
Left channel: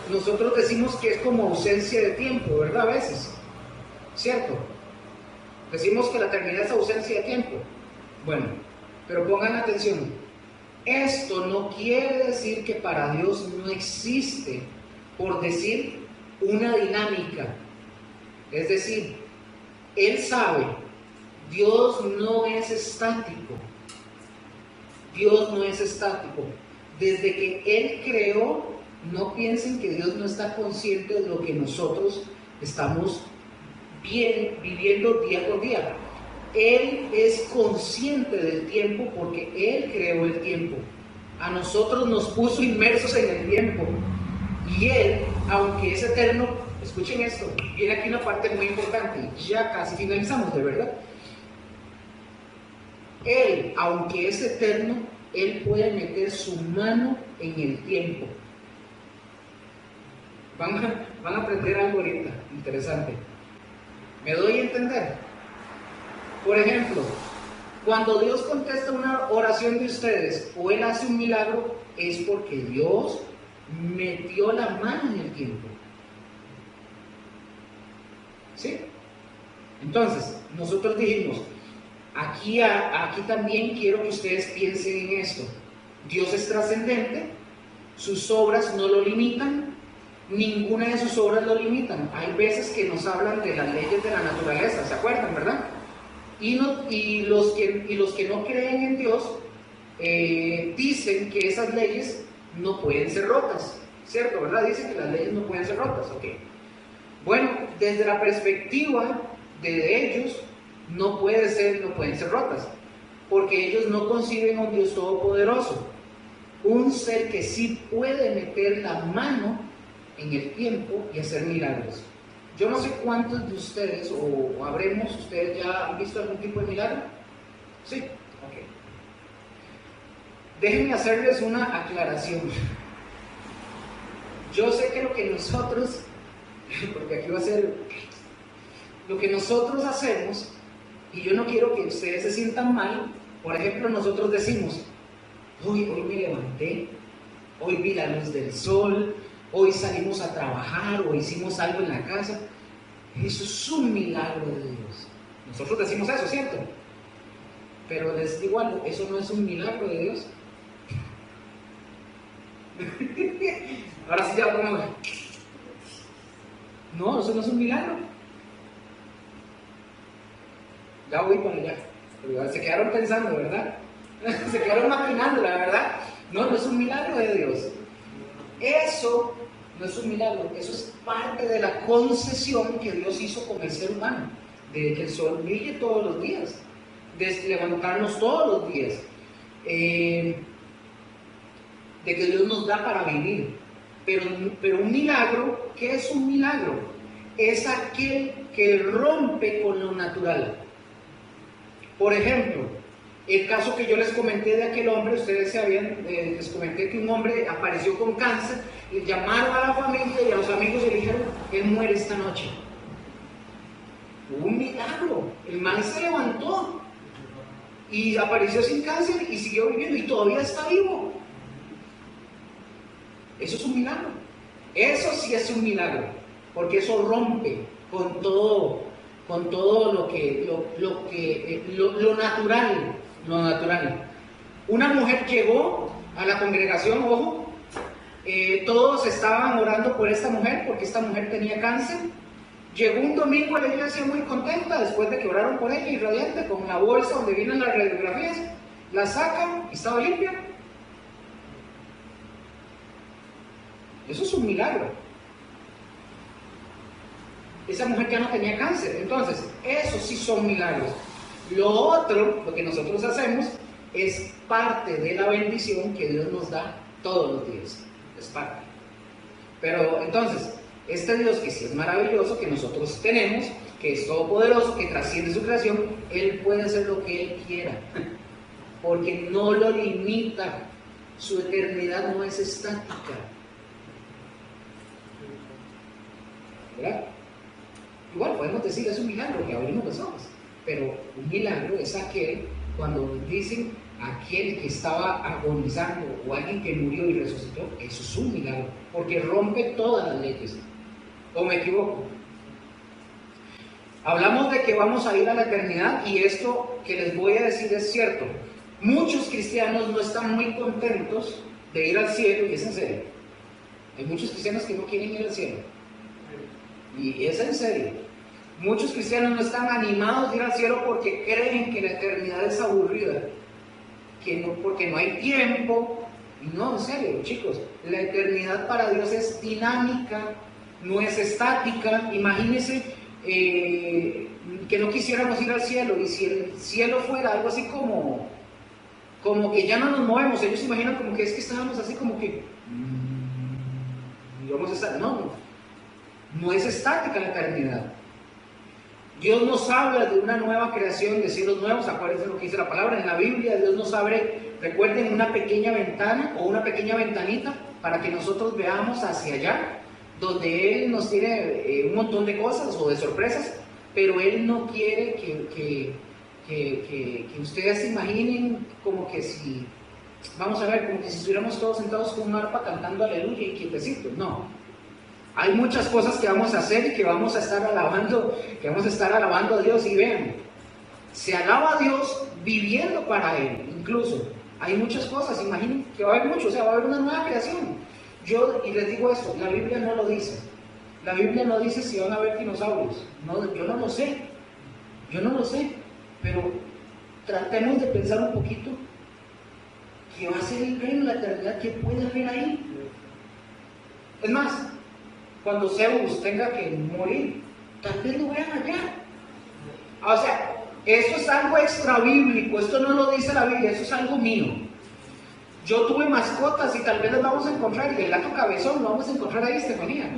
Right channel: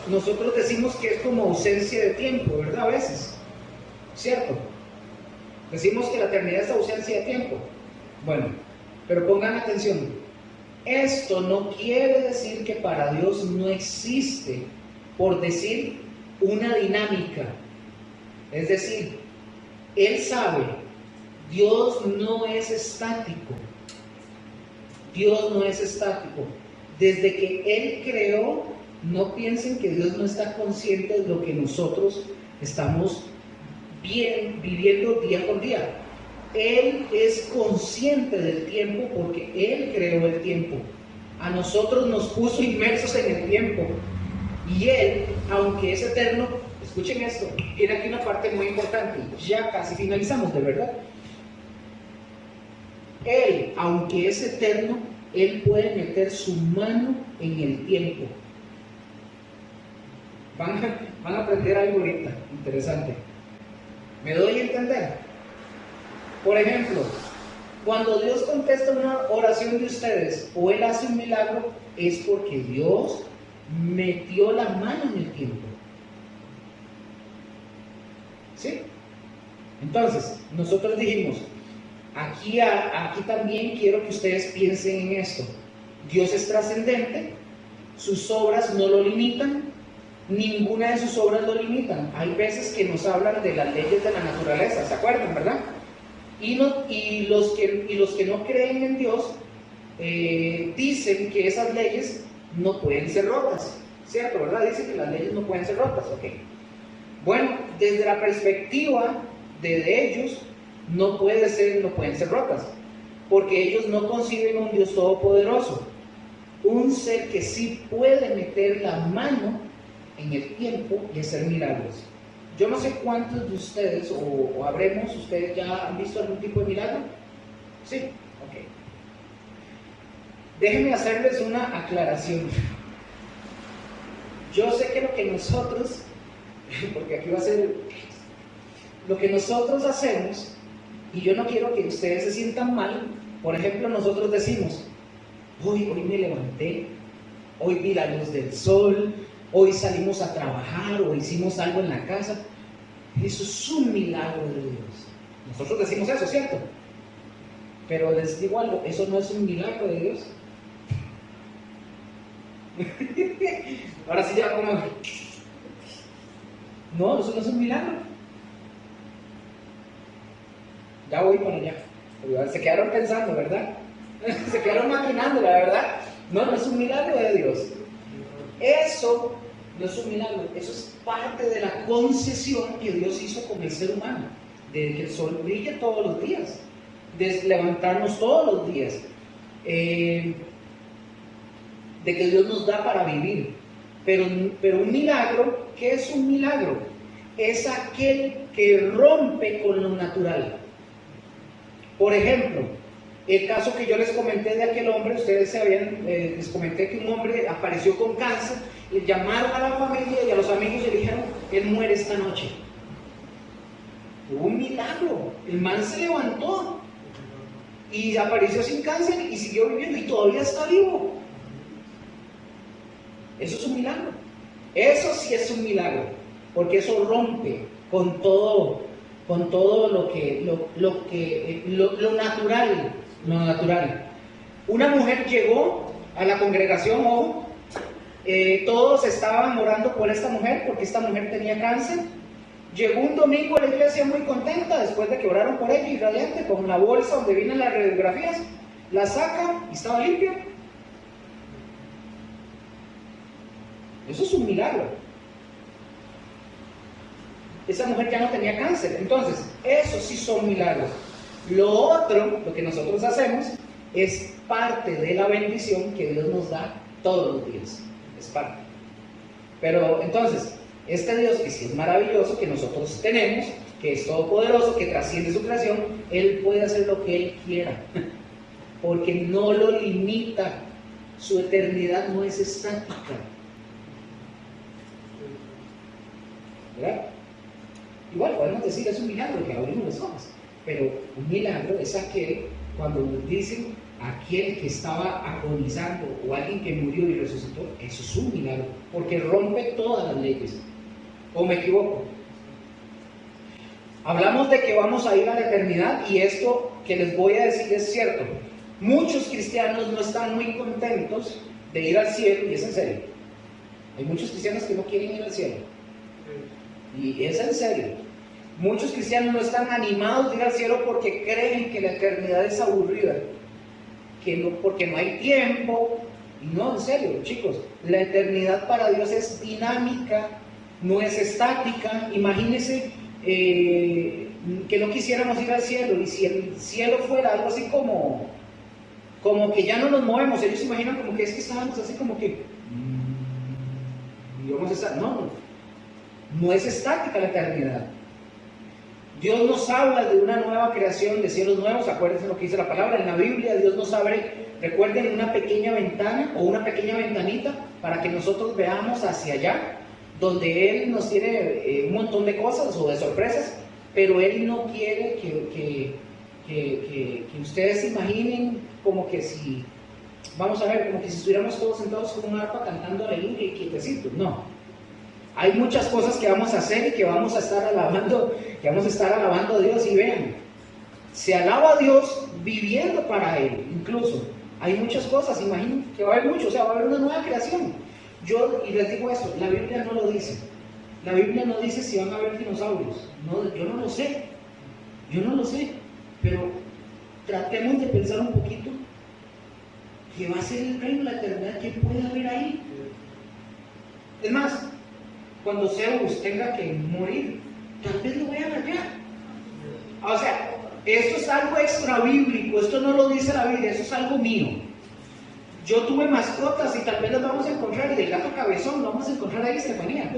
nosotros decimos que es como ausencia de tiempo, ¿verdad? A veces, ¿cierto? Decimos que la eternidad es ausencia de tiempo. Bueno, pero pongan atención, esto no quiere decir que para Dios no existe, por decir, una dinámica. Es decir, Él sabe, Dios no es estático. Dios no es estático. Desde que Él creó, no piensen que Dios no está consciente de lo que nosotros estamos viviendo día con día. Él es consciente del tiempo porque Él creó el tiempo. A nosotros nos puso inmersos en el tiempo. Y Él, aunque es eterno, escuchen esto, tiene aquí una parte muy importante, ya casi finalizamos, de verdad. Él, aunque es eterno, Él puede meter su mano en el tiempo. Van a aprender algo ahorita, interesante. ¿Me doy a entender? Por ejemplo, cuando Dios contesta una oración de ustedes o Él hace un milagro, es porque Dios metió la mano en el tiempo. ¿Sí? Entonces, nosotros dijimos, aquí también quiero que ustedes piensen en esto. Dios es trascendente, sus obras no lo limitan, ninguna de sus obras lo limitan. Hay veces que nos hablan de las leyes de la naturaleza, ¿se acuerdan, verdad? Y los que no creen en Dios dicen que esas leyes no pueden ser rotas, ¿cierto? ¿Verdad? Dicen que las leyes no pueden ser rotas, ¿ok? Bueno, desde la perspectiva de ellos, no pueden ser rotas, porque ellos no conciben un Dios todopoderoso, un ser que sí puede meter la mano en el tiempo y hacer milagros. Yo no sé cuántos de ustedes, o ustedes ya han visto algún tipo de milagro. ¿Sí? Ok. Déjenme hacerles una aclaración. Yo sé que lo que nosotros, porque aquí va a ser, lo que nosotros hacemos, y yo no quiero que ustedes se sientan mal. Por ejemplo, nosotros decimos, hoy me levanté, hoy vi la luz del sol, hoy salimos a trabajar o hicimos algo en la casa. Eso es un milagro de Dios. Nosotros decimos eso, ¿cierto? Pero les digo algo, eso no es un milagro de Dios. Ahora sí ya como... No, eso no es un milagro. Ya voy con allá. Pero se quedaron pensando, ¿verdad? Se quedaron maquinando, la verdad. No es un milagro de Dios. Eso no es un milagro, eso es parte de la concesión que Dios hizo con el ser humano, de que el sol brille todos los días, de levantarnos todos los días, de que Dios nos da para vivir. Pero un milagro, ¿qué es un milagro? Es aquel que rompe con lo natural. Por ejemplo, el caso que yo les comenté de aquel hombre, ustedes les comenté que un hombre apareció con cáncer y llamaron a la familia y a los amigos y le dijeron, él muere esta noche. Hubo un milagro, el man se levantó y apareció sin cáncer y siguió viviendo y todavía está vivo. Eso es un milagro. Eso sí es un milagro, porque eso rompe con todo lo natural. Lo natural. Una mujer llegó a la congregación, ojo, todos estaban orando por esta mujer porque esta mujer tenía cáncer. Llegó un domingo a la iglesia muy contenta después de que oraron por ella y radiante, con una bolsa donde vienen las radiografías, la saca y estaba limpia. Eso es un milagro. Esa mujer ya no tenía cáncer. Entonces, eso sí son milagros. Lo otro, lo que nosotros hacemos, es parte de la bendición que Dios nos da todos los días. Es parte. Pero entonces, este Dios que sí es maravilloso, que nosotros tenemos, que es todopoderoso, que trasciende su creación, Él puede hacer lo que Él quiera, porque no lo limita. Su eternidad no es estática. ¿Verdad? Igual podemos decir, es un milagro que abrimos los ojos, pero un milagro es aquel cuando nos dicen aquel que estaba agonizando o alguien que murió y resucitó. Eso es un milagro, porque rompe todas las leyes. ¿O me equivoco? Hablamos de que vamos a ir a la eternidad, y esto que les voy a decir es cierto. Muchos cristianos no están muy contentos de ir al cielo, y es en serio. Hay muchos cristianos que no quieren ir al cielo, y es en serio. Muchos cristianos no están animados de ir al cielo porque creen que la eternidad es aburrida, que no, porque no hay tiempo. Y no, en serio, chicos, la eternidad para Dios es dinámica, no es estática. Imagínense que no quisiéramos ir al cielo, y si el cielo fuera algo así como que ya no nos movemos. Ellos se imaginan como que es que estábamos así como que y vamos a estar. No es estática la eternidad. Dios nos habla de una nueva creación, de cielos nuevos. Acuérdense lo que dice la palabra en la Biblia. Dios nos abre, recuerden, una pequeña ventana o una pequeña ventanita para que nosotros veamos hacia allá, donde Él nos tiene un montón de cosas o de sorpresas, pero Él no quiere que ustedes se imaginen como que si, vamos a ver, como que si estuviéramos todos sentados con un arpa cantando aleluya y quietecitos. No. Hay muchas cosas que vamos a hacer y que vamos a estar alabando a Dios. Y vean, se alaba a Dios viviendo para Él. Incluso hay muchas cosas, imaginen que va a haber mucho, o sea, va a haber una nueva creación. Y les digo esto, la Biblia no lo dice. La Biblia no dice si van a haber dinosaurios. No, yo no lo sé. Pero tratemos de pensar un poquito que va a ser el reino de la eternidad, que puede haber ahí. Es más, cuando Zeus tenga que morir, tal vez lo vean allá. O sea, esto es algo extra bíblico, esto no lo dice la Biblia, eso es algo mío. Yo tuve mascotas y tal vez las vamos a encontrar, y el gato cabezón lo vamos a encontrar ahí, Estefanía.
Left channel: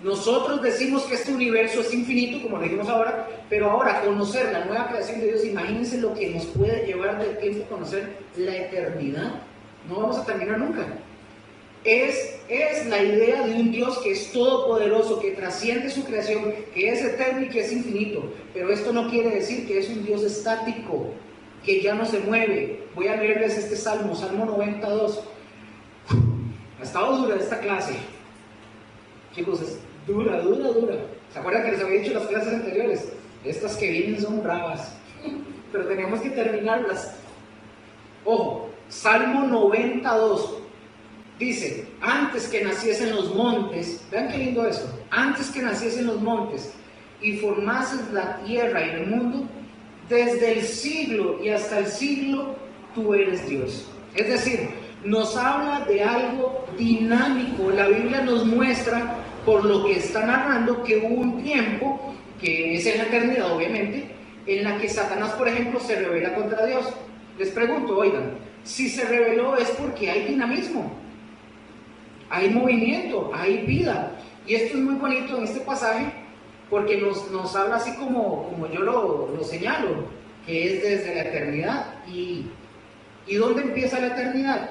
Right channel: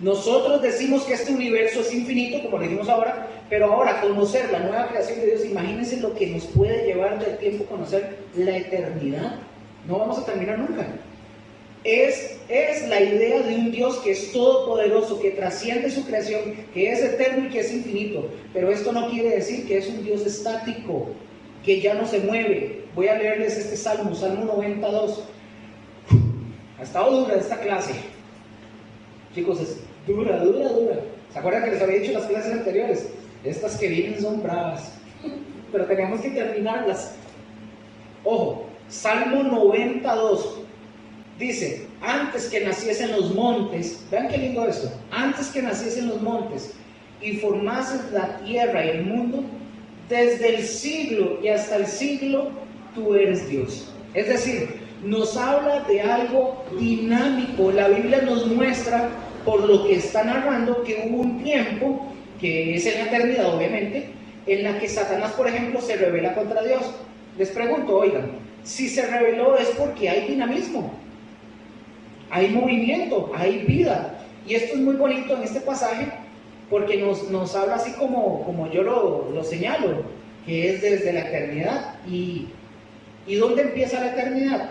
Nosotros decimos que este universo es infinito, como lo dijimos ahora, pero ahora conocer la nueva creación de Dios, imagínense lo que nos puede llevar del tiempo conocer la eternidad. No vamos a terminar nunca. Es la idea de un Dios que es todopoderoso, que trasciende su creación, que es eterno y que es infinito. Pero esto no quiere decir que es un Dios estático, que ya no se mueve. Voy a leerles este Salmo 92. Ha estado dura esta clase. Chicos, es dura. ¿Se acuerdan que les había dicho en las clases anteriores? Estas que vienen son bravas, pero tenemos que terminarlas. Ojo, Salmo 92. Dice, antes que naciesen los montes, vean qué lindo esto, antes que naciesen los montes y formases la tierra y el mundo, desde el siglo y hasta el siglo, tú eres Dios. Es decir, nos habla de algo dinámico. La Biblia nos muestra, por lo que está narrando, que hubo un tiempo, que es en la eternidad obviamente, en la que Satanás, por ejemplo, se rebela contra Dios. Les pregunto, oigan, si se rebeló es porque hay dinamismo, hay movimiento, hay vida. Y esto es muy bonito en este pasaje, porque nos habla así como yo lo señalo, que es desde la eternidad. ¿Y dónde empieza la eternidad?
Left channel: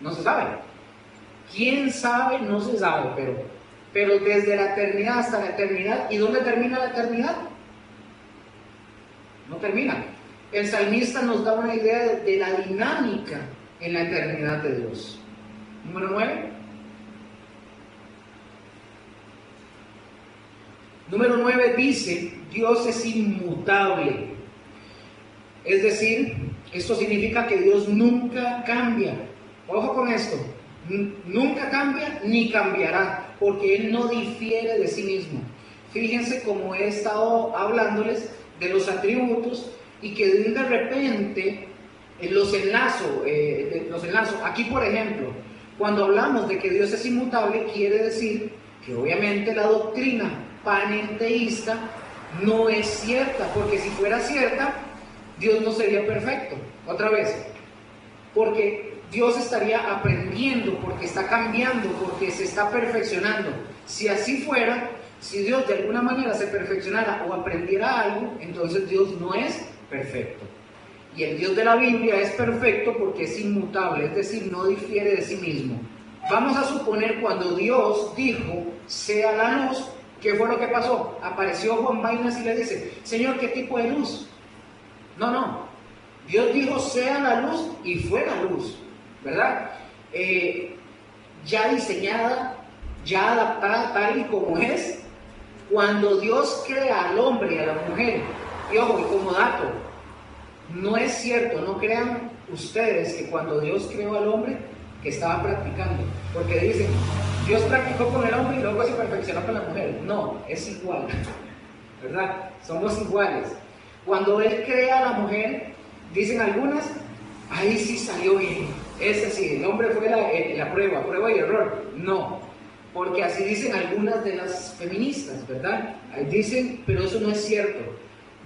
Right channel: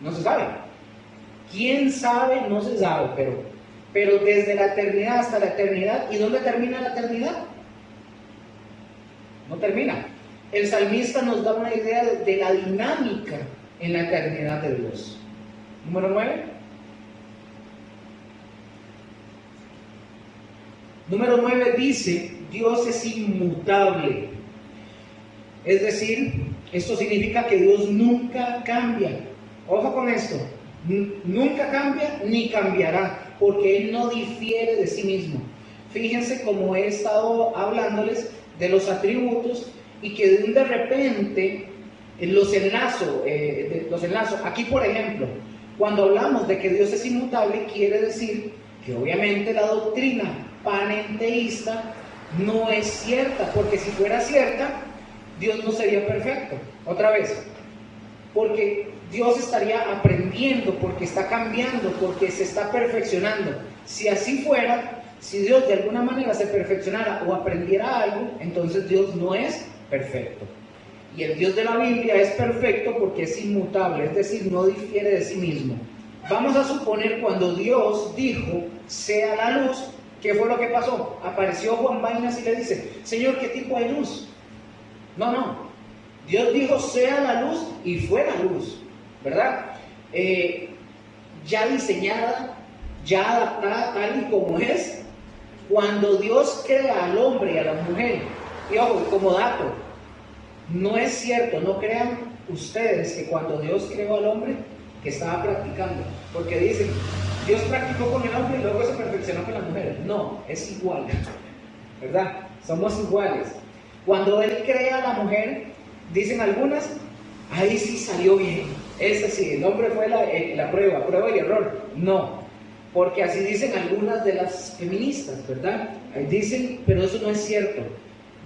No se sabe. ¿Quién sabe? No se sabe, pero desde la eternidad hasta la eternidad. ¿Y dónde termina la eternidad? No termina. El salmista nos da una idea de la dinámica en la eternidad de Dios. Número 9. Número 9 dice, Dios es inmutable. Es decir, esto significa que Dios nunca cambia. Ojo con esto, nunca cambia ni cambiará, porque Él no difiere de sí mismo. Fíjense cómo he estado hablándoles de los atributos, y que de repente los enlazo. Aquí, por ejemplo, cuando hablamos de que Dios es inmutable, quiere decir que obviamente la doctrina panenteísta no es cierta, porque si fuera cierta, Dios no sería perfecto. Otra vez, porque Dios estaría aprendiendo, porque está cambiando, porque se está perfeccionando. Si así fuera, si Dios de alguna manera se perfeccionara o aprendiera algo, entonces Dios no es perfecto. Y el Dios de la Biblia es perfecto porque es inmutable, es decir, no difiere de sí mismo. Vamos a suponer cuando Dios dijo, sea la luz, ¿qué fue lo que pasó? Apareció Juan Vainas y le dice, Señor, ¿qué tipo de luz? No. Dios dijo, sea la luz, y fue la luz, ¿verdad? Ya diseñada, ya adaptada tal y como es. Cuando Dios crea al hombre y a la mujer, y ojo, y como dato, no es cierto, no crean ustedes que cuando Dios creó al hombre, que estaba practicando, porque dicen, Dios practicó con el hombre y luego se perfeccionó con la mujer. No, es igual, ¿verdad? Somos iguales. Cuando Él crea a la mujer, dicen algunas, ahí sí salió bien, ese sí, el hombre fue la prueba y error. No, porque así dicen algunas de las feministas, ¿verdad? Ahí dicen, pero eso no es cierto.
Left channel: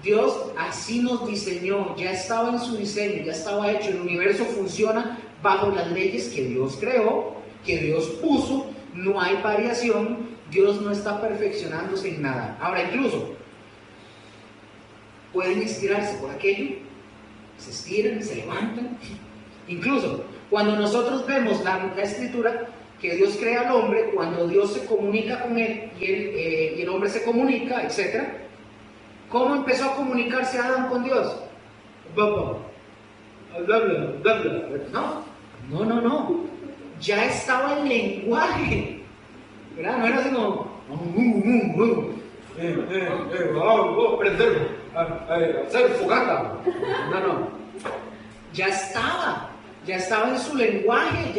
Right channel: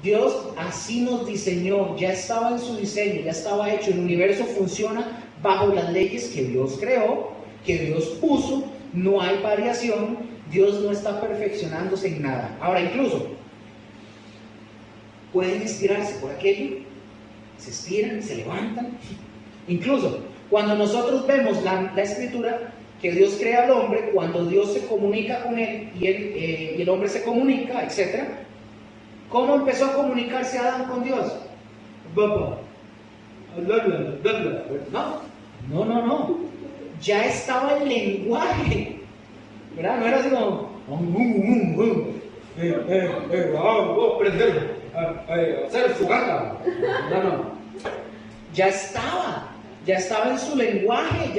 Dios así nos diseñó, ya estaba en su diseño, ya estaba hecho, el universo funciona bajo las leyes que Dios creó, que Dios puso, no hay variación, Dios no está perfeccionándose en nada. Ahora, incluso, pueden estirarse por aquello, se estiran, se levantan. Incluso, cuando nosotros vemos la escritura, que Dios crea al hombre, cuando Dios se comunica con él y el hombre se comunica, etc. ¿Cómo empezó a comunicarse Adán con Dios? No. Ya estaba el lenguaje, ¿verdad? No era así como hacer fogata. No. Ya estaba en su lenguaje,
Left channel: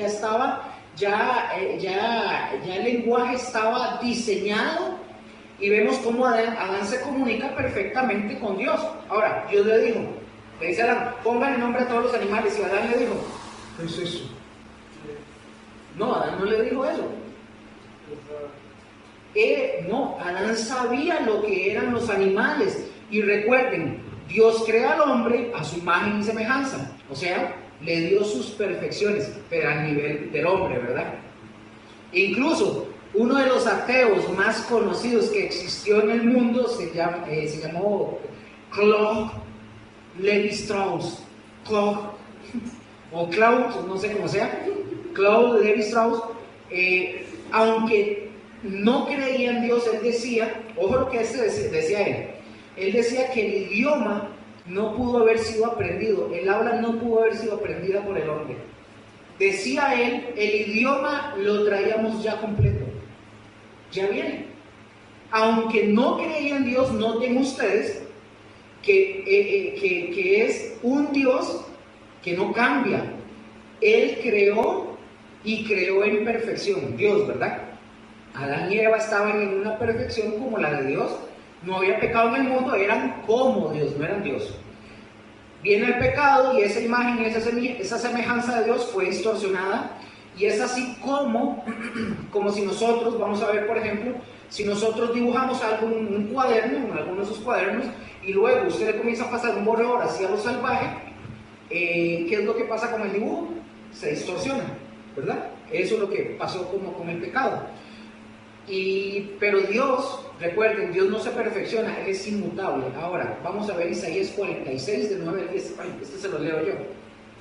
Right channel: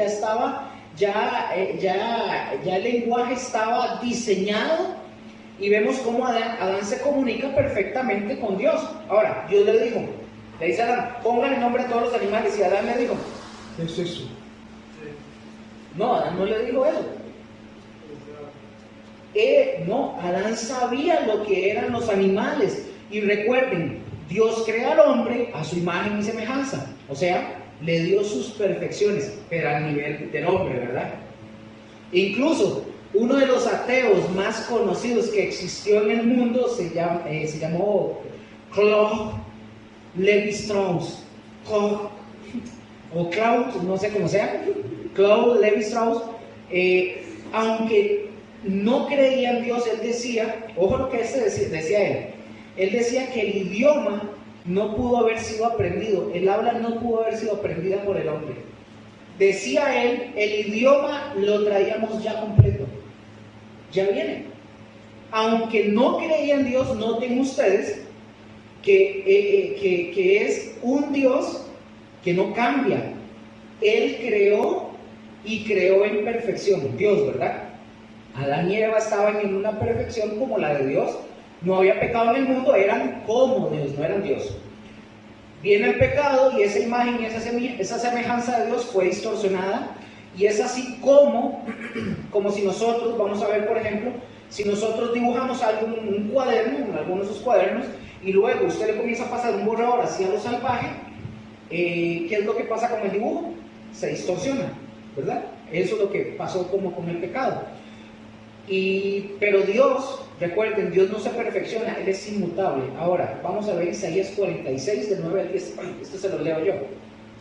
ya el lenguaje estaba diseñado, y vemos cómo Adán se comunica perfectamente con Dios. Ahora, Dios le dice a Adán, pongan el nombre a todos los animales, y Adán le dijo, ¿qué es eso? No, Adán no le dijo eso. No, Adán sabía lo que eran los animales. Y recuerden, Dios crea al hombre a su imagen y semejanza. O sea, le dio sus perfecciones, pero a nivel del hombre, ¿verdad? Incluso, uno de los ateos más conocidos que existió en el mundo se llamó Claude Lévi-Strauss. O Claude, no sé cómo sea. Claude Lévi-Strauss, aunque no creía en Dios, él decía, ojo lo que decía él. Él decía que el idioma no pudo haber sido aprendido, el habla no pudo haber sido aprendida por el hombre. Decía él, el idioma lo traíamos ya completo, ya viene. Aunque no creía en Dios, noten ustedes que es un Dios que no cambia. Él creó y creó en perfección, Dios, ¿verdad? Adán y Eva estaban en una perfección como la de Dios. No había pecado en el mundo, eran como Dios, no eran Dios. Viene el pecado y esa imagen y esa semejanza de Dios fue distorsionada, y es así como si nosotros, vamos a ver por ejemplo, si nosotros dibujamos algo en un cuaderno, en alguno de sus cuadernos, y luego usted le comienza a pasar un borrador hacia lo salvaje, ¿qué es lo que pasa con el dibujo? Se distorsiona, ¿verdad? Eso es lo que pasó como con el pecado. Pero Dios, recuerden, Dios no se perfecciona, Él es inmutable. Ahora, vamos a ver Isaías 46, del 9 al 10. Este se lo leo yo.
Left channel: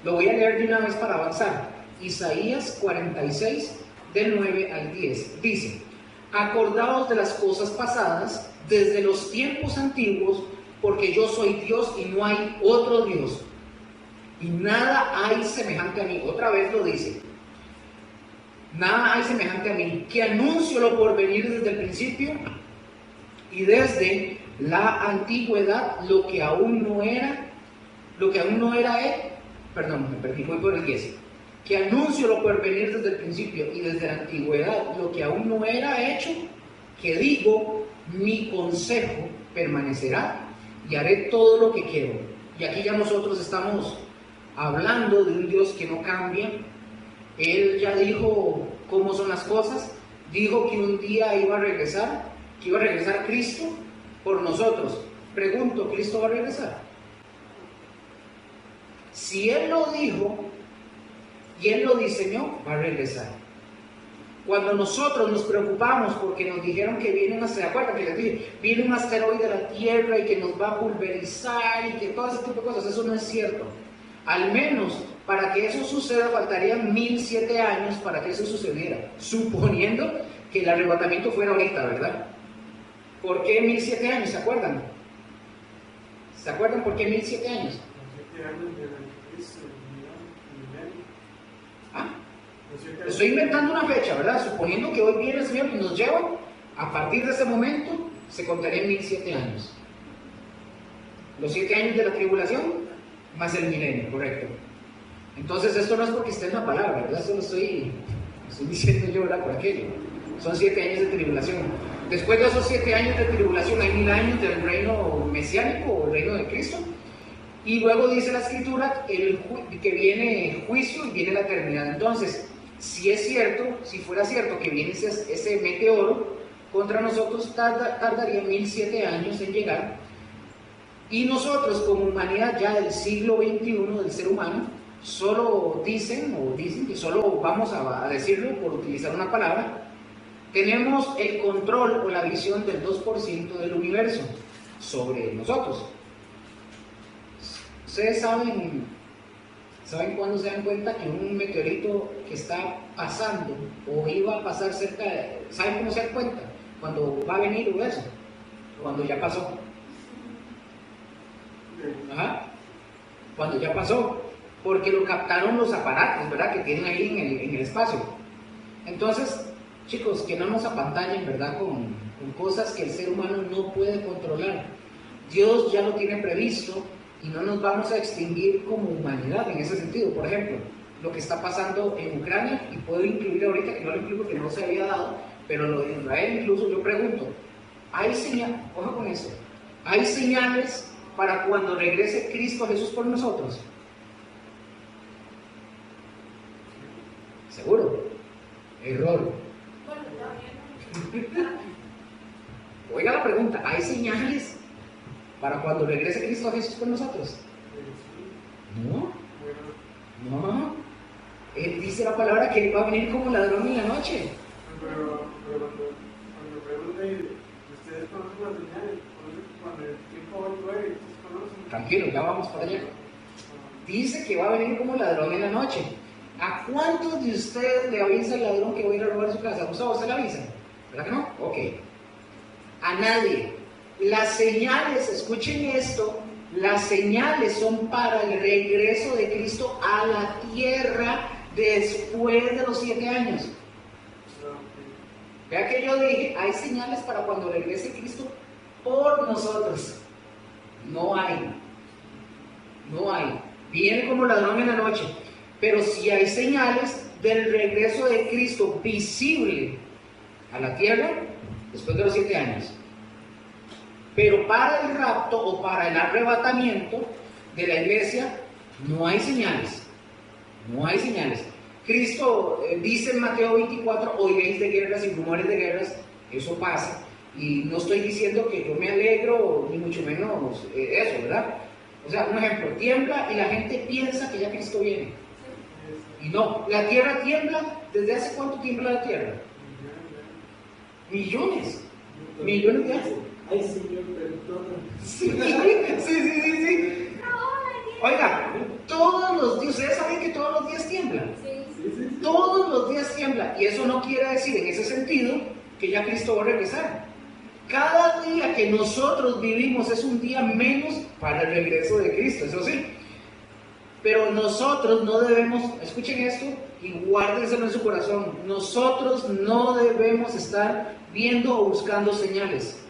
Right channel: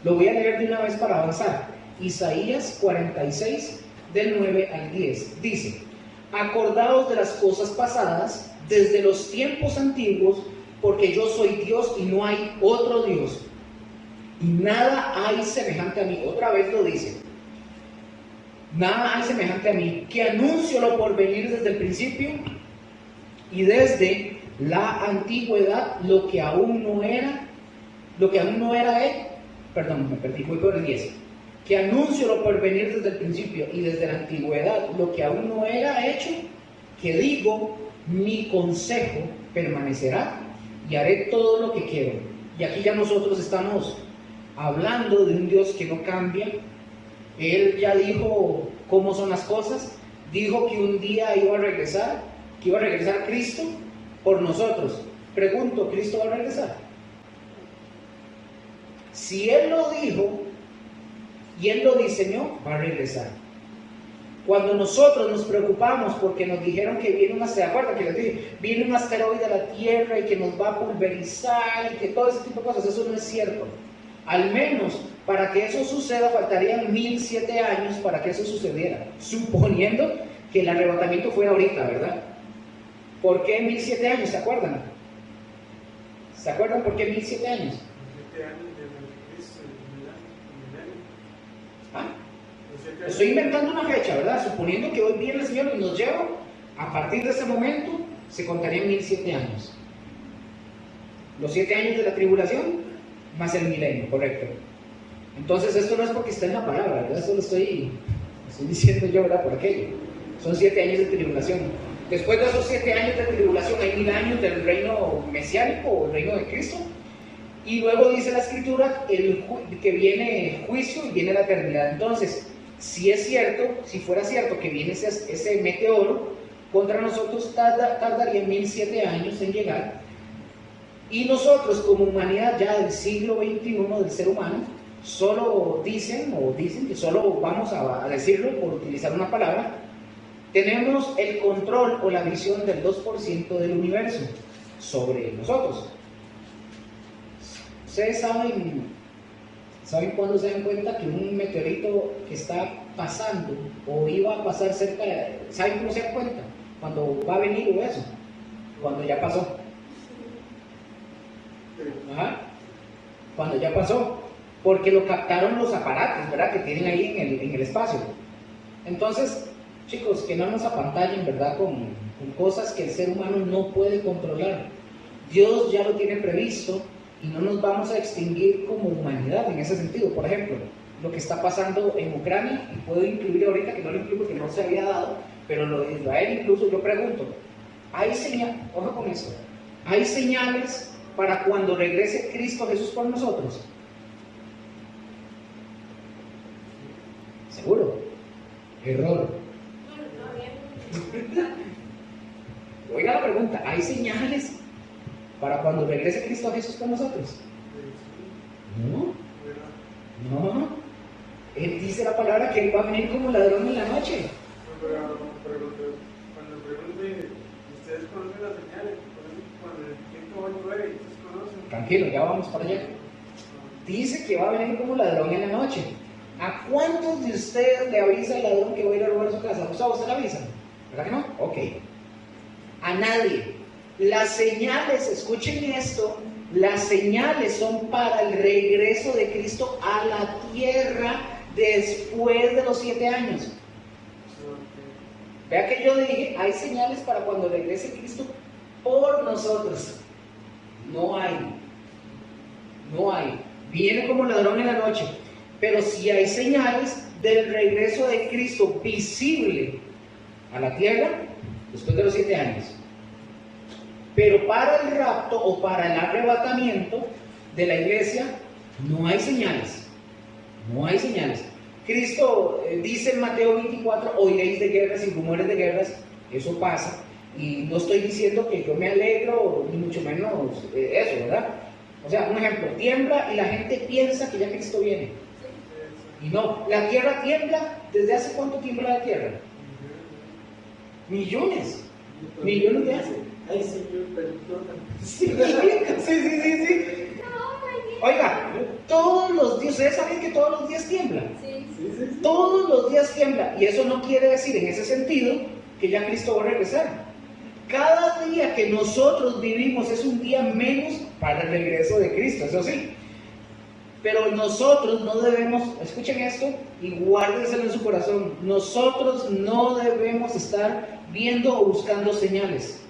Lo voy a leer de una vez para avanzar. Isaías 46, del 9 al 10. Dice, acordaos de las cosas pasadas, desde los tiempos antiguos, porque yo soy Dios y no hay otro Dios. Y nada hay semejante a mí. Otra vez lo dice. Nada hay semejante a mí, que anuncio lo por venir desde el principio y desde la antigüedad lo que aún no era perdón, me perdí, voy por el 10. Que anuncio lo por venir desde el principio y desde la antigüedad lo que aún no era hecho, que digo, mi consejo permanecerá y haré todo lo que quiero. Y aquí ya nosotros estamos hablando de un Dios que no cambia. Él ya dijo cómo son las cosas, dijo que un día iba a regresar, que iba a regresar Cristo por nosotros. Pregunto, ¿Cristo va a regresar? Si Él lo dijo y Él lo diseñó, va a regresar. Cuando nosotros nos preocupamos porque nos dijeron que viene un asteroide, acuérdate que les dije, viene un asteroide a la Tierra y que nos va a pulverizar y que todo ese tipo de cosas, eso no es cierto. Al menos para que eso suceda faltarían 1007 años para que eso sucediera, suponiendo que el arrebatamiento fuera ahorita, ¿verdad? ¿Por qué 1007 años? ¿Se acuerdan? ¿Se acuerdan por qué 1007 años? 7 años del anticristo, el milenio. ¿Ah? Los 7 años. Estoy inventando una fecha, ¿verdad? Suponiendo que hoy viene el Señor y nos lleva, a partir de ese momento se contarían 1007 años. Los 7 años de la tribulación más el milenio, correcto. Entonces esto no es porque está en la palabra, ¿verdad? Esto lo estoy diciendo yo, ¿verdad? Por aquello. Son 7 años de tribulación. Después de esos 7 años de tribulación hay 1000 años del reino mesiánico o el reino de Cristo. Y luego dice la Escritura que viene el juicio y viene la eternidad. Entonces, si es cierto, si fuera cierto que viene ese meteoro contra nosotros, tardaría 1007 años en llegar. Y nosotros como humanidad ya del siglo XXI, del ser humano, solo dicen que solo vamos a decirlo por utilizar una palabra, tenemos el control o la visión del 2% del universo sobre nosotros. Ustedes saben cuándo se dan cuenta que un meteorito que está pasando o iba a pasar cerca de... ¿Saben cómo se dan cuenta? Cuando va a venir o eso, cuando ya pasó. Ajá. Cuando ya pasó, porque lo captaron los aparatos, ¿verdad? Que tienen ahí en el espacio. Entonces, chicos, que no nos apantallen, ¿verdad? Con cosas que el ser humano no puede controlar. Dios ya lo tiene previsto y no nos vamos a extinguir como humanidad en ese sentido. Por ejemplo, lo que está pasando en Ucrania, y puedo incluir ahorita, que no lo incluyo, que no se había dado, pero lo de Israel incluso, yo pregunto, ¿hay señales? Ojo con esto, ¿hay señales para cuando regrese Cristo Jesús por nosotros? ¿Seguro? Error. Oiga la pregunta, ¿hay señales para cuando regrese Cristo Jesús por nosotros? No. Él dice la palabra que Él va a venir como ladrón en la noche. Pero cuando pregunte, ustedes conocen las señales, cuando el tiempo va a llover, ustedes conocen. Tranquilo, ya vamos para allá. Dice que va a venir como ladrón en la noche. ¿A cuántos de ustedes le avisa el ladrón que va a ir a robar su casa? ¿A usted le avisan? ¿Verdad que no? Ok. A nadie. Las señales, escuchen esto, las señales son para el regreso de Cristo a la tierra después de los 7 años. Vea que yo dije, hay señales para cuando regrese Cristo por nosotros. No hay. Viene como ladrón en la noche. Pero sí hay señales del regreso de Cristo visible a la tierra después de los 7 años. Pero para el rapto o para el arrebatamiento de la iglesia no hay señales. No hay señales. Cristo dice en Mateo 24, oiréis de guerras y rumores de guerras. Eso pasa. Y no estoy diciendo que yo me alegro, ni mucho menos eso, ¿verdad? O sea, un ejemplo, tiembla y la gente piensa que ya Cristo viene. Y no, la tierra tiembla. ¿Desde hace cuánto tiembla la tierra? Millones de años. Ay, Señor, perdóname. Sí. Oiga, todos los días, ¿ustedes saben que todos los días tiembla? Sí. Todos los días tiembla. Y eso no quiere decir en ese sentido que ya Cristo va a regresar. Cada día que nosotros vivimos es un día menos para el regreso de Cristo, eso sí. Pero nosotros no debemos, escuchen esto y guárdenselo en su corazón, nosotros no debemos estar viendo o buscando señales.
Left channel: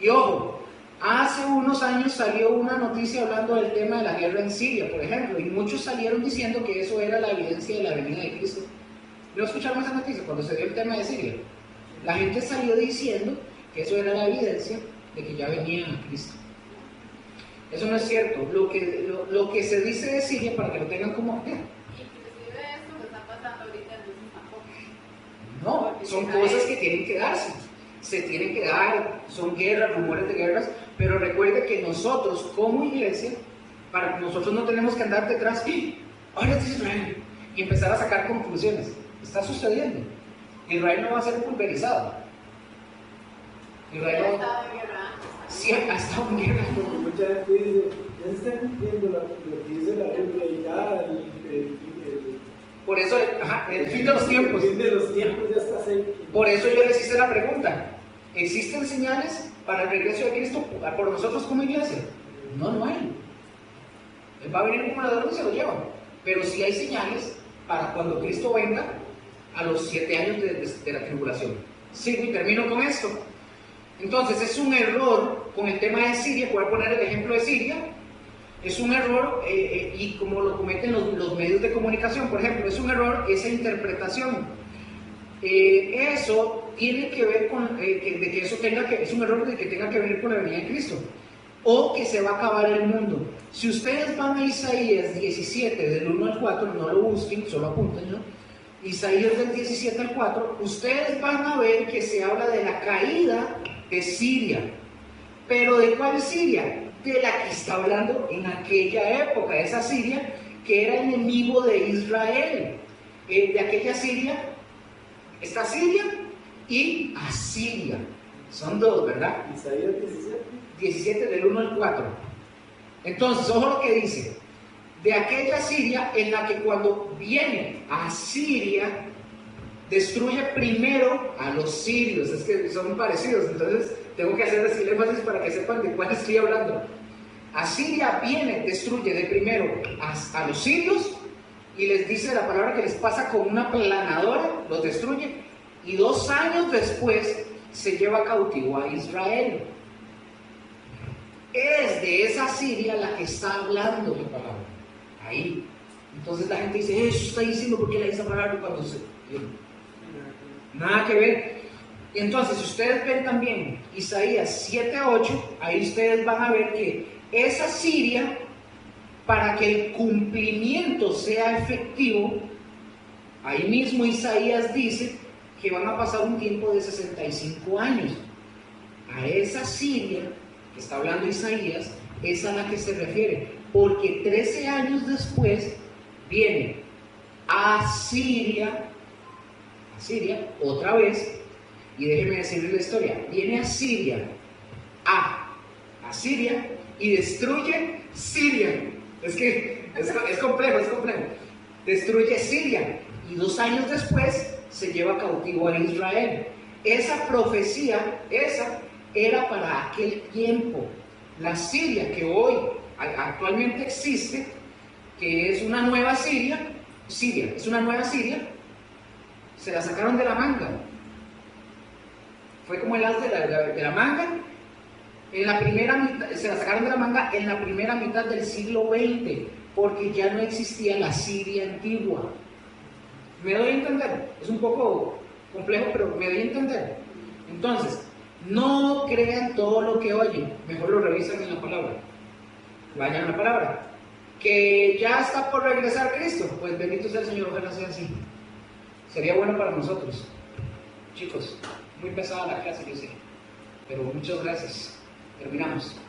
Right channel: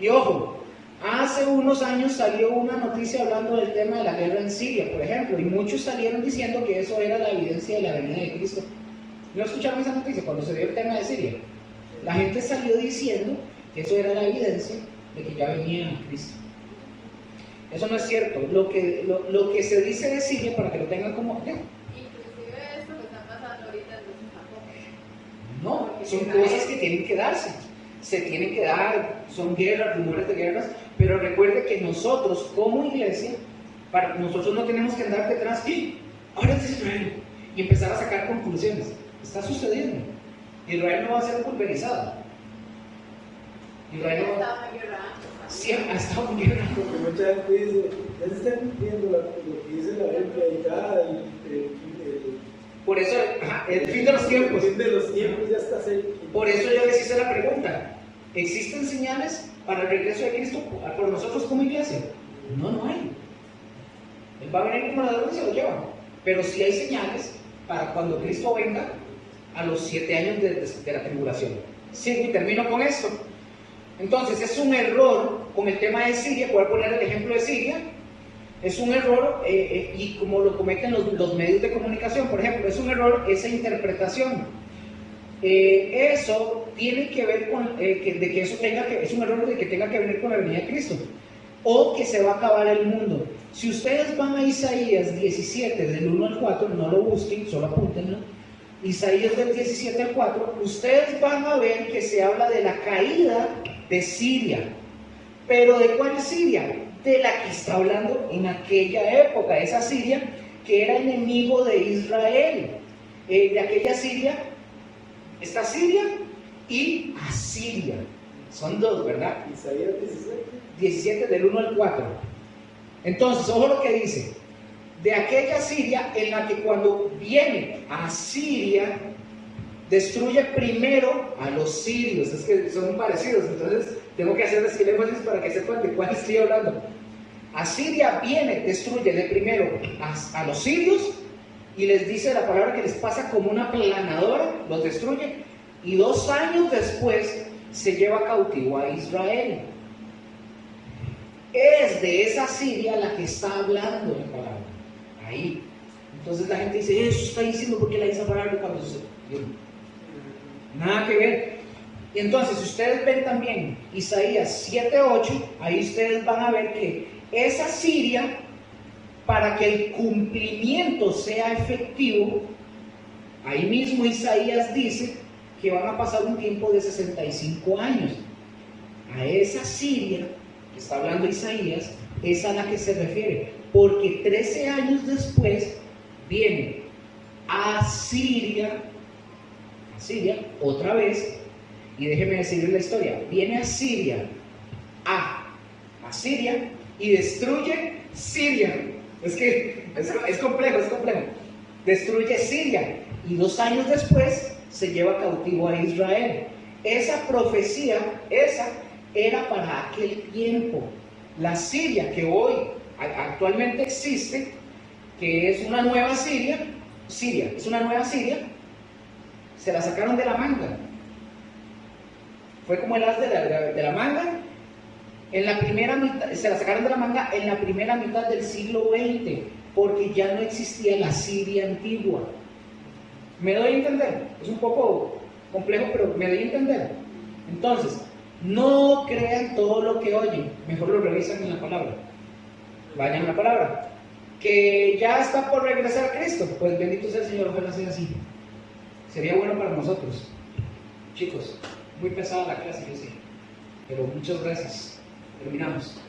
Y ojo, hace unos años salió una noticia hablando del tema de la guerra en Siria, por ejemplo, y muchos salieron diciendo que eso era la evidencia de la venida de Cristo. ¿No escucharon esa noticia cuando se dio el tema de Siria? La gente salió diciendo que eso era la evidencia de que ya venía Cristo. Eso no es cierto. Lo que se dice de Siria, para que lo tengan como... Inclusive esto que está pasando ahorita entonces tampoco. No, son cosas que tienen que darse. Se tienen que dar, son guerras, rumores de guerras, pero recuerde que nosotros como iglesia, nosotros no tenemos que andar detrás, ¡y ahora es Israel! Y empezar a sacar conclusiones. Está sucediendo. Israel no va a ser pulverizado. Israel Ha no... estado en guerra antes. Sí, ha estado en guerra. Porque mucha gente dice, ya se está cumpliendo lo que dice la Biblia y ya Por eso, el fin de los tiempos. El fin de los tiempos ya está cerca. Por eso yo les hice la pregunta. ¿Existen señales para el regreso de Cristo por nosotros como iglesia? No, no hay. Él va a venir como ladrón y se lo lleva. Pero sí hay señales para cuando Cristo venga a los 7 años de la tribulación. Sigo y termino con esto. Entonces es un error con el tema de Siria. Voy a poner el ejemplo de Siria. Es un error, y como lo cometen los medios de comunicación, por ejemplo, es un error esa interpretación. Eso tiene que ver con es un error de que tenga que ver con la venida de Cristo, o que se va a acabar el mundo. Si ustedes van a Isaías 17, del 1 al 4, no lo busquen, solo apúntenlo. Isaías del 17 al 4, ustedes van a ver que se habla de la caída de Siria. ¿Pero de cuál Siria? De la que está hablando en aquella época, esa Siria que era enemigo de Israel. De aquella Siria está Siria y Asiria. Son dos, ¿verdad? Isaías 17. 17 del 1 al 4. Entonces, ojo lo que dice. De aquella Siria en la que cuando viene a Siria, destruye primero a los sirios. Es que son parecidos, entonces tengo que hacer el énfasis para que sepan de cuál estoy hablando. Asiria viene, destruye de primero a los sirios y les dice la palabra que les pasa como una planadora, los destruye, y 2 años después se lleva cautivo a Israel. Es de esa Siria la que está hablando la palabra. Ahí. Entonces la gente dice, eso está diciendo porque la hizo palabra cuando se... Nada que ver. Y entonces, si ustedes ven también Isaías 7:8, ahí ustedes van a ver que esa Siria, para que el cumplimiento sea efectivo, ahí mismo Isaías dice que van a pasar un tiempo de 65 años. A esa Siria que está hablando Isaías, es a la que se refiere, porque 13 años después viene Asiria otra vez, y déjeme decirles la historia, viene Asiria a Siria y destruye Siria. Es que es complejo, destruye Siria y 2 años después se lleva cautivo a Israel. Esa profecía, esa era para aquel tiempo. La Siria que hoy actualmente existe, que es una nueva Siria, es una nueva Siria, se la sacaron de la manga. Fue como el as de la manga. En la primera mitad, se la sacaron de la manga en la primera mitad del siglo XX, porque ya no existía la Siria antigua. ¿Me doy a entender? Es un poco complejo, pero me doy a entender. Entonces, no crean todo lo que oyen, mejor lo revisan en la palabra. Vayan a la palabra. Que ya está por regresar Cristo, pues bendito sea el Señor, ojalá sea así. Sería bueno para nosotros. Chicos, muy pesada la clase, yo sé, pero muchas gracias. Terminamos.